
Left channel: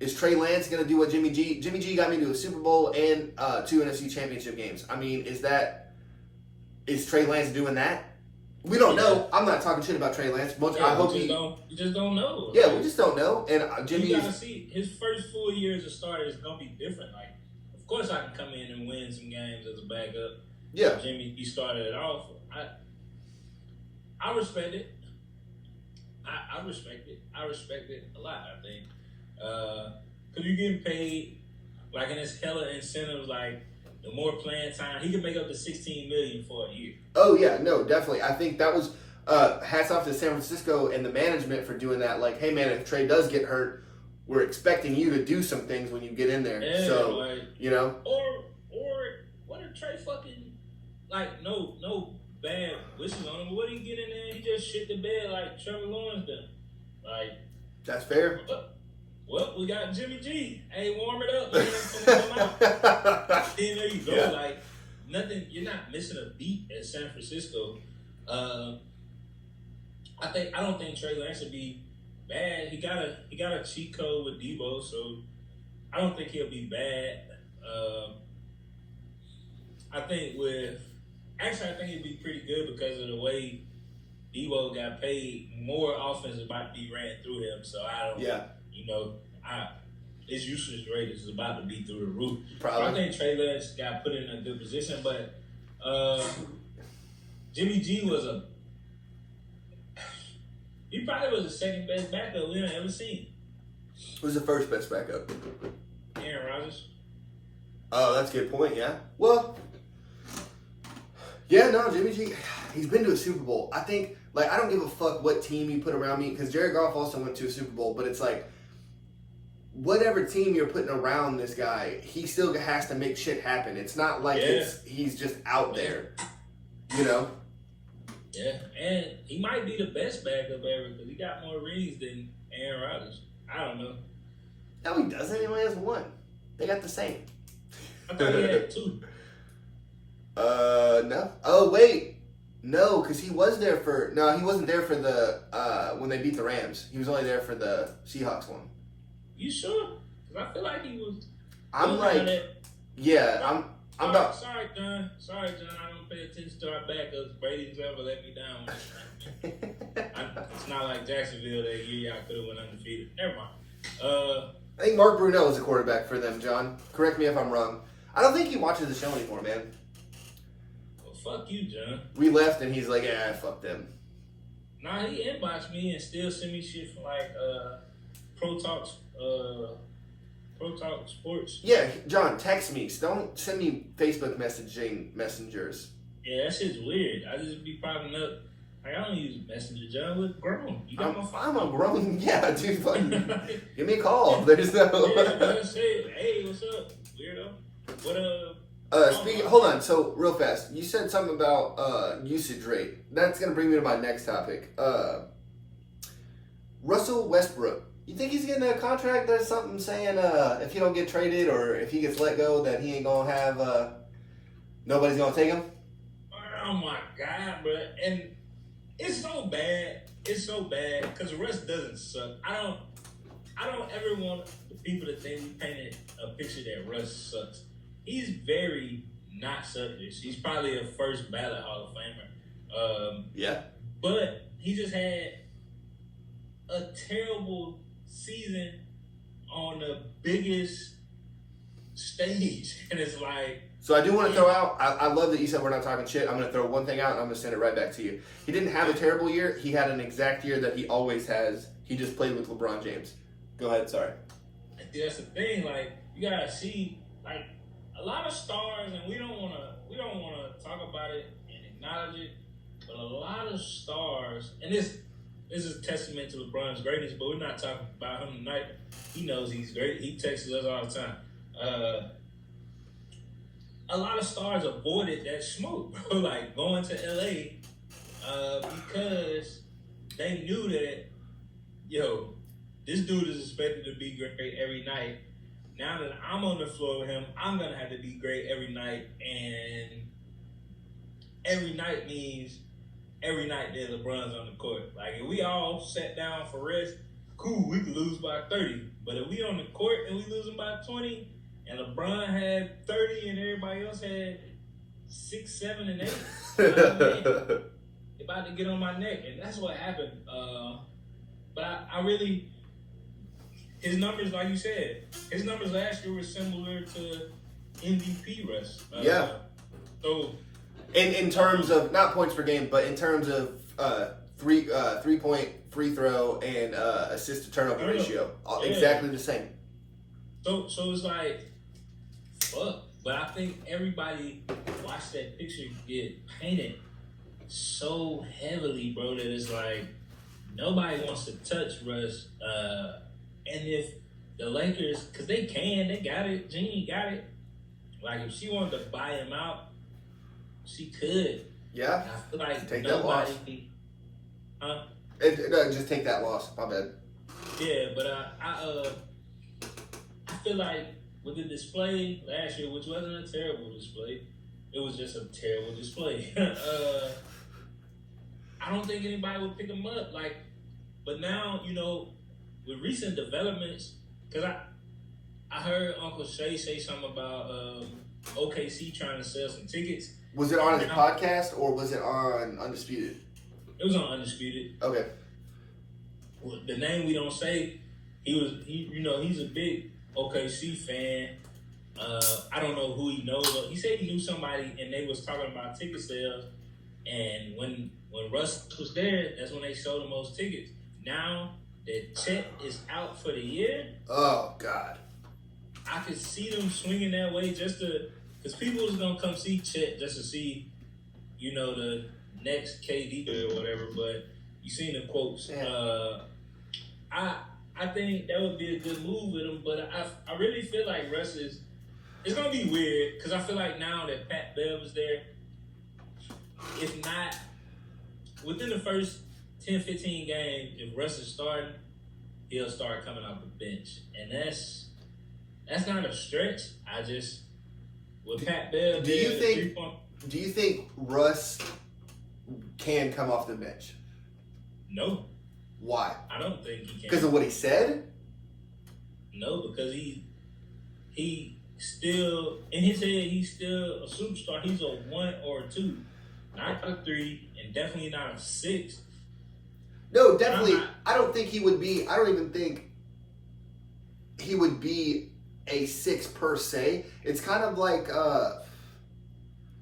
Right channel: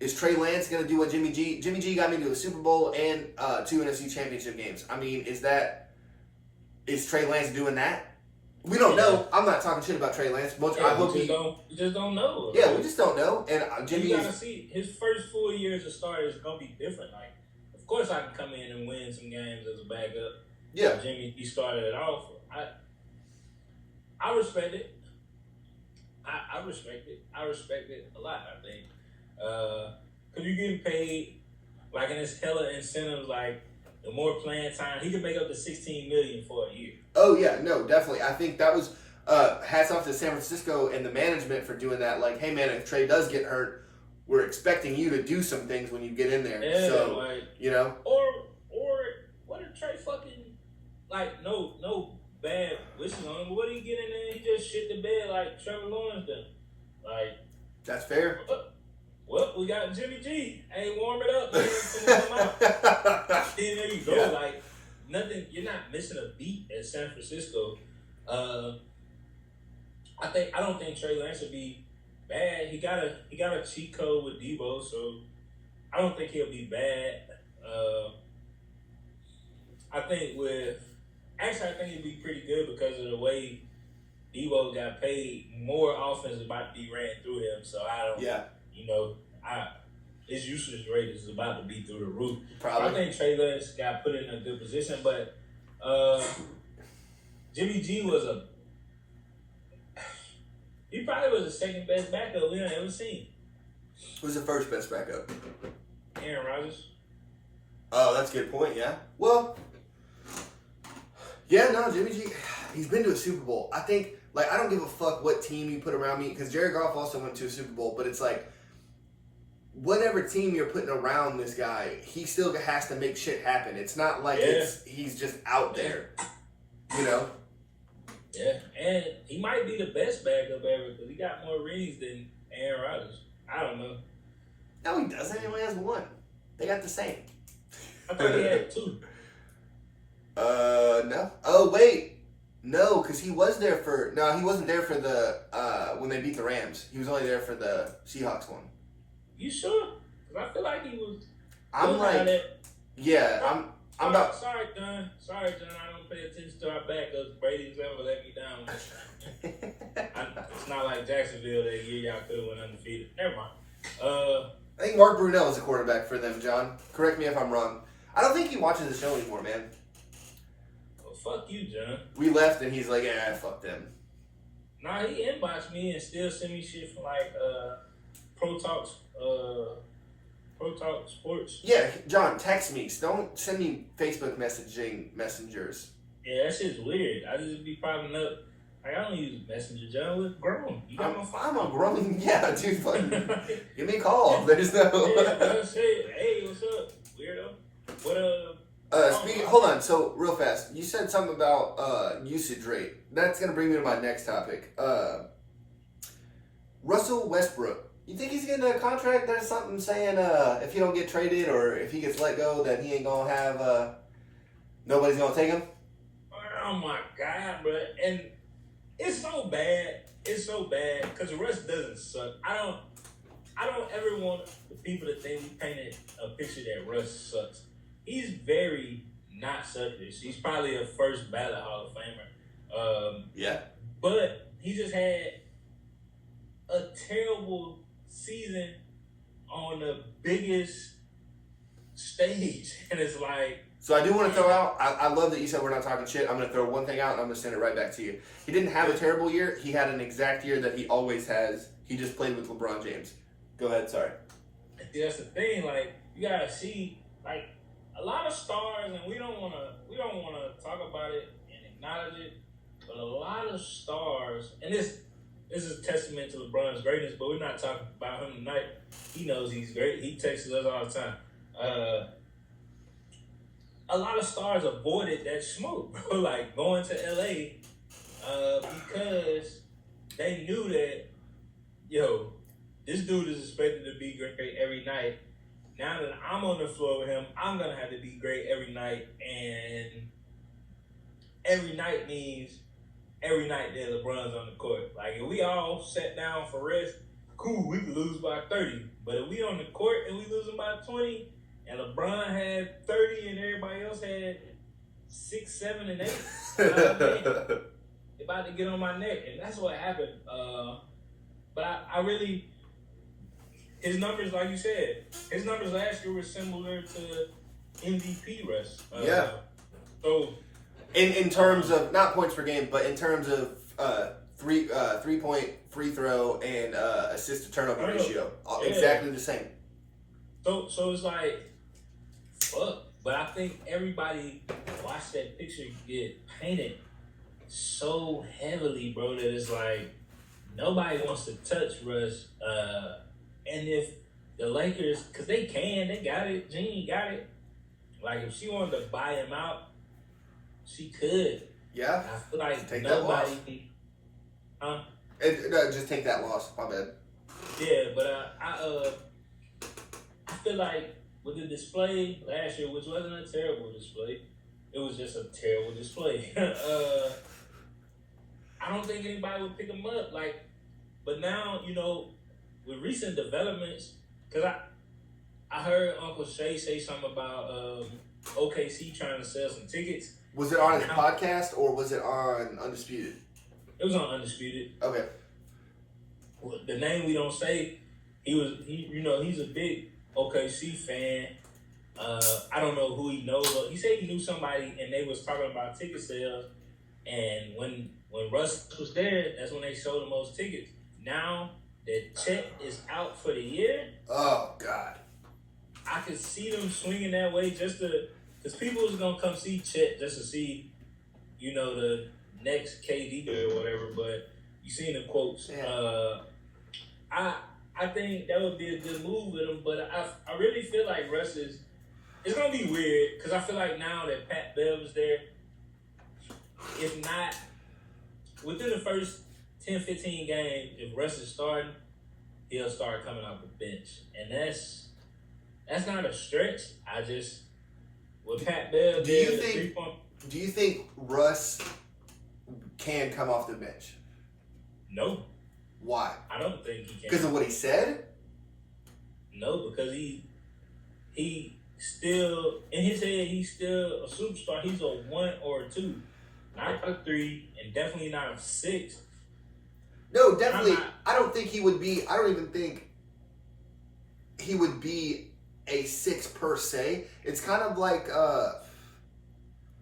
Is Trey Lance going to do what Jimmy G got me to a Super Bowl and 2 NFC Championship games? I mean, is Trey Lance doing that? We don't know. I'm not talking shit about Trey Lance. I hope you just don't know. Yeah, we just don't know. And Jimmy, you gotta see his first full year as a starter is gonna be different. Like, of course, I can come in and win some games as a backup. Yeah, Jimmy, he started it off. I respect it. I respect it. I respect it a lot, I think. Because you're getting paid, like, and it's hella incentives, like, the more playing time, he could make up to $16 million for a year. Oh, yeah, no, definitely. I think that was, hats off to San Francisco and the management for doing that. Like, hey, man, if Trey does get hurt, we're expecting you to do some things when you get in there. Yeah, so, like, you know? Or what if Trey fucking, like, no bad wishes on him, but what did he get in there? He just shit the bed like Trevor Lawrence did. Like, that's fair. Well, we got Jimmy G. Hey, warm it up. Come out. Then there you go. Yeah. Like, nothing. You're not missing a beat at San Francisco. I don't think Trey Lance would be bad. He got a cheat code with Debo, so I don't think he'll be bad. I think it'd be pretty good because of the way Debo got paid. More offense is about to be ran through him, so I don't. Yeah. You know, his usage rate is about to be through the roof. Probably. I think Trey Lance got put in a good position, but Jimmy G he probably was the second best backup we ever seen. Who's the first best backup? Aaron Rodgers. Oh, that's a good point, yeah. Well, yeah, no, Jimmy G, he's been to a Super Bowl. I think, like, I don't give a fuck what team you put around me, because Jared Goff also went to a Super Bowl, but it's like, whatever team you're putting around this guy, he still has to make shit happen. It's not like he's just out there, you know? Yeah, and he might be the best backup ever because he got more rings than Aaron Rodgers. I don't know. No, he doesn't. He only has 1. They got the same. I thought he had 2. No. Oh, wait. No, because he wasn't there for the, when they beat the Rams. He was only there for the Seahawks one. You sure? Because I feel like he was. I'm like, yeah, I'm about. Sorry, John. Sorry, John. I don't pay attention to our backups. Brady's ever let me down. It's not like Jacksonville that year y'all could have went undefeated. Never mind. I think Mark Brunell is a quarterback for them, John. Correct me if I'm wrong. I don't think he watches the show anymore, man. Well, fuck you, John. We left and he's like, yeah, fuck them. Nah, he inboxed me and still send me shit from like Pro Talk Sports. Yeah, John, text me. Don't send me Facebook messengers. Yeah, that shit's weird. I just be popping up. Like, I don't use Messenger, John. We're grown. You got my phone. I'm a grown. Yeah, dude. Fucking give me a call. There's no. Hey, what's up, weirdo? What Hold on. So real fast, you said something about usage rate. That's gonna bring me to my next topic. Russell Westbrook. You think he's getting a contract? There's something saying if he don't get traded or if he gets let go, that he ain't gonna have nobody's gonna take him. Oh my god, bro! And it's so bad. It's so bad because Russ doesn't suck. I don't ever want the people to think we painted a picture that Russ sucks. He's very not suckish. He's probably a first ballot Hall of Famer. Yeah. But he just had a terrible season on the biggest stage. And it's like... So I do want to throw out, I love that you said we're not talking shit. I'm going to throw one thing out and I'm going to send it right back to you. He didn't have a terrible year. He had an exact year that he always has. He just played with LeBron James. Go ahead, sorry. That's the thing. Like, you got to see, like, a lot of stars, and we don't want to talk about it and acknowledge it, but a lot of stars, and this is a testament to LeBron's greatness, but we're not talking about him tonight. He knows he's great. He texts us all the time. A lot of stars avoided that smoke, bro. Like going to LA because they knew that, yo, this dude is expected to be great every night. Now that I'm on the floor with him, I'm gonna have to be great every night, and every night means every night that LeBron's on the court. Like if we all sat down for rest, cool, we could lose by 30. But if we on the court and we losing by 20, and LeBron had 30 and everybody else had 6, 7, and 8, you know what I mean? About to get on my neck, and that's what happened. But I really, his numbers, like you said, his numbers last year were similar to MVP Russ. Yeah. So, in terms of not points per game, but in terms of 3-point free throw and assist to turnover ratio, exactly the same. So it's like, fuck. But I think everybody watched that picture get painted so heavily, bro, that it's like nobody wants to touch Russ. And if the Lakers, because they got it. Jeannie got it. Like if she wanted to buy him out, she could. Yeah. I feel like take nobody. That loss. No, just take that loss. My bad. Yeah, but I feel like with the display last year, which wasn't a terrible display, it was just a terrible display. I don't think anybody would pick him up. Like, but now, you know, with recent developments, because I heard Uncle Shay say something about OKC trying to sell some tickets. Was it on his podcast or was it on Undisputed? It was on Undisputed. Okay. Well, the name we don't say, he's a big OKC fan. I don't know who he knows, but he said he knew somebody and they was talking about ticket sales. And when Russ was there, that's when they sold the most tickets. Now that Chet is out for the year, oh God, I could see them swinging that way just to, because people was gonna come see Chet just to see, you know, the next KD or whatever. But you seen the quotes. Yeah. I think that would be a good move with him, but I really feel like Russ is. It's gonna be weird because I feel like now that Pat Bev is there, if not within the first 10, 15 games, if Russ is starting, he'll start coming off the bench, and that's not a stretch. I just with Pat Bev. Do you think Russ can come off the bench? No. Why? I don't think he can. Because of what he said? No, because he still in his head, he's still a superstar. He's a 1 or a 2, not a 3, and definitely not a 6. No, definitely. I don't think he would be. I don't even think he would be a 6 per se. It's kind of like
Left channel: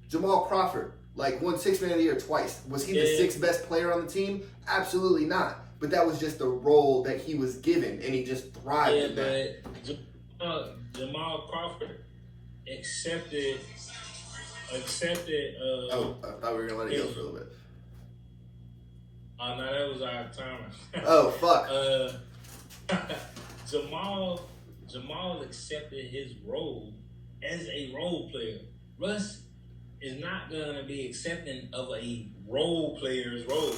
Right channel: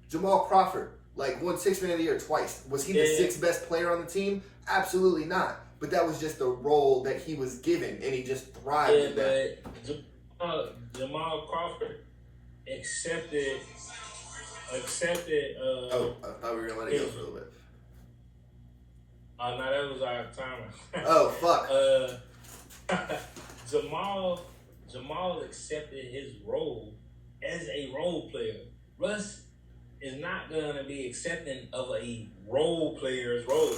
Jamal Crawford, like won 6th Man of the Year twice. Was he the 6th best player on the team? Absolutely not. But that was just the role that he was given, and he just thrived in that. But Jamal Crawford accepted. I thought we were gonna let it go for a little bit. No, that was our timer. Oh fuck. Jamal accepted his role as a role player. Russ is not gonna be accepting of a role player's role.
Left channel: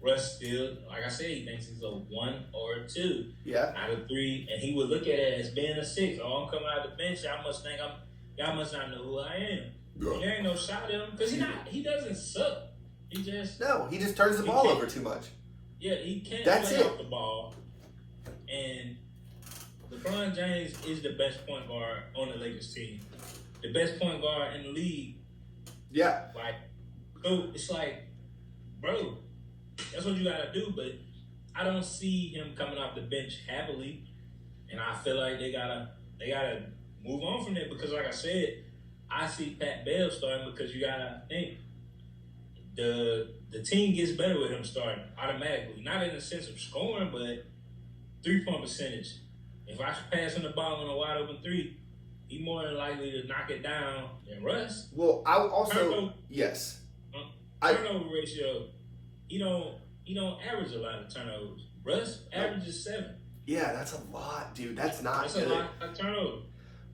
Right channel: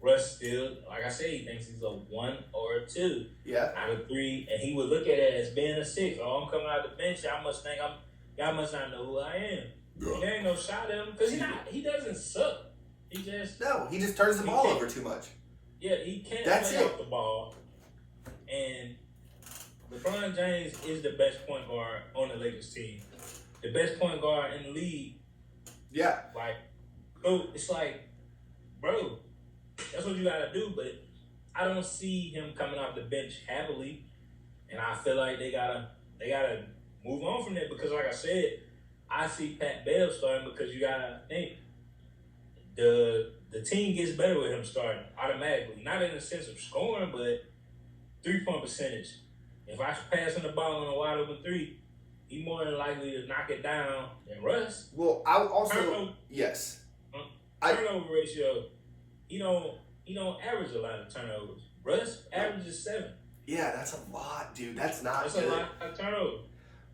Russ still, like I said, he thinks he's a 1 or a 2. Yeah. Out of 3, and he would look at it as being a 6. Oh, I'm coming out the bench. Y'all must not know who I am. Yeah. There ain't no shot at him because he doesn't suck. He just turns the ball over too much. Yeah, he can't play off the ball. And LeBron James is the best point guard on the Lakers team. The best point guard in the league. Yeah. Like, so it's like, bro, that's what you gotta do. But I don't see him coming off the bench happily. And I feel like they gotta move on from that because, like I said, I see Pat Bev starting because you gotta think the team gets better with him starting automatically. Not in the sense of scoring, but 3-point percentage. If I pass him the ball on a wide open 3, he's more than likely to knock it down than Russ. Well, I also yes. Turnover ratio, he don't average a lot of turnovers. Russ averages 7. Yeah, that's a lot, dude. That's not That's good. a lot of turnovers.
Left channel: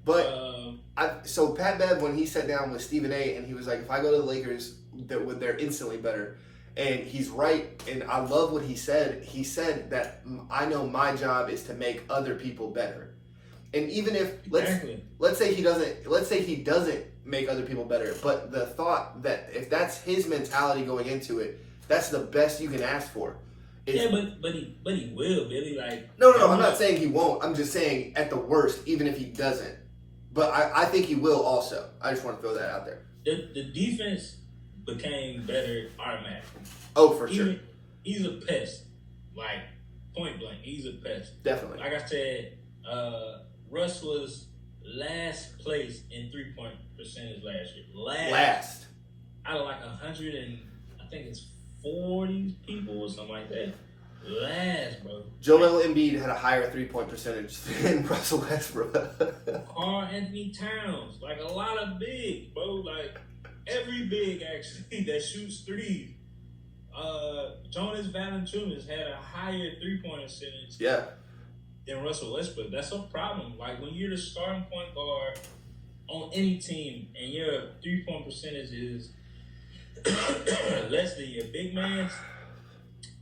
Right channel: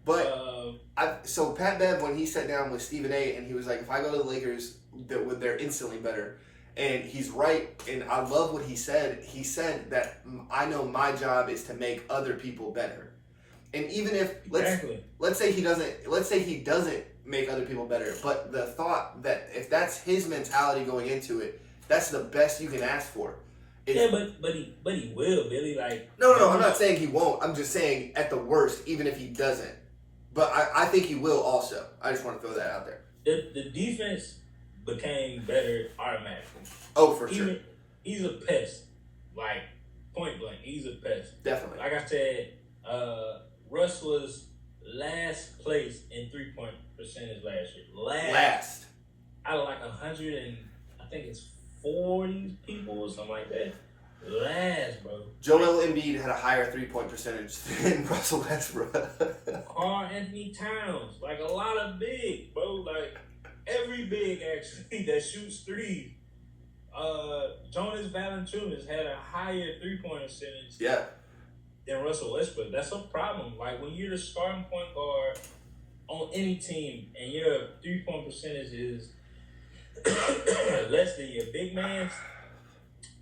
But so Pat Bev, when he sat down with Stephen A. and he was like, if I go to the Lakers, they're instantly better. And he's right, and I love what he said. He said that I know my job is to make other people better. And even if let's say he doesn't make other people better, but the thought that if that's his mentality going into it, that's the best you can ask for. But he will, Billy. Like no, I'm not saying he won't. I'm just saying at the worst, even if he doesn't. But I think he will also. I just want to throw that out there. The defense became better automatically. Oh, for sure. He's a pest. Like, point blank, he's a pest. Definitely. Like I said, Russ was last place in 3-point percentage last year. Last. Out of like 100 and I think it's 40 people or something like that. Last, bro. Joel Embiid had a higher 3-point percentage than Russell Westbrook. Carl Anthony Towns, like a lot of big, bro. Like every big actually that shoots 3. Jonas Valanciunas had a higher 3-point percentage. Yeah. Than Russell Westbrook. That's a problem. Like when you're the starting point guard on any team and your 3-point percentage is less than your big man's,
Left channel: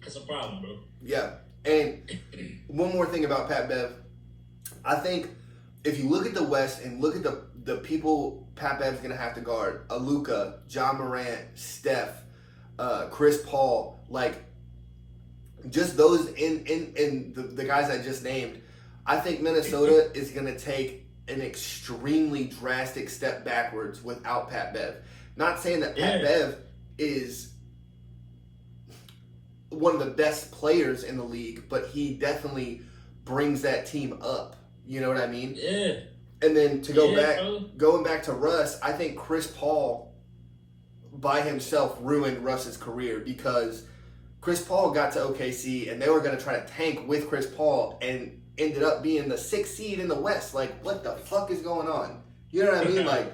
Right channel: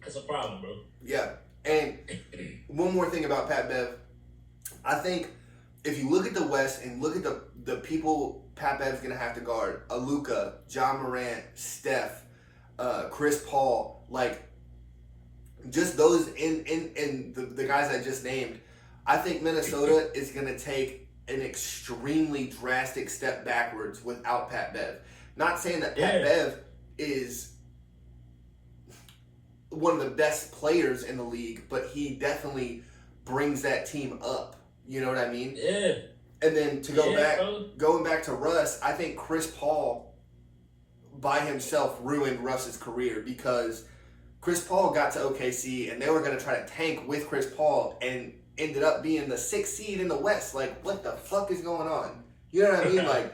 that's a problem, bro. Yeah. And one more thing about Pat Bev. I think if you look at the West and look at the people Pat Bev's going to have to guard, Luka, John Morant, Steph, Chris Paul, like just those in the guys I just named, I think Minnesota is going to take an extremely drastic step backwards without Pat Bev. Not saying that Pat Bev is one of the best players in the league, but he definitely brings that team up. You know what I mean? Yeah. And then to going back to Russ, I think Chris Paul by himself ruined Russ's career because Chris Paul got to OKC and they were going to try to tank with Chris Paul and ended up being the 6th seed in the West. Like, what the fuck is going on? You know what I mean? Like,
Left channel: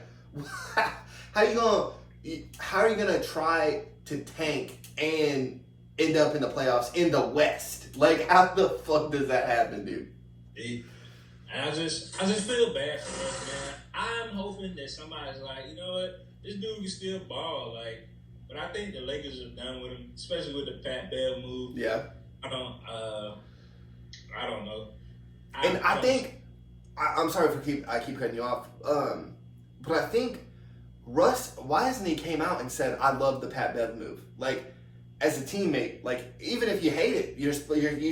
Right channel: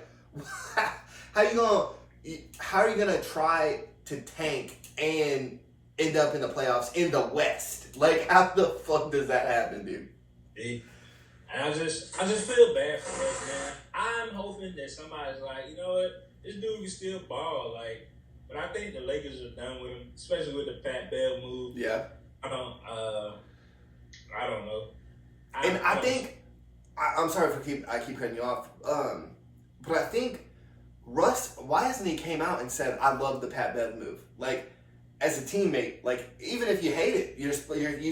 how are you gonna try to tank and end up in the playoffs in the West? Like, how the fuck does that happen, dude? And I just feel bad for us, man. I'm hoping that somebody's like, you know what, this dude can still ball, like. But I think the Lakers are done with him, especially with the Pat Bev move. Yeah. I don't know. I think I'm sorry I keep cutting you off. But I think Russ, why hasn't he came out and said I love the Pat Bev move? Like, as a teammate, like even if you hate it, you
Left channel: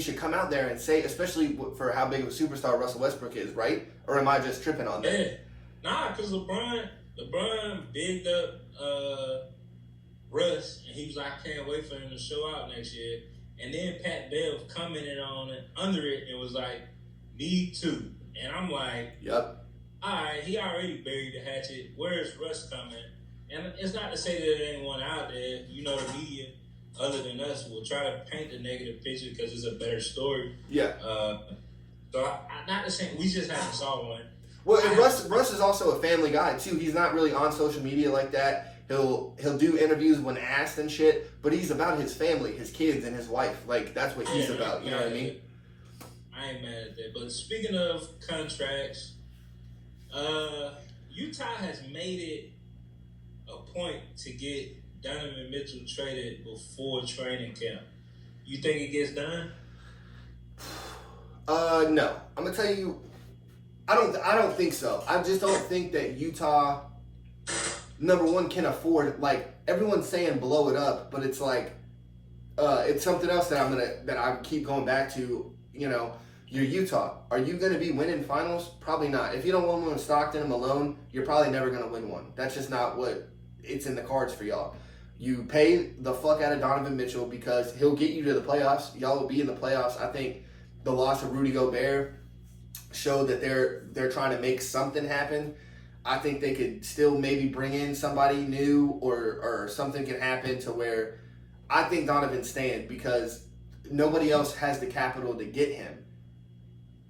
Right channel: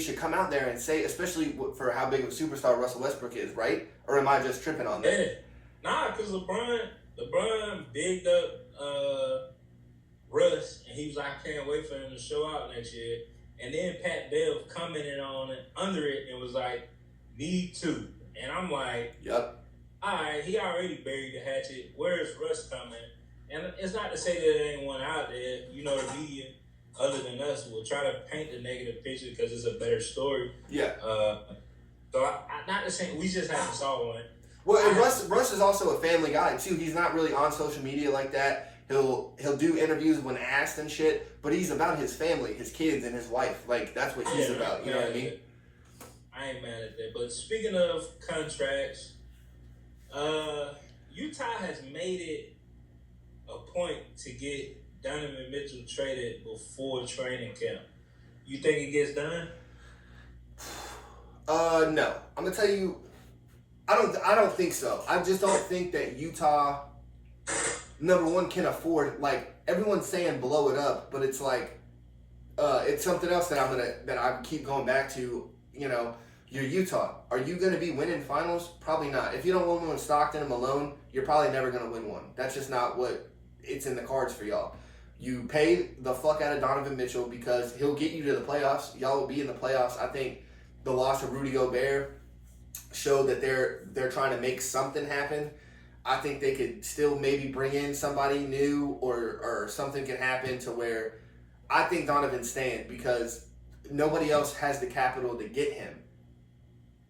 should come out there and say, especially for how big of a superstar Russell Westbrook is, right? Or am I just tripping on that? Nah, because LeBron bigged up Russ, and he was like, I can't wait for him to show out next year. And then Pat Bev commented on it under it and was like, me too. And I'm like, Yep. all right, he already buried the hatchet. Where is Russ coming? And it's not to say that there ain't one out there. You know, the media, other than us, will try to paint the negative picture because it's a better story. Yeah. So not to say we just haven't saw one. Well, and Russ is also a family guy too. He's not really on social media like that. He'll do interviews when asked and shit, but he's about his family, his kids, and his wife. Like that's what he's about. You know what I mean? I ain't mad at that. But speaking of contracts, Utah has made it a point to get Donovan Mitchell traded before training camp. You think it gets done? No. I'm gonna tell you, I don't think so. I just don't think that Utah, number one, can afford, like, everyone's saying blow it up, but it's like, it's something else that I keep going back to. You know, you're Utah. Are you gonna be winning finals? Probably not. If you don't win one with Stockton and Malone, you're probably never gonna win one. That's just not what it's in the cards for y'all. You pay the fuck out of Donovan Mitchell because he'll get you to the playoffs. Y'all will be in the playoffs. I think the loss of Rudy Gobert showed that they're trying to make something happen. I think they could still maybe bring in somebody new or something can happen to where I think Donovan's staying because nobody else has the capital to get him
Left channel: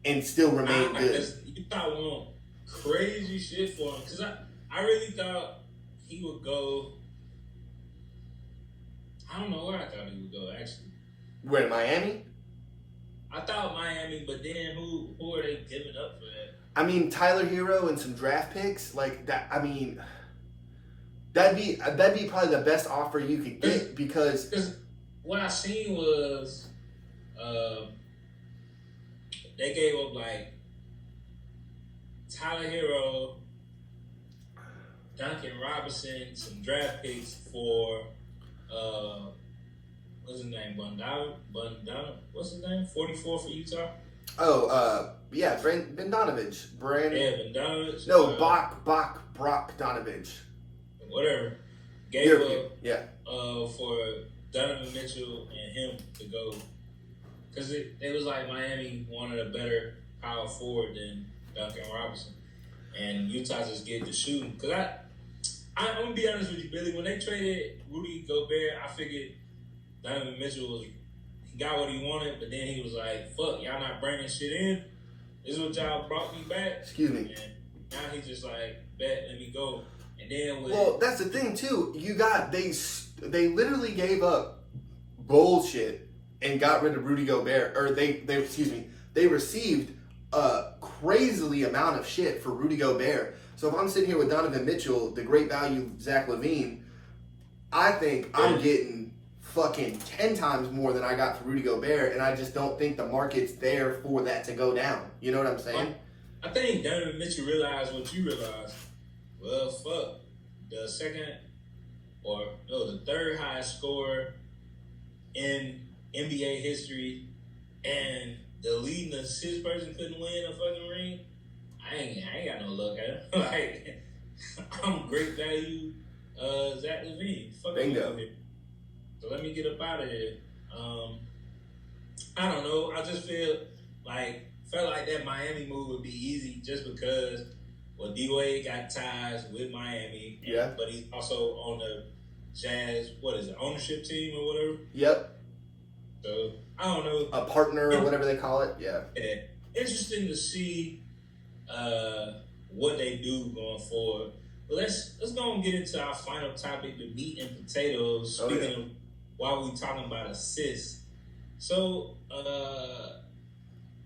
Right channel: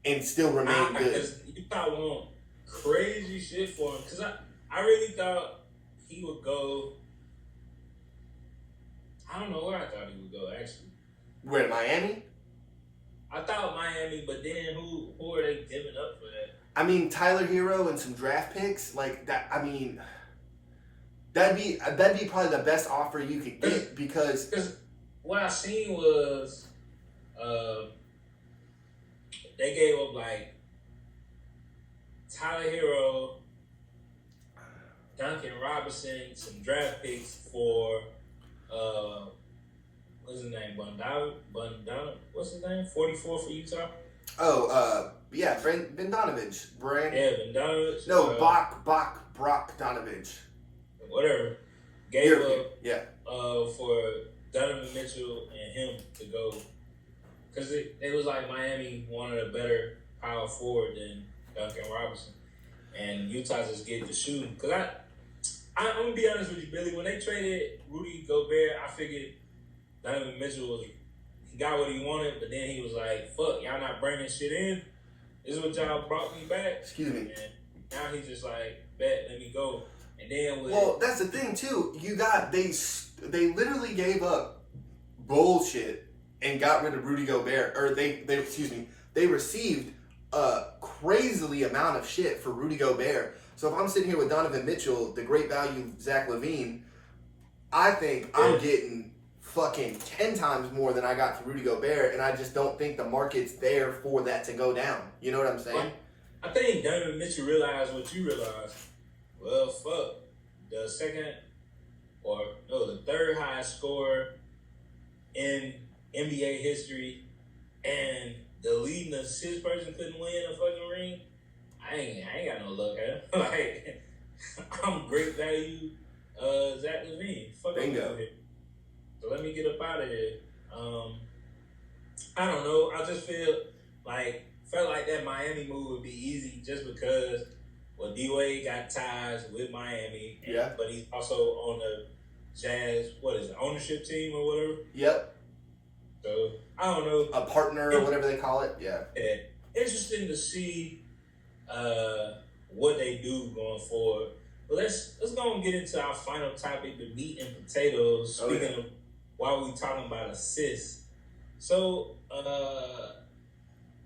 and still remain good. You thought want crazy shit for him because I really thought he would go. I don't know where I thought he would go actually. Where, to Miami? I thought Miami, but then who are they giving up for that? I mean, Tyler Hero and some draft picks like that. I mean, that'd be probably the best offer you could get because what I seen was they gave up like Tyler Hero, Duncan Robinson, some draft picks for what's his name? Bundana? What's his name? 44 for Utah. Oh, yeah, Bogdanovich. Bogdanovich. No, Brock Donovich. Whatever. Gave up for Donovan Mitchell and him to go. Because it was like Miami wanted a better power forward than Duncan Robinson. And Utah just get the shooting. Because I'm going to be honest with you, Billy. When they traded Rudy Gobert, I figured Donovan Mitchell he got what he wanted, but then he was like, fuck, y'all not bringing shit in? This is what y'all brought me back? Excuse me. And now he's just like, bet, let me go. And then well, that's the thing, too. They literally gave up bullshit and got rid of Rudy Gobert. Or they received a crazily amount of shit for Rudy Gobert. So if I'm sitting here with Donovan Mitchell, the great value Zach LaVine, I think I'm getting fucking 10 times more than I got for Rudy Gobert, and I just don't think the market's there for that to go down. You know what I'm saying? I think Donovan Mitchell realized what you realized. Well, fuck. The third highest scorer in NBA history and the leading assist person couldn't win a fucking ring. I ain't got no luck at him. Like, I'm great value Zach LaVine. Fuck Bingo. So let me get up out of here. I don't know. I just felt like that Miami move would be easy just because D-Wade got ties with Miami. Yeah. But he's also on the Jazz, ownership team or whatever. Yep. So I don't know. A partner or whatever they call it. Yeah. Interesting to see what they do going forward. But let's go and get into our final topic, the meat and potatoes. Speaking of while we talking about assists. So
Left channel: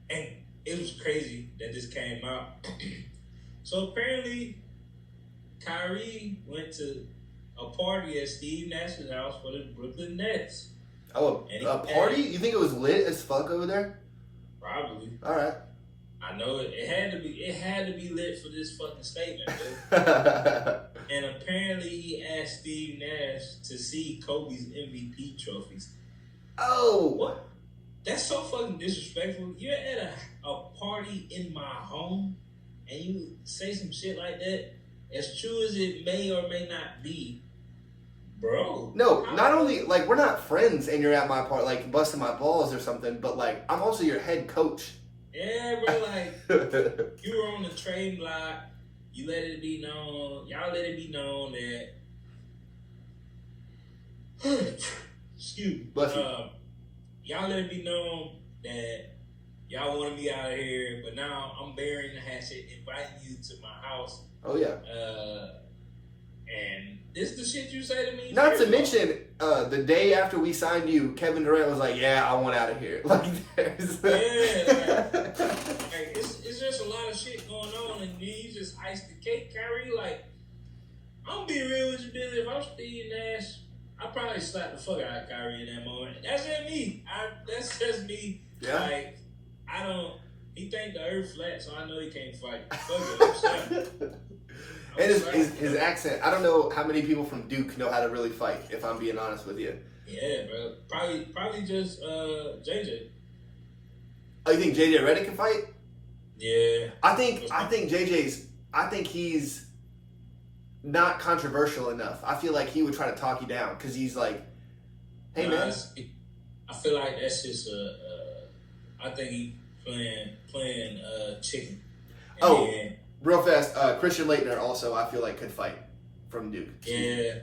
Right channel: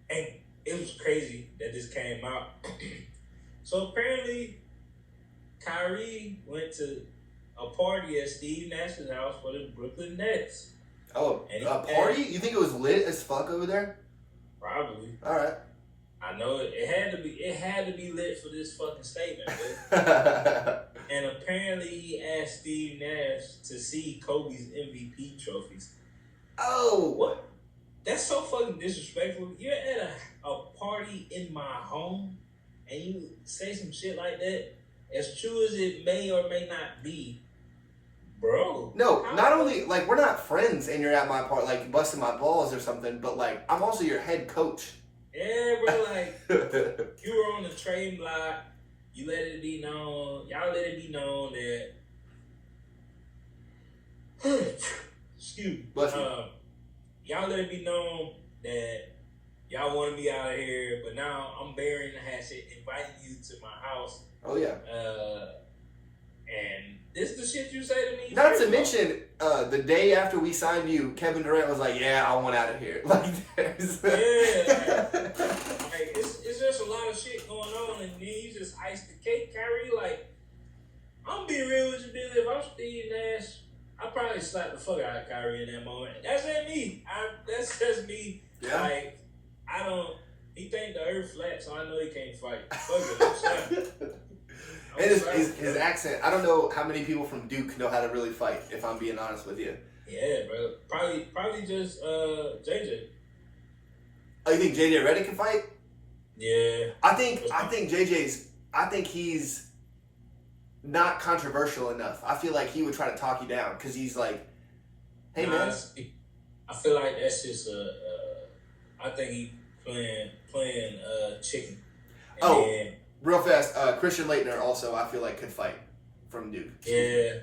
and it was crazy that this came out. So apparently Kyrie went to a party at Steve Nash's house for the Brooklyn Nets. Oh, a party? You think it was lit as fuck over there? Probably. All right. I know it had to be lit for this fucking statement, and apparently he asked Steve Nash to see Kobe's MVP trophies. Oh, what? That's so fucking disrespectful. You're at a party in my home, and you say some shit like that, as true as it may or may not be, bro. No, not only like we're not friends and you're at my part like busting my balls or something, but like I'm also your head coach. Yeah, bro, like you were on the trade block, you let it be known, y'all let it be known that excuse me. Y'all let it be known that y'all want to be out of here, but now I'm burying the hatchet, inviting you to my house. Oh yeah. And this is the shit you say to me. Not to mention, the day after we signed you, Kevin Durant was like, "Yeah, I want out of here." Like, there's like it's just a lot of shit going on, and then you just ice the cake, Kyrie. Like, I'm being real with you, Billy. If I'm Steve Nash, I'd probably slap the fuck out of Kyrie in that moment. That's just me. That's just me. Yeah. Like, I don't. He think the earth flat, so I know he can't fight. Fuck it, I'm slapping. And his accent, I don't know how many people from Duke know how to really fight, if I'm being honest with you. Yeah, bro. Probably just JJ. Oh, you think JJ Redick can fight? Yeah. I think he's not controversial enough. I feel like he would try to talk you down because he's like, hey man. I feel like that's just I think he playing chicken. And real fast, Christian Laettner also I feel like could fight from Duke. Yeah.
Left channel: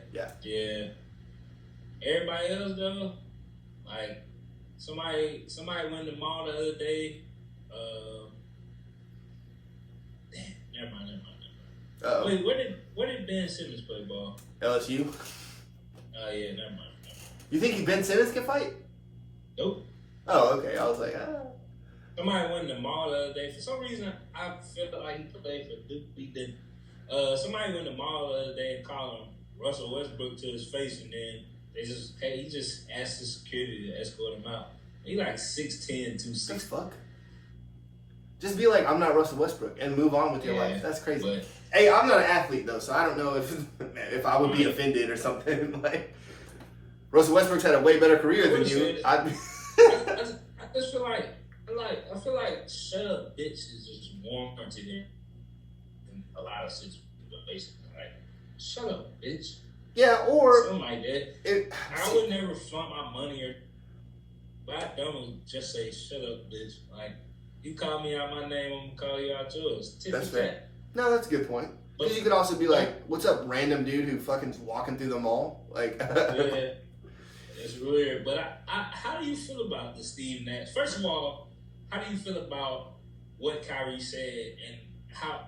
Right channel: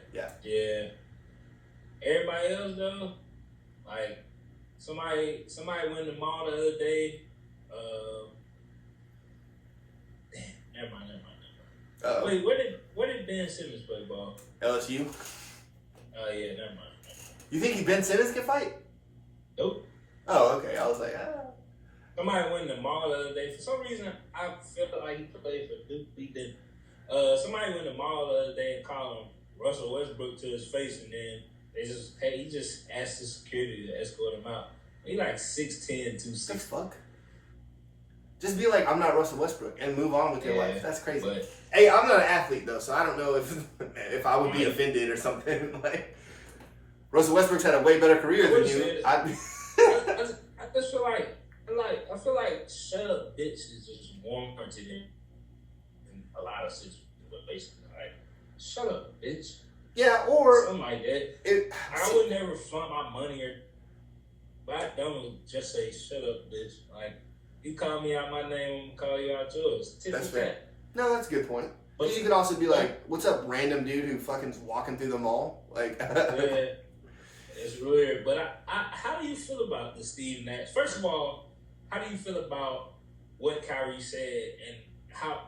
Everybody else though, like somebody went to the mall the other day. Never mind. Wait, where did Ben Simmons play ball? LSU. Yeah, never mind. You think Ben Simmons can fight? Nope. Oh, okay. I was like, Somebody went to the mall the other day. For some reason, I felt like he played for Duke. He didn't. Somebody went to the mall the other day and called him Russell Westbrook to his face, and then he just asked the security to escort him out. He like 6'10", 260. the fuck? Just be like, I'm not Russell Westbrook, and move on with your life. That's crazy. But, hey, I'm not an athlete though, so I don't know if I would be offended or something. Like, Russell Westbrook's had a way better career than you. I just feel like. I feel like shut up bitch is just warranted in a lot of situations. Like, shut up bitch. Yeah, or something like that. I would never flaunt my money but I don't just say shut up bitch. Like, you call me out my name, I'm gonna call you out yours. That's fair. No, that's a good point. But you could also be like, what's up, random dude who fucking's walking through the mall? Like, yeah, it's weird. But how do you feel about the Steve Nash? First of all, how do you feel about what Kyrie said, and how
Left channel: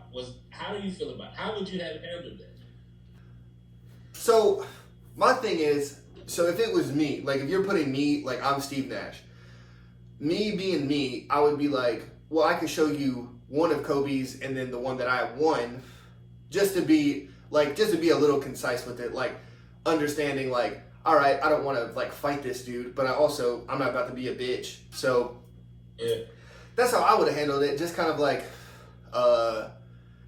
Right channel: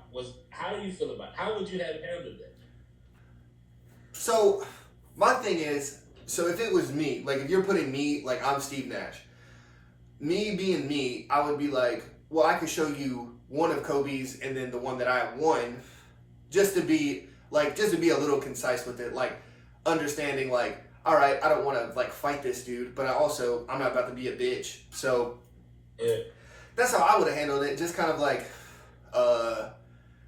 do you feel about it? How would you have handled that? So, my thing is, if it was me, like if you're putting me, like I'm Steve Nash, me being me, I would be like, well, I could show you one of Kobe's and then the one that I won, just to be a little concise with it, like understanding like, all right, I don't want to like fight this dude, but I'm not about to be a bitch, so. Yeah. That's how I would have handled it. Just kind of like,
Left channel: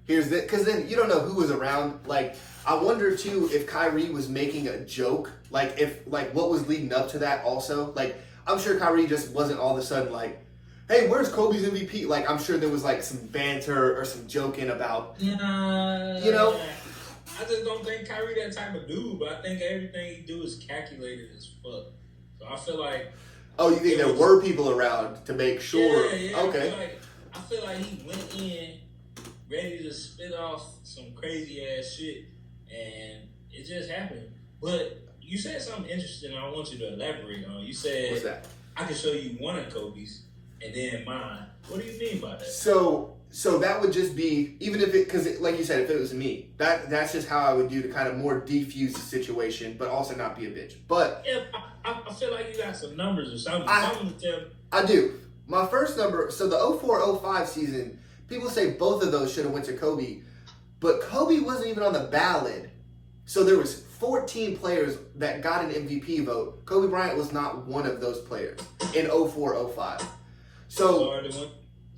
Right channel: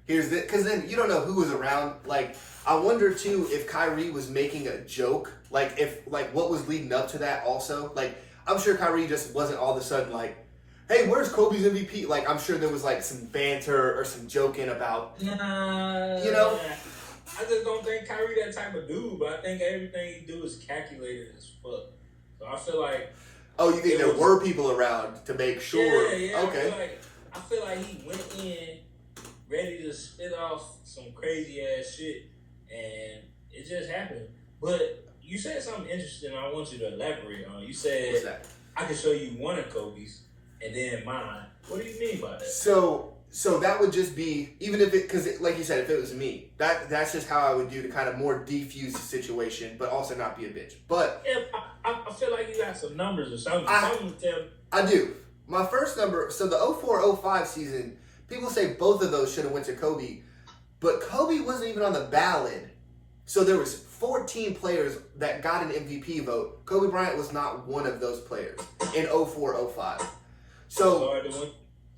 here's it. Because then you don't know who was around. Like, I wonder too if Kyrie was making a joke. Like, what was leading up to that also. Like, I'm sure Kyrie just wasn't all of a sudden like, hey, where's Kobe's MVP? Like, I'm sure there was like some banter or some joking about, you know? I just don't think Kyrie that type of dude, but I think everything he do is calculated as fuck. So I feel like. Oh, you think there were people around to make sure? Yeah. Okay. I feel like he went in ready to spit off some crazy ass shit, and it just happened. But you said something interesting I want you to elaborate on. You said, what's that? I can show you one of Kobe's and then mine. What do you mean by that? So that would just be, even if because like you said, if it was me, that's just how I would do to kind of more defuse the situation, but also not be a bitch. But yeah, I feel like you got some numbers or something. Something to tell me. I do. My first number, so the 04-05 season, people say both of those should have went to Kobe, but Kobe wasn't even on the ballot. So there was 14 players that got an MVP vote. Kobe Bryant was not one of those players in 04-05. So it's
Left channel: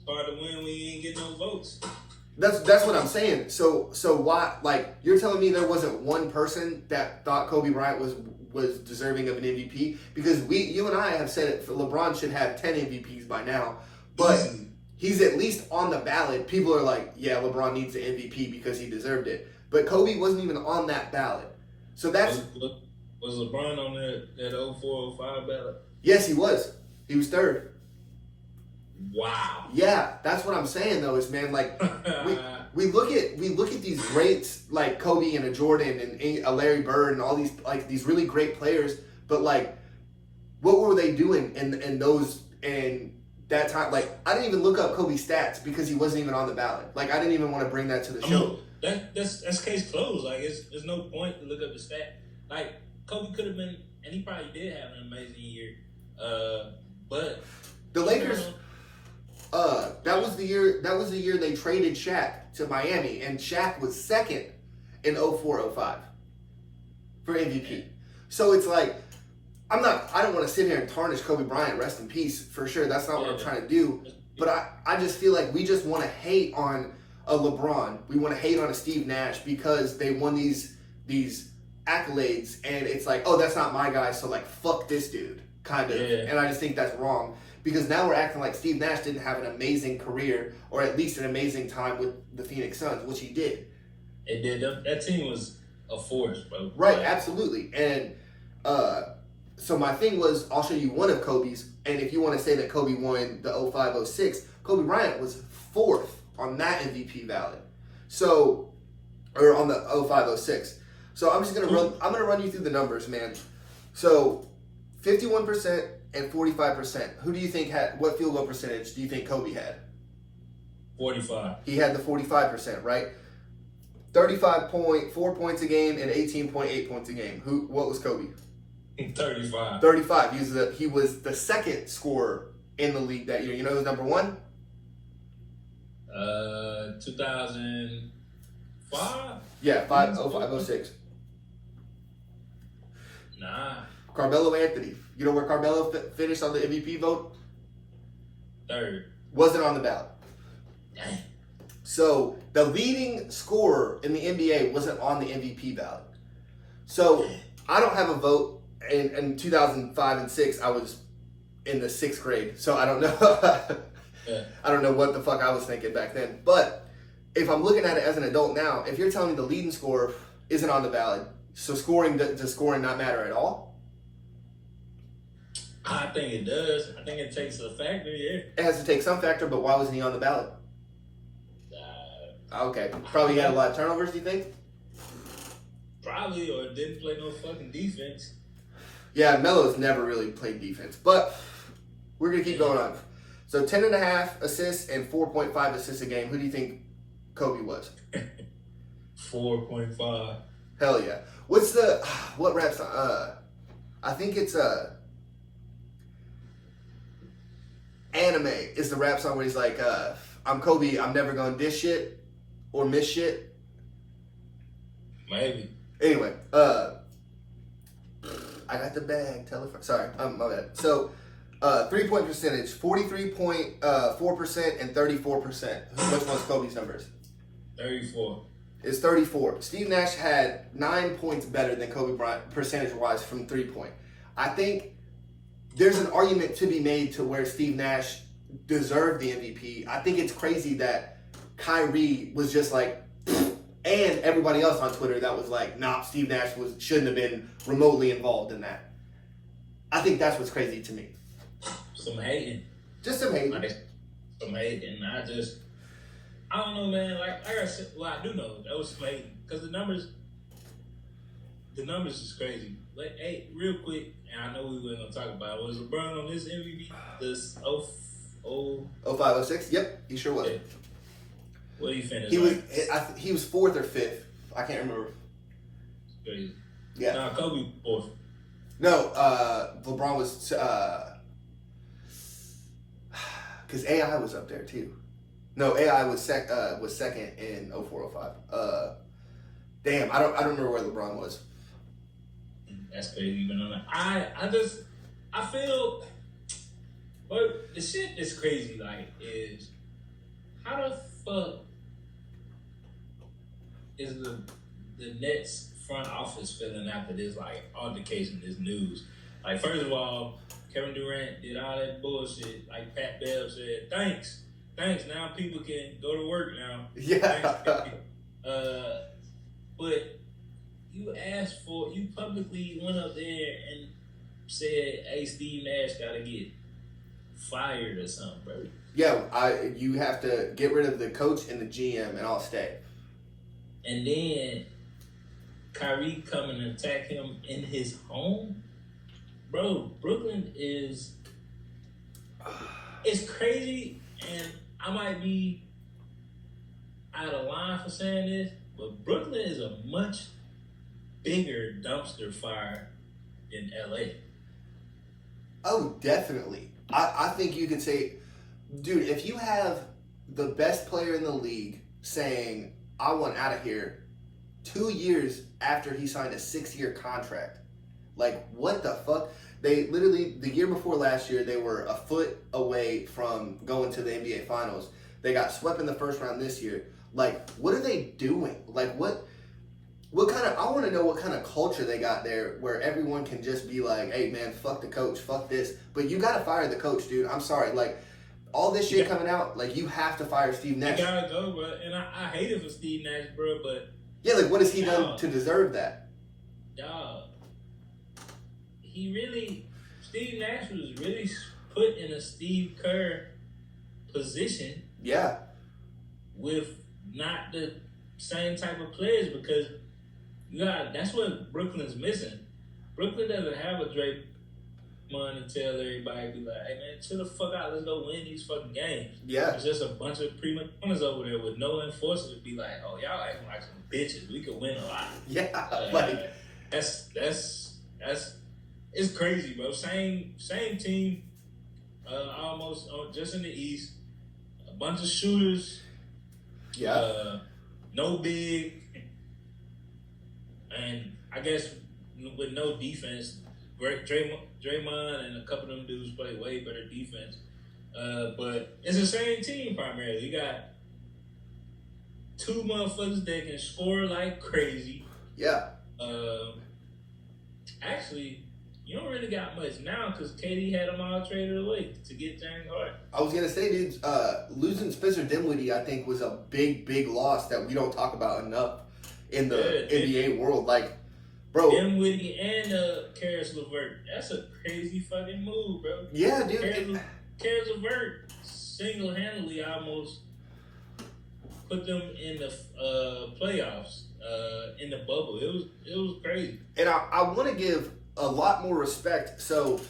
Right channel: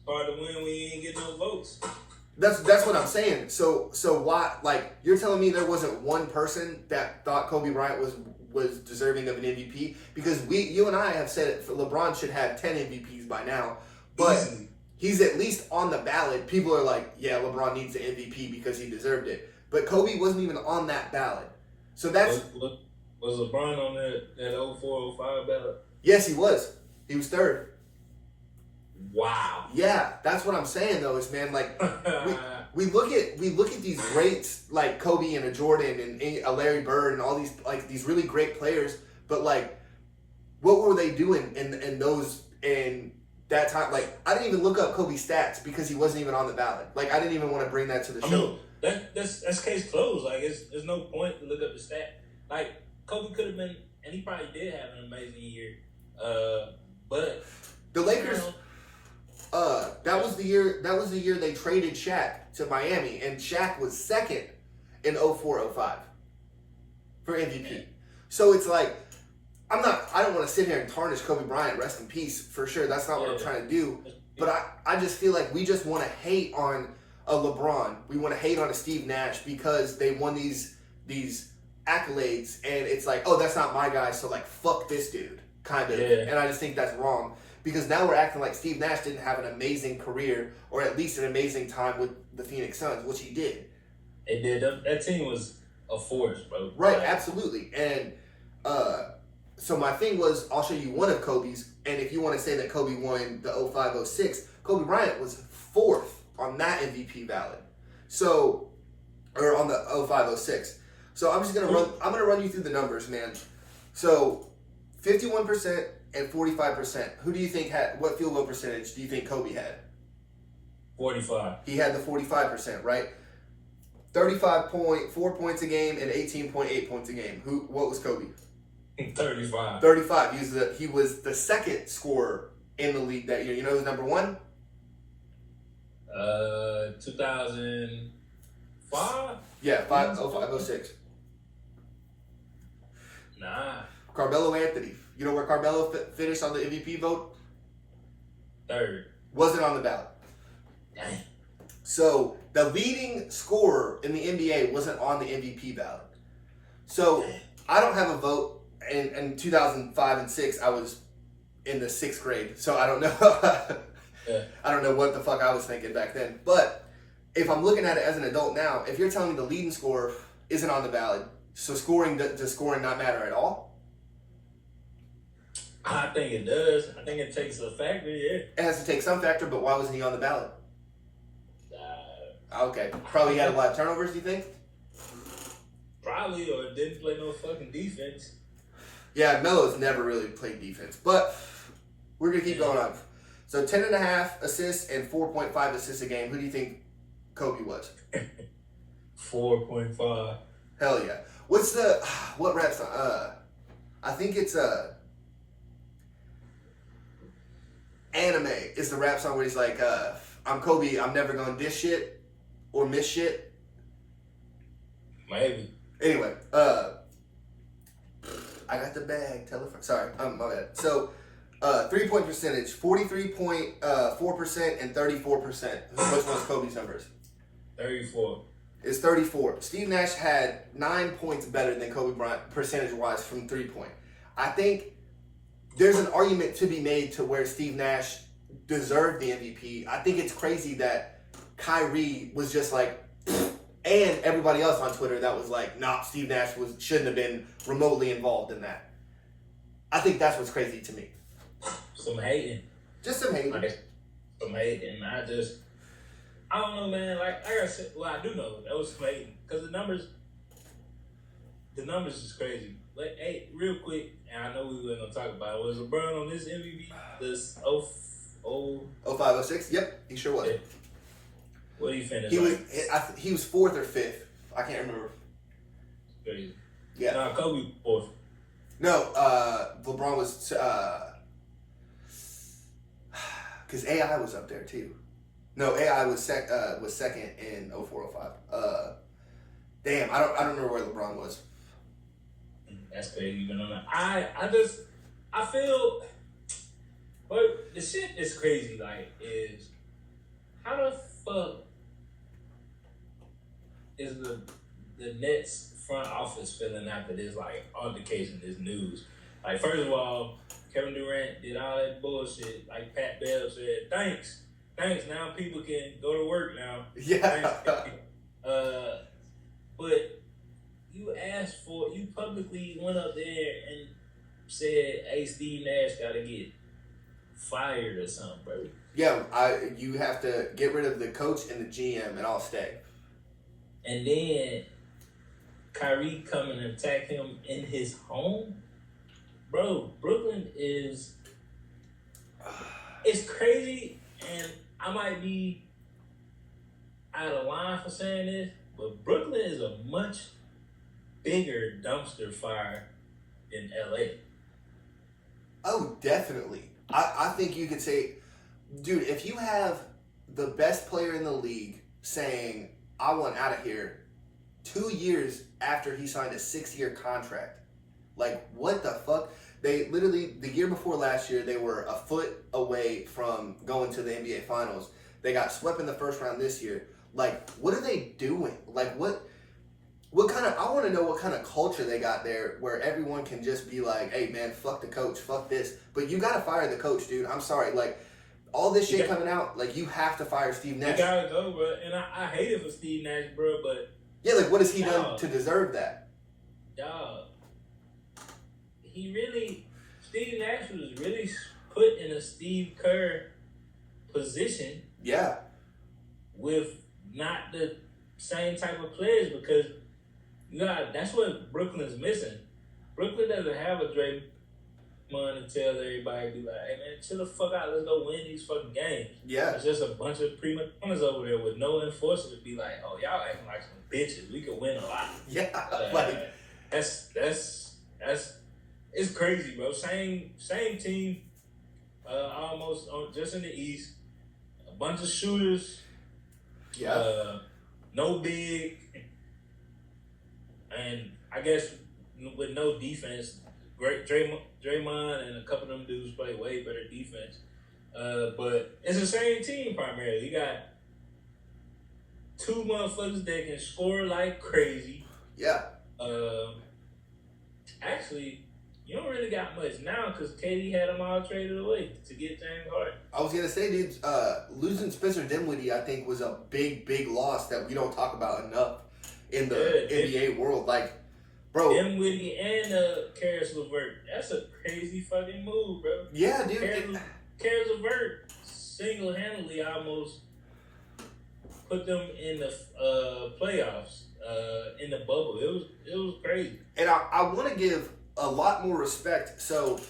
hard to win when you ain't get no votes. That's what I'm saying. So why, like, you're telling me there wasn't one person that thought Kobe Bryant was deserving of an MVP? Because you and I have said it, LeBron should have 10 MVPs by now, but he's at least on the ballot. People are like, yeah, LeBron needs the MVP because he deserved it. But Kobe wasn't even on that ballot. So that's... Was LeBron on that 04-05 ballot? Yes, he was. He was third. Wow. Yeah, that's what I'm saying though. Is man, like we look at these greats like Kobe and a Jordan and a Larry Bird and all these like these really great players, but like, what were they doing in that time? Like, I didn't even look up Kobe's stats because he wasn't even on the ballot. Like, I didn't even want to bring that to the show. That's case closed. Like, there's no point to look up the stat. Like, Kobe could have been, and he probably did have an amazing year. But the Lakers. That was the year they traded Shaq to Miami, and Shaq was second in 04-05 for MVP. So it's like, I don't want to sit here and tarnish Kobe Bryant, rest in peace, for sure. That's not what I'm trying to do. But I just feel like we just want to hate on a LeBron. We want to hate on a Steve Nash because they won these accolades, and it's like, oh, that's not my guy, so like, fuck this dude, kind of. Yeah. And I just think that's wrong. Because now we're acting like Steve Nash didn't have an amazing career, or at least an amazing time with the Phoenix Suns, which he did. It did. That team was a force, bro. Right, absolutely. And so my thing was, I'll show you one of Kobe's, and if you want to say that Kobe won the 05-06, Kobe Bryant was fourth on that MVP ballot. So, or on the 05-06. So I'm just gonna run you through the numbers, man. So 51% and 45%. Who do you think what field goal percentage do you think Kobe had? 45. He had the 45%, right? 35.4 points a game and 18.8 points a game. What was Kobe? 35. 35. He was the second scorer in the league that year. You know who's number one? 2005? Yeah, 05-06. Nah. Carmelo Anthony. You know where Carmelo finished on the MVP vote? Third. Wasn't on the ballot. Dang. So the leading scorer in the NBA wasn't on the MVP ballot. So I don't have a vote. In 2005 and 6, I was in the 6th grade. So I don't know. I don't know what the fuck I was thinking back then. But if I'm looking at it as an adult now, if you're telling me the leading scorer isn't on the ballot, so does scoring not matter at all? I think it does. I think it takes a factor, yeah. It has to take some factor, but why wasn't he on the ballot? Okay. Probably had a lot of turnovers, do you think? Probably, or didn't play no fucking defense. Yeah, Melo's never really played defense. But we're going to keep going on. So 10.5 assists and 4.5 assists a game. Who do you think Kobe was? 4.5. Hell yeah. What rap song? I think it's Anime is the rap song where he's like, I'm Kobe, I'm never gonna dish shit or miss shit. Maybe. Anyway, I got the bag. Tell a friend. Sorry, my bad. So, 3-point percentage, 43.4% and 34%. Which one's Kobe's numbers? 34. It's 34. Steve Nash had 9 points better than Kobe Bryant percentage-wise from 3-point. I think there's an argument to be made to where Steve Nash deserved the MVP. I think it's crazy that Kyrie was just like, and everybody else on Twitter that was like, nah, Steve Nash shouldn't have been remotely involved in that. I think that's what's crazy to me. Some hating. Just some hating. Some hating. I don't know, man. Like I said, well, I do know that was some hating because the numbers is crazy. Like, hey, real quick, and I know we were gonna talk about it. Was LeBron on this MVP? This 05-06? Yep, he sure was. Yeah. What did he finish? He was 4th or 5th. I can't remember. Crazy. Yeah. Nah, Kobe 4th. No, LeBron was because AI was up there too. No, AI was second in 04-05. Damn, I don't remember where LeBron was. That's crazy. Even on that, I feel, but the shit that's crazy, like, is how the fuck is the Nets front office feeling after this, like, altercation, this news? Like, first of all, Kevin Durant did all that bullshit. Like Pat Bev said, thanks thanks. Now people can go to work now. Yeah. Thanks. But you publicly went up there and said, "Hey, Steve Nash got to get fired or something, bro." Yeah, you have to get rid of the coach and the GM, and I'll stay. And then Kyrie come and attack him in his home, bro. Brooklyn is it's crazy, and I might be out of line for saying this, but Brooklyn is a much bigger dumpster fire than LA. Oh, definitely. I think you could say, dude, if you have the best player in the league saying, I want out of here 2 years after he signed a 6-year contract, like, what the fuck? They literally, the year before last year, they were a foot away from going to the NBA Finals. They got swept in the first round this year. Like, what are they doing? Like, what kind of, I want to know what kind of culture they got there where everyone can just be like, hey, man, fuck the coach, fuck this. But you got to fire the coach, dude. I'm sorry. Like, all this shit coming out, like, you have to fire Steve Nash. You gotta go, bro. And I hate it for Steve Nash, bro, but... Yeah, like, what has he done to deserve that? Dog. Steve Nash was really put in a Steve Kerr position. Yeah. With not the same type of players, because that's what Brooklyn's missing. Brooklyn doesn't have a Draymond to tell everybody, be like, hey man, chill the fuck out, let's go win these fucking games. Yeah. It's just a bunch of prima donnas over there with no enforcer to be like, oh, y'all acting like some bitches. We could win a lot. Yeah. That's it's crazy, bro. Same team, almost just in the East. A bunch of shooters. Yeah. No big, and I guess with no defense, Draymond and a couple of them dudes play way better defense. But it's the same team primarily. You got two motherfuckers that can score like crazy. Yeah. Actually, you don't really got much now because KD had them all traded away to get James Harden. I was gonna say, dude, losing Spencer Dinwiddie, I think, was a big loss that we don't talk about enough in the NBA world. Like, bro, Dinwiddie and Karis LeVert, that's a crazy fucking move, bro. Yeah, dude. Karis LeVert single-handedly almost put them in the playoffs in the bubble. It was crazy. And I want to give a lot more respect. So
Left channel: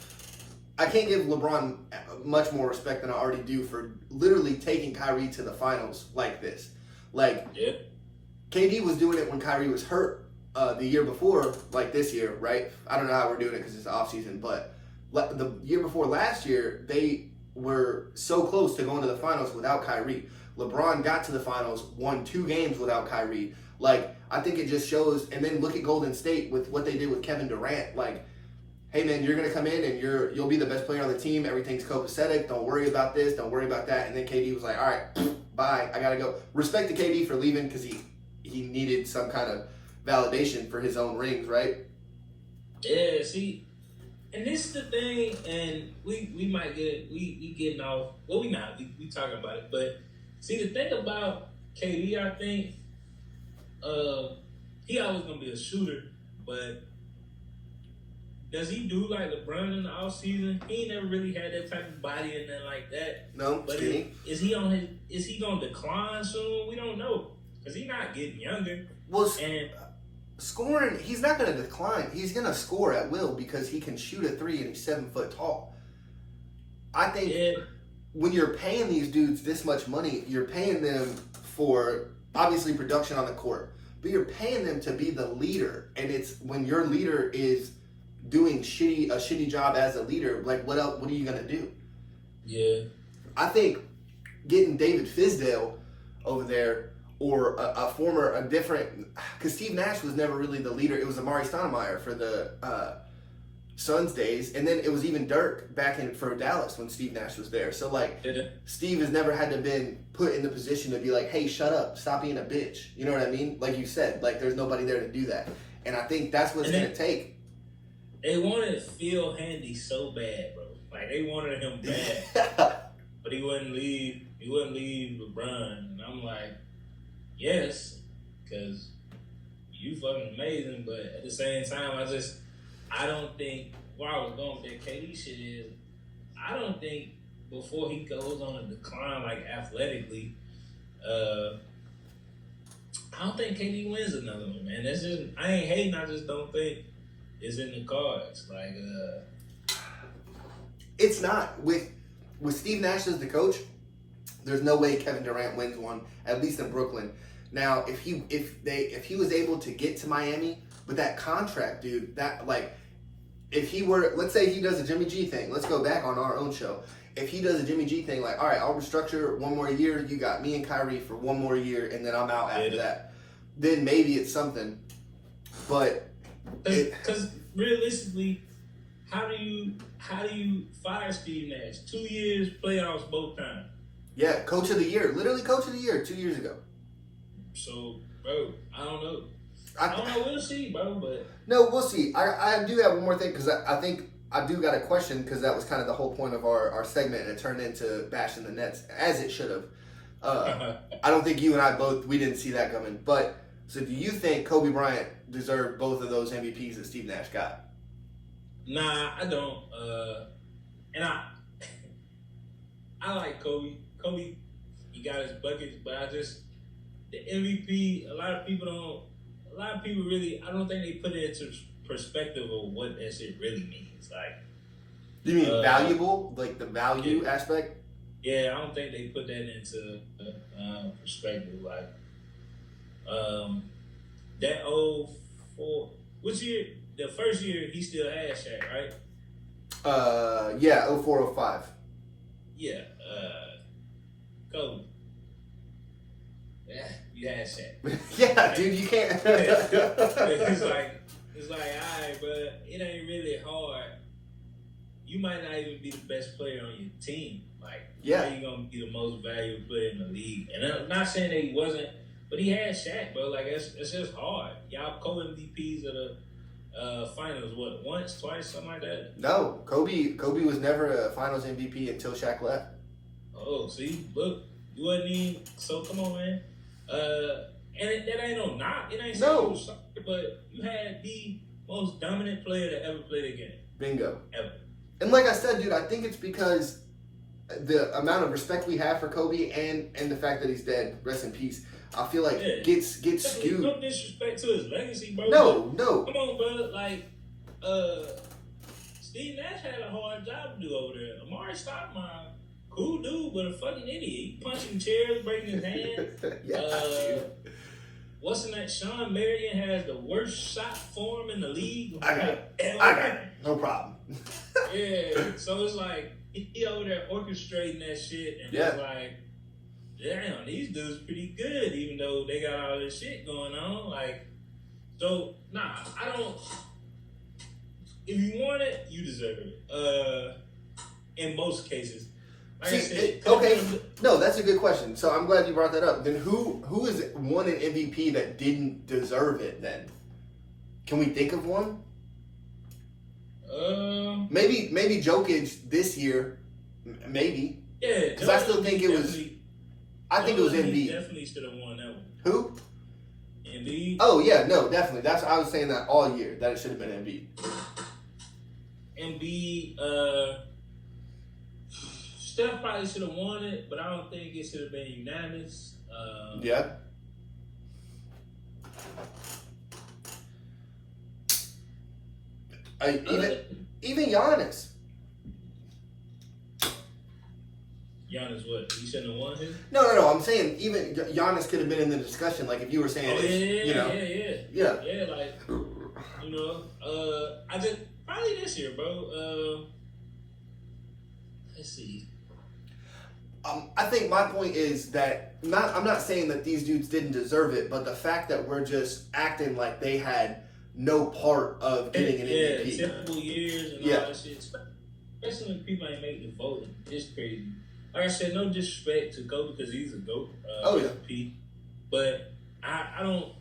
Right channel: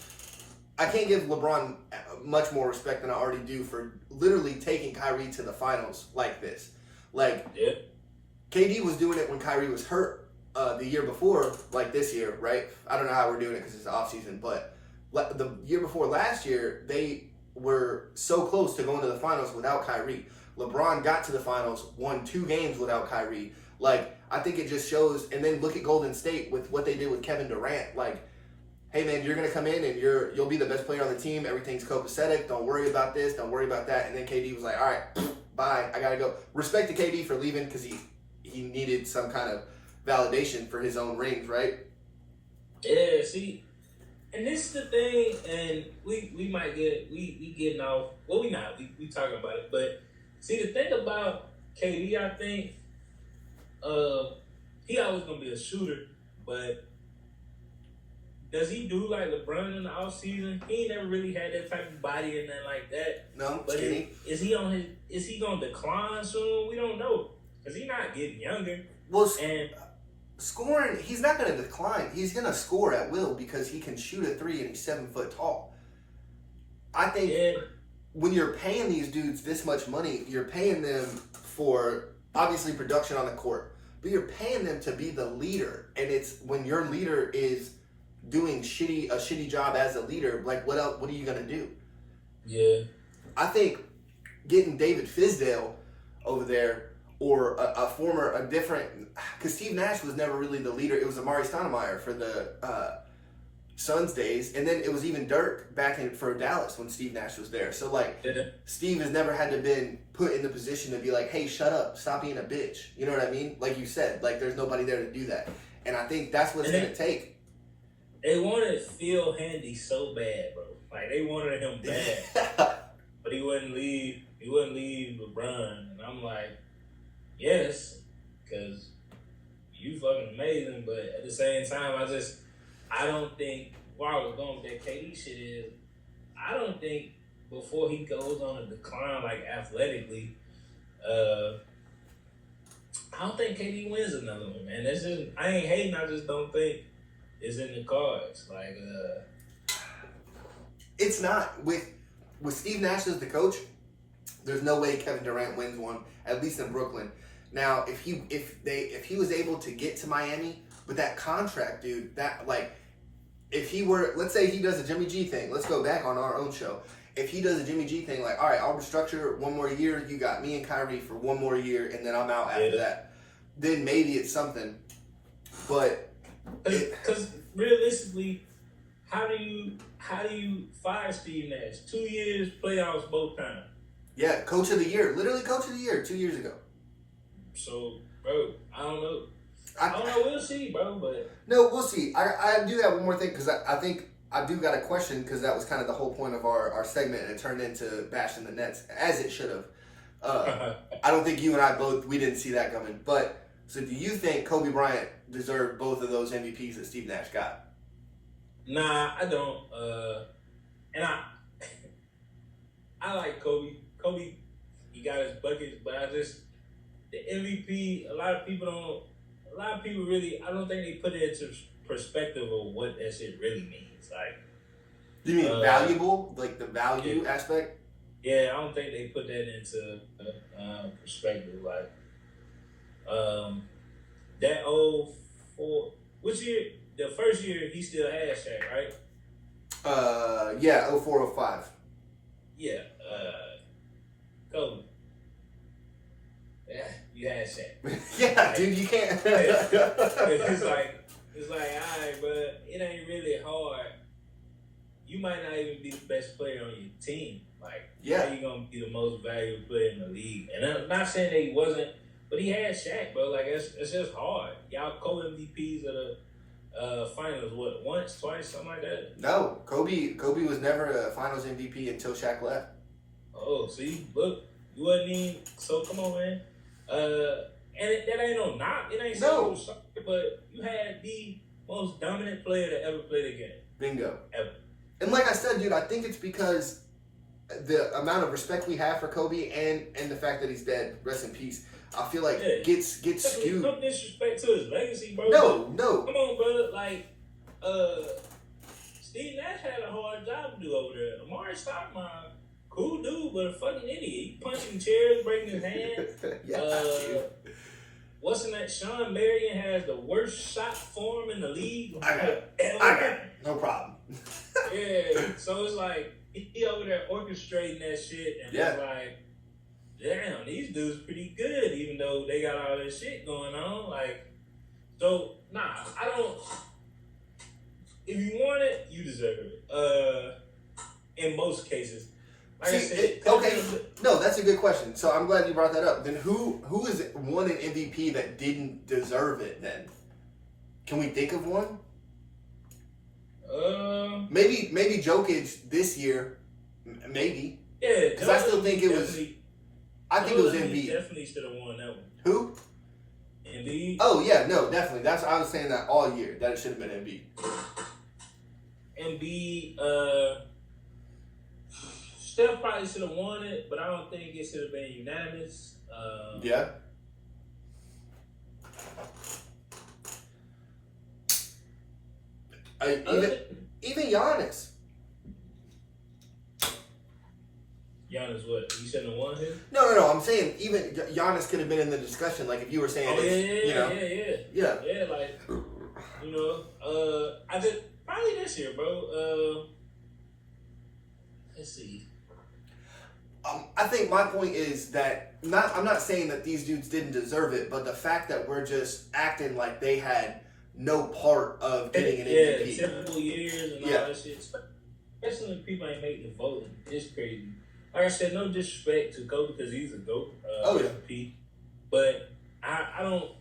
I can't give LeBron much more respect than I already do for literally taking Kyrie to the finals like this. Like, yeah. KD was doing it when Kyrie was hurt the year before, like this year, right? I don't know how we're doing it because it's the offseason, but the year before last year, they were so close to going to the finals without Kyrie. LeBron got to the finals, won 2 games without Kyrie. Like, I think it just shows, and then look at Golden State with what they did with Kevin Durant. Like, hey man, you're gonna come in and you'll be the best player on the team. Everything's copacetic. Don't worry about this. Don't worry about that. And then KD was like, all right, bye. I gotta go. Respect to KD for leaving because he needed some kind of validation for his own rings, right? Yeah. See, and this is the thing, and we might we getting off. Well, we not. We talking about it, but see the thing about KD, I think. He always gonna be a shooter, but does he do like LeBron in the offseason? He ain't never really had that type of body and nothing like that. No, but is he gonna decline soon? We don't know because he's not getting younger. Well, and scoring, he's not gonna decline. He's gonna score at will because he can shoot a 3 and he's 7 foot tall. I think when you're paying these dudes this much money, you're paying them for obviously production on the court. But you're paying them to be the leader, and it's when your leader is doing a shitty job as a leader. Like, what else? What are you gonna do? Yeah, I think getting David Fizdale over there, or a different, because Steve Nash was never really the leader. It was Amari Stoudemire for the Suns days, and then it was even Dirk back for Dallas when Steve Nash was there. So like, Steve has never had to been put in the position to be like, hey, shut up, stop being a bitch. You know what I mean? Like you said, like there's nobody there to do that, and I think that's what it's gonna take. They wanted Phil Handy so bad, bro. Like they wanted him bad, but he wouldn't leave. You wouldn't leave LeBron, and I'm like, yes, because you fucking amazing. But at the same time, I don't think where I was going with that KD shit is, I don't think before he goes on a decline like athletically, I don't think KD wins another one, man. That's just I ain't hating. I just don't think it's in the cards. Like, it's not with Steve Nash as the coach. There's no way Kevin Durant wins one, at least in Brooklyn. Now, if he was able to get to Miami with that contract, dude, that like, if he were, let's say he does a Jimmy G thing. Let's go back on our own show. If he does a Jimmy G thing, like, all right, I'll restructure one more year. You got me and Kyrie for one more year, and then I'm out after that. Then maybe it's something. But because realistically, how do you fire Steve Nash? 2 years, playoffs both times. Yeah, coach of the year, literally coach of the year 2 years ago. So, bro, I don't know. I don't know. We'll see, bro. But no, we'll see. I do have one more thing because I think I do got a question because that was kind of the whole point of our segment, and it turned into bashing the Nets as it should have. I don't think you and I we didn't see that coming. But so, do you think Kobe Bryant deserved both of those MVPs that Steve Nash got? Nah, I don't. And I like Kobe. Kobe, he got his buckets, but the MVP. A lot of people really. I don't think they put it into perspective of what that shit really means. Like, do you mean valuable, like the value aspect? Yeah, I don't think they put that into perspective. Like, that old which year? The first year he still had Shaq, right? Yeah, 04-05. Yeah, Kobe. Yeah, you had Shaq. Yeah, like, dude, you can't. it's like, alright, but it ain't really hard. You might not even be the best player on your team. Like, how you gonna be the most valuable player in the league? And I'm not saying that he wasn't, but he had Shaq, bro. Like, it's just hard. Y'all co-MVPs of the finals, what, once, twice, something like that? No, Kobe was never a finals MVP until Shaq left. Oh, see, look, you wasn't even, so come on, man. And that ain't no knock. It ain't saying you was sorry, but you had the most dominant player that ever played a game. Bingo. Ever. And like I said, dude, I think it's because the amount of respect we have for Kobe and the fact that he's dead, rest in peace, I feel like gets skewed. No disrespect to his legacy, bro. No. Come on, brother. Like, Steve Nash had a hard job to do over there. Amari Stoudemire, cool dude, but a fucking idiot. He punching chairs, breaking his hand. What's in that? Sean Marion has the worst shot form in the league. I got it. No problem. Yeah. So it's like he over there orchestrating that shit, and it's like, damn, these dudes pretty good, even though they got all this shit going on. Like, so nah, I don't. If you want it, you deserve it. In most cases. Like I said, no, that's a good question. So I'm glad you brought that up. Then who is won an MVP that didn't deserve it? Then can we think of one? Maybe Jokic this year, maybe. Yeah, because I still think it was. I think it was Embiid. Definitely should have won that one. Who? Embiid. Oh yeah, no, definitely. I was saying that all year that it should have been Embiid. Embiid. Steph probably should have won it, but I don't think it should have been unanimous. Yeah. Even Giannis. Giannis, what? He shouldn't have won his? No. I'm saying even Giannis could have been in the discussion. Like if you were saying, yeah. Like, you know, I just probably this year, bro. Let's see. I think my point is that I'm not saying that these dudes didn't deserve it, but the fact that we're just acting like they had no part of getting an MVP. Yeah, typical years and all that shit. Especially when people ain't make the voting. It's crazy. Like I said, no disrespect to Kobe because he's a GOAT. MVP. But I don't.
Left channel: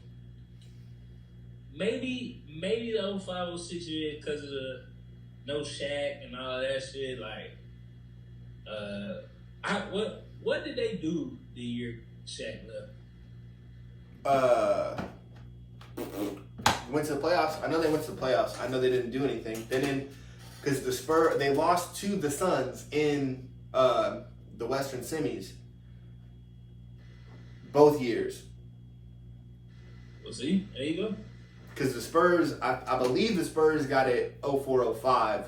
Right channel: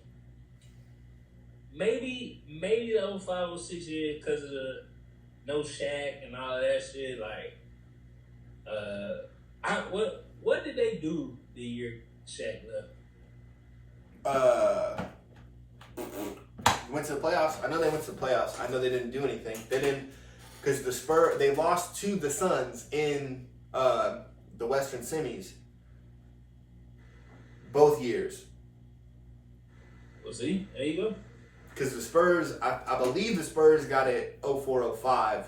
Maybe the 05, 06 year because of the no Shaq and all that shit. Like, what did they do the year Shaq left? Went to the playoffs. I know they went to the playoffs. I know they didn't do anything. They didn't, because they lost to the Suns in the Western semis both years. Well, see, there you go. Because the Spurs, I believe the Spurs got it 04-05.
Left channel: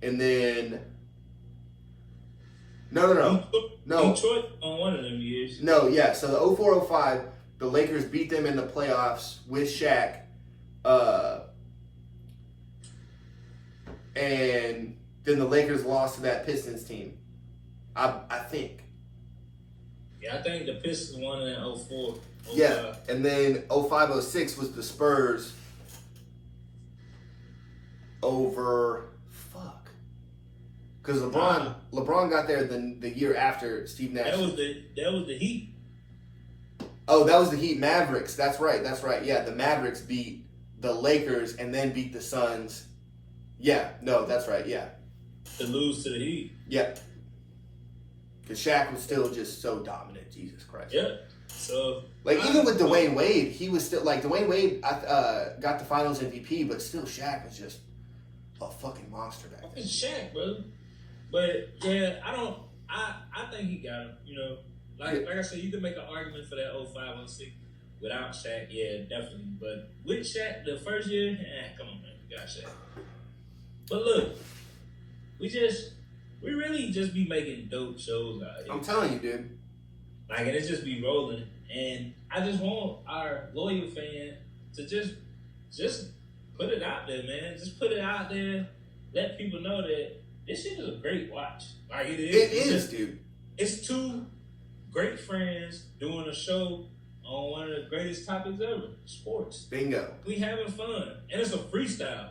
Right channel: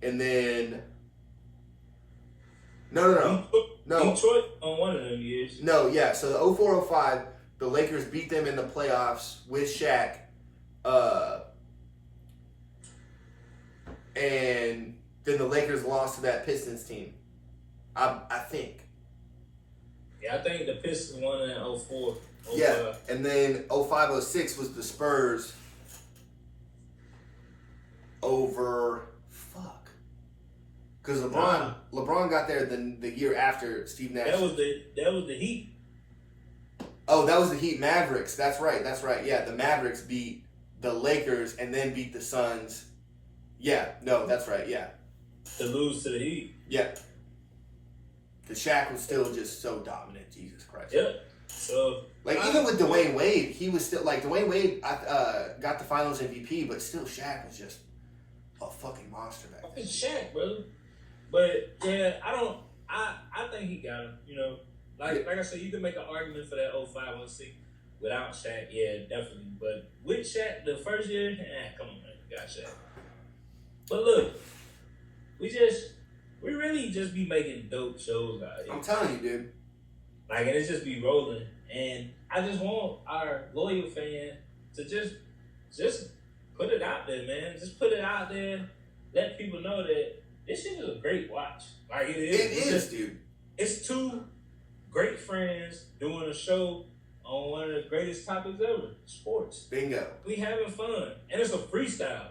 And then no. Detroit on one of them years. No, yeah. So the 04-05, the Lakers beat them in the playoffs with Shaq. And then the Lakers lost to that Pistons team. I think. Yeah, I think the Pistons won in 04. Yeah, and then 05-06 was the Spurs over because LeBron got there the year after Steve Nash. That was the Heat. Oh, that was the Heat Mavericks. That's right. Yeah, the Mavericks beat the Lakers and then beat the Suns. Yeah, no, that's right. Yeah, to lose to the Heat. Yeah, because Shaq was still just so dominant. Jesus Christ. Yeah. So even with Dwayne Wade, he was still Dwayne Wade got the Finals MVP, but still Shaq was just a fucking monster back then. It's Shaq, brother. But yeah, I think he got him. You know, like I said, you can make an argument for that 05-06 without Shaq. Yeah, definitely. But with Shaq, the first year, come on, man, we got Shaq. But look, we really just be making dope shows out here. I'm telling you, dude. And it just be rolling. And I just want our loyal fan to just put it out there, man. Just put it out there. Let people know that this shit is a great watch. It is. It is, dude. It's two great friends doing a show on one of the greatest topics ever, sports. Bingo. We having fun. And it's a freestyle.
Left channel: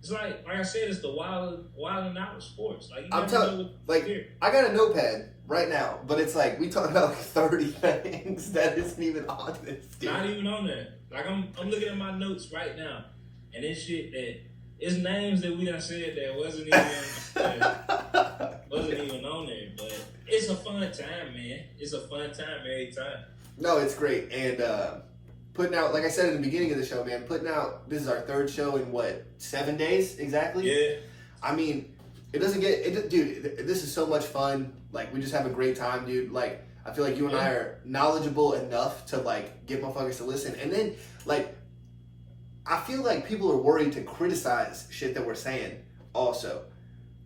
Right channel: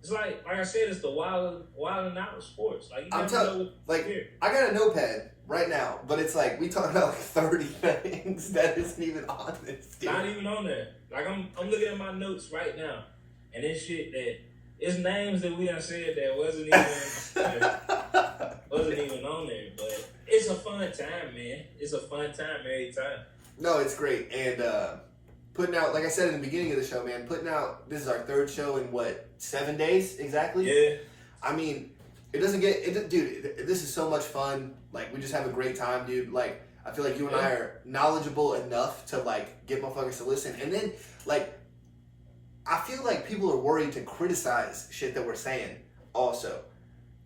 It's like I said, it's the wild and out of sports. I'm telling you, I got a notepad right now, but it's we talking about 30 things that isn't even on this. Dude. Not even on there. I'm looking at my notes right now, and it's shit that it's names that we done said that wasn't even on there. But it's a fun time, man. It's a fun time every time. No, it's great, and putting out, like I said in the beginning of the show, man, this is our third show in 7 days exactly? Yeah. I mean, dude, this is so much fun. We just have a great time, dude. I feel like you and I are knowledgeable enough to get motherfuckers to listen. And then I feel like people are worried to criticize shit that we're saying also.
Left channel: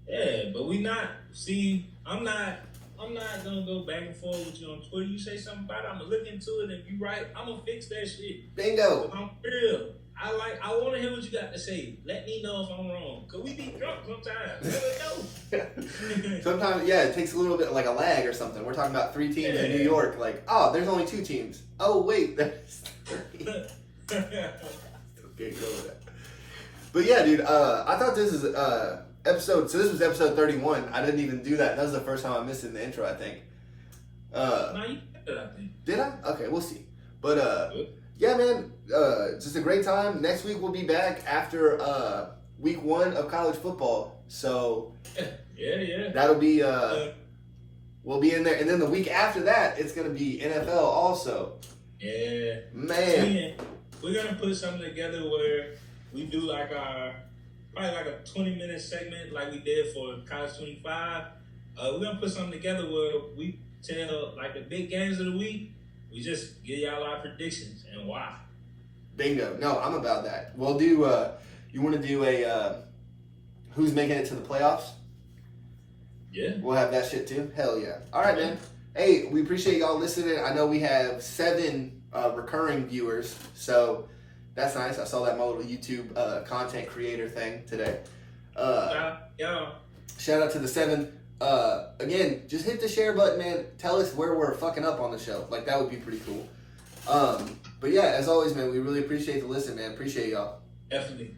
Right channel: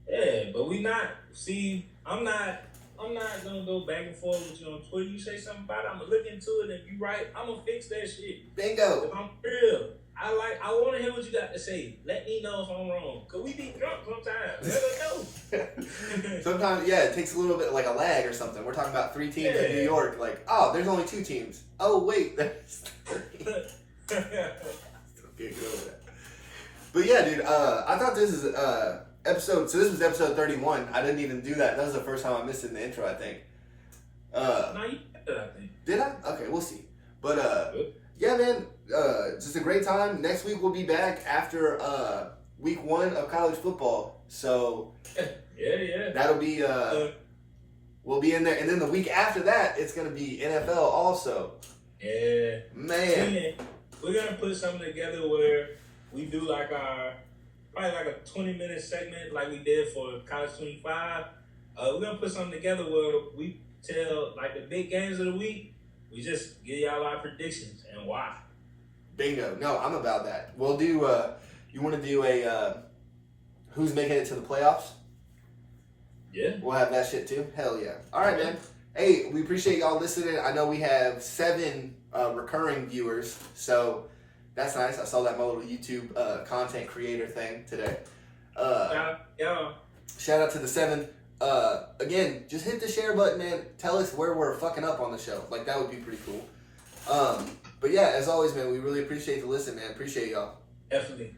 Yeah, but we not. See, I'm not gonna go back and forth with you on Twitter. You say something about it, I'm gonna look into it, and you right, I'm gonna fix that shit. Bingo. I'm real. I want to hear what you got to say. Let me know if I'm wrong. Cause we be drunk sometimes. Let us know. Sometimes, yeah, it takes a little bit a lag or something. We're talking about 3 teams in New York. There's only 2 teams. Oh wait, there's 3. Okay, go with that. But yeah, dude, I thought this is episode. So this was episode 31. I didn't even do that. That was the first time I missed it in the intro, I think. No, you did, I think. Did I? Okay, we'll see. But yeah, man, just a great time. Next week we'll be back after week 1 of college football. So yeah. that'll be we'll be in there, and then the week after that it's gonna be NFL also. Yeah, man. We're gonna put something together where we do probably a 20-minute segment like we did for College 25. We're gonna put something together where we tell the big games of the week. We just give y'all our predictions and why. Bingo. No, I'm about that. We'll do, you want to do a who's making it to the playoffs? Yeah. We'll have that shit too. Hell yeah. All right, man. Hey, we appreciate y'all listening. I know we have 7 recurring viewers, so that's nice. I saw that in my little YouTube content creator thing today. Yeah. Shout out to the 7. Again, just hit the share button, man. Tell us where we're fucking up on the show. That would be pretty cool. But yeah, as always, man, we really appreciate the listen, man. Appreciate y'all. Definitely.